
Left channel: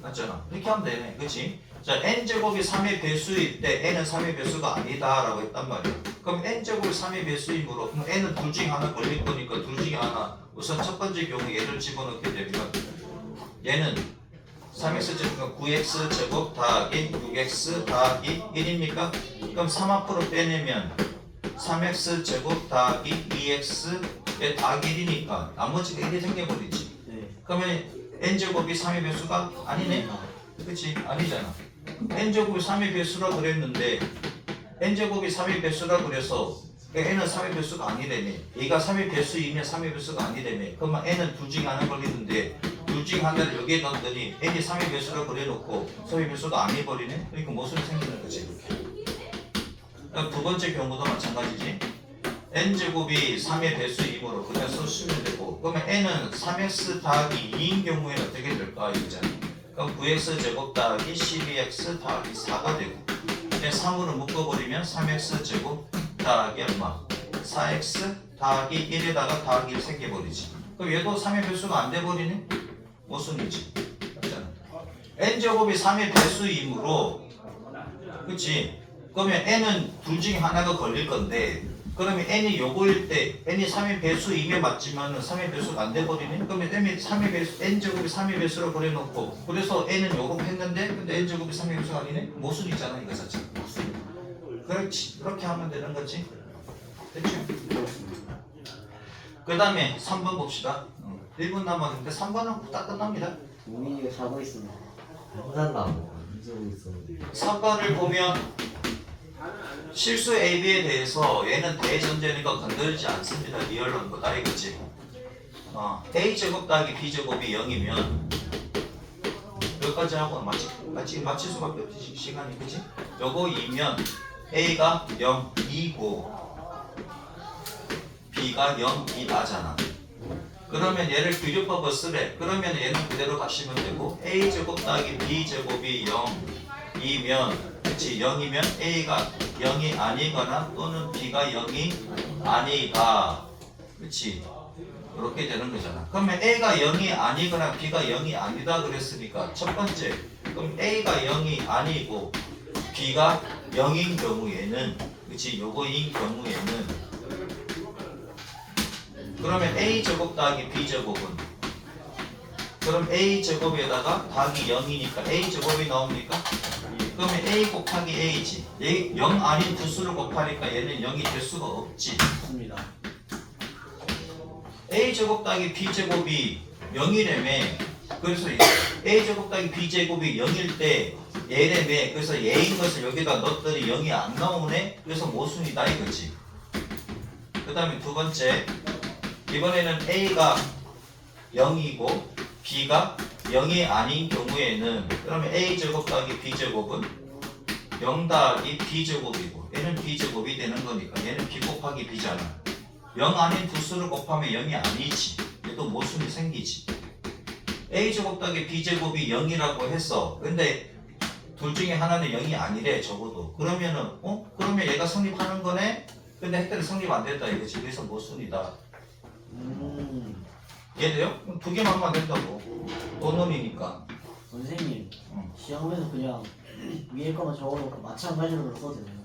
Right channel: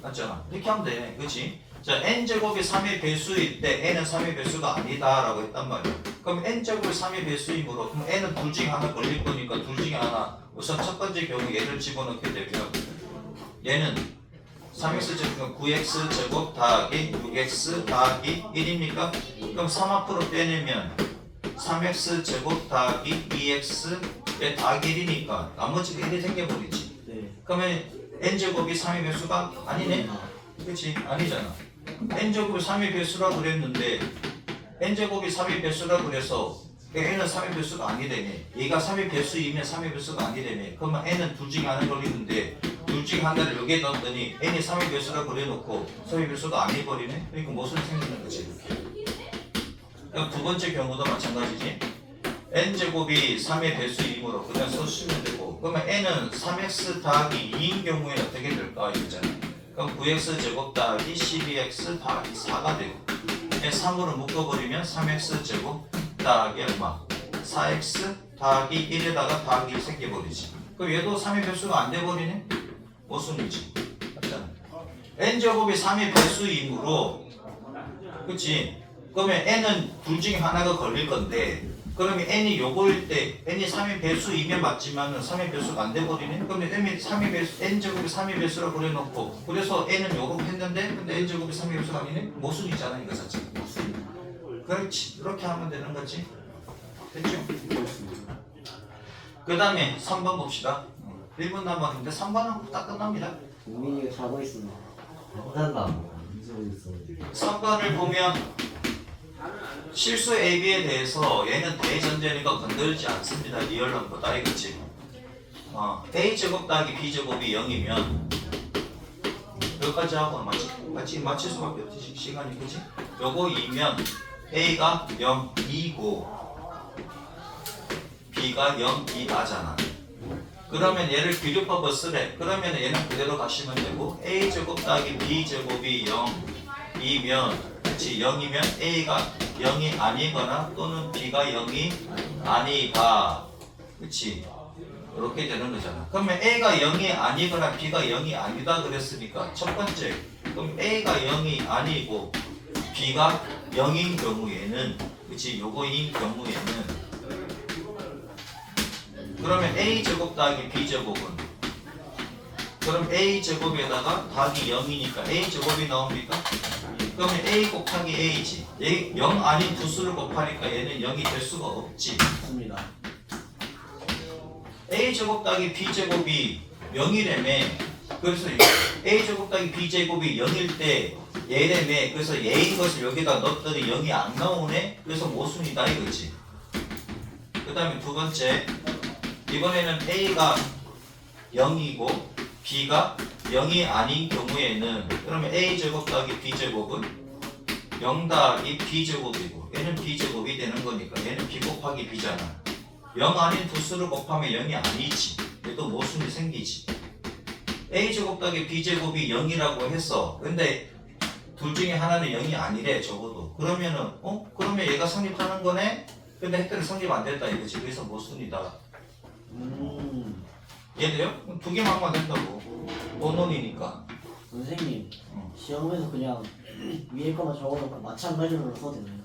맞잖아. 이렇게 하면 되네. 그치? 자, n제곱이 3의 배수일 때 n은 3의 배수가 아니다 라고 했단 말이야. 그럼 n제곱이 3의 배수이므로 그럼 n은 둘 중에 하나 걸릴 거니까 둘 중에 하나. 우선 첫 번째 경우 얘를 집어넣게 되면 얘는 3x 제곱 9x 제곱 더하기 6x 더하기 1입니까? 그럼 3 앞으로 빼내면 3x 제곱 더하기 2x 더하기 1이니까 나머지가 1이 생겨버리지. 네. 그러면 n제곱이 3의 배수가 아니네? 그치? 아니잖아. n제곱이 3의 배수라 그랬는데 n제곱이 3의 배수라 그래서 n은 3의 배수가 아니되네. 얘가 3의 배수이면 3의 배수가 아니되네. 그러면 n은 둘 중에 하나 걸리는데 둘 중에 하나를 여기에 넣었더니 n이 3의 배수라 그래놓고 3의 배수가 아니버리네? 그러니까 무슨 생기는 거지? 그럼 두 번째 경우도 마찬가지지. n제곱이 3의 배수이므로 그냥 써주시면 되고 그러면 n은 3x 더하기 2인 경우에 어떻게 될까? 이거잖아. 그럼 9x 제곱 더하기 12x 더하기 4가 되고 3으로 묶어버리면 3x 제곱 더하기 얼마? 4x 더하기 1에다가 더하기 1 생겨버리지. 그럼 얘도 3의 배수가 안 돼버리네? 모순이지. 맞잖아. n제곱이 3의 배수이므로 그치? 그러면 n은 둘 중에 하나가 걸릴 건데 그러면 n이 요거일 때 n이 3의 배수이면 맞지만은 3의 배수가 안 돼버리네. 그러면 n이 3의 배수, n 제곱이 3의 배수라고 그래놓고 그래서 n은 요거 했는데 근데 n 제곱이 3의 배수가 아니네? 모순이잖아 이거 자체. 그렇지. 이렇게 하면 되는 거지. 됐죠? 그 다음에 3번 봅시다. 1분 남았는데 3번은 딱 끝납니다. 우민이가 자고 있습니다. 끝났나? 이러고 있어. 4번을 보면 실수 AB에 대해서 얘는 대전제니까 건들지 않습니다. 리얼론 거 다 이거지. A제곱 더하기 B제곱이 0이면 여기까지 하고 맞힐 수밖에 없지. 시간이 그지? 요거 2면 A가 0, 2고 B가 0, 2 나잖아. 그러면 얘를 비교법을 쓰래. 그러면 얘는 그대로 가시면 되고 A제곱 더하기 B제곱이 0이면 그치 0이면 A가 0이 아니거나 또는 B가 0이 아니가 그치 이렇게 되는 거잖아. 그러면 A가 0이 아니거나 B가 0이 아니다 그랬으니까 첫 번째 그럼 A가 0이 아니고 B가 0인 경우에는 그치 요거인 경우에는 그러면 A제곱 더하기 B제곱은 그럼 A제곱에다가 더하기 0이니까 A제곱이 나옵니까? 그러면 A 곱하기 A지 0 아닌 두 수를 곱하니까 얘는 0이 될 수가 없지. 맞습니다. A제곱 더하기 B제곱이 0이라며 그래서 A제곱 더하기 B제곱이 0일 때 얘라며 그래서 얘인 것을 여기다 넣었더니 0이 안 나오네. 그래서 모순이다 이거지. 그 다음에 두 번째 이번에는 A가 0이고 B가 0이 아닌 경우에는 그러면 A제곱 더하기 B제곱은 0 더하기 B제곱이고 얘는 B제곱이 되는 거니까 얘는 B 곱하기 B잖아. 0 아닌 두 수를 곱하면 0이 아니지. 얘도 모순이 생기지. A제곱 더하기 B제곱이 0이라고 했어. 근데 둘 중에 하나는 0이 아니래 적어도. 그러면은 그러면 얘가 성립하는 거네? 근데 했더니 성립 안 됐다 이거지. 그래서 모순이다. 이해돼요? 두 개만 하면 된다고. 본론이니까. 선생님 응. 시험에서 그냥 위에 거만 적어놓고 마찬가지로 써도 되나요?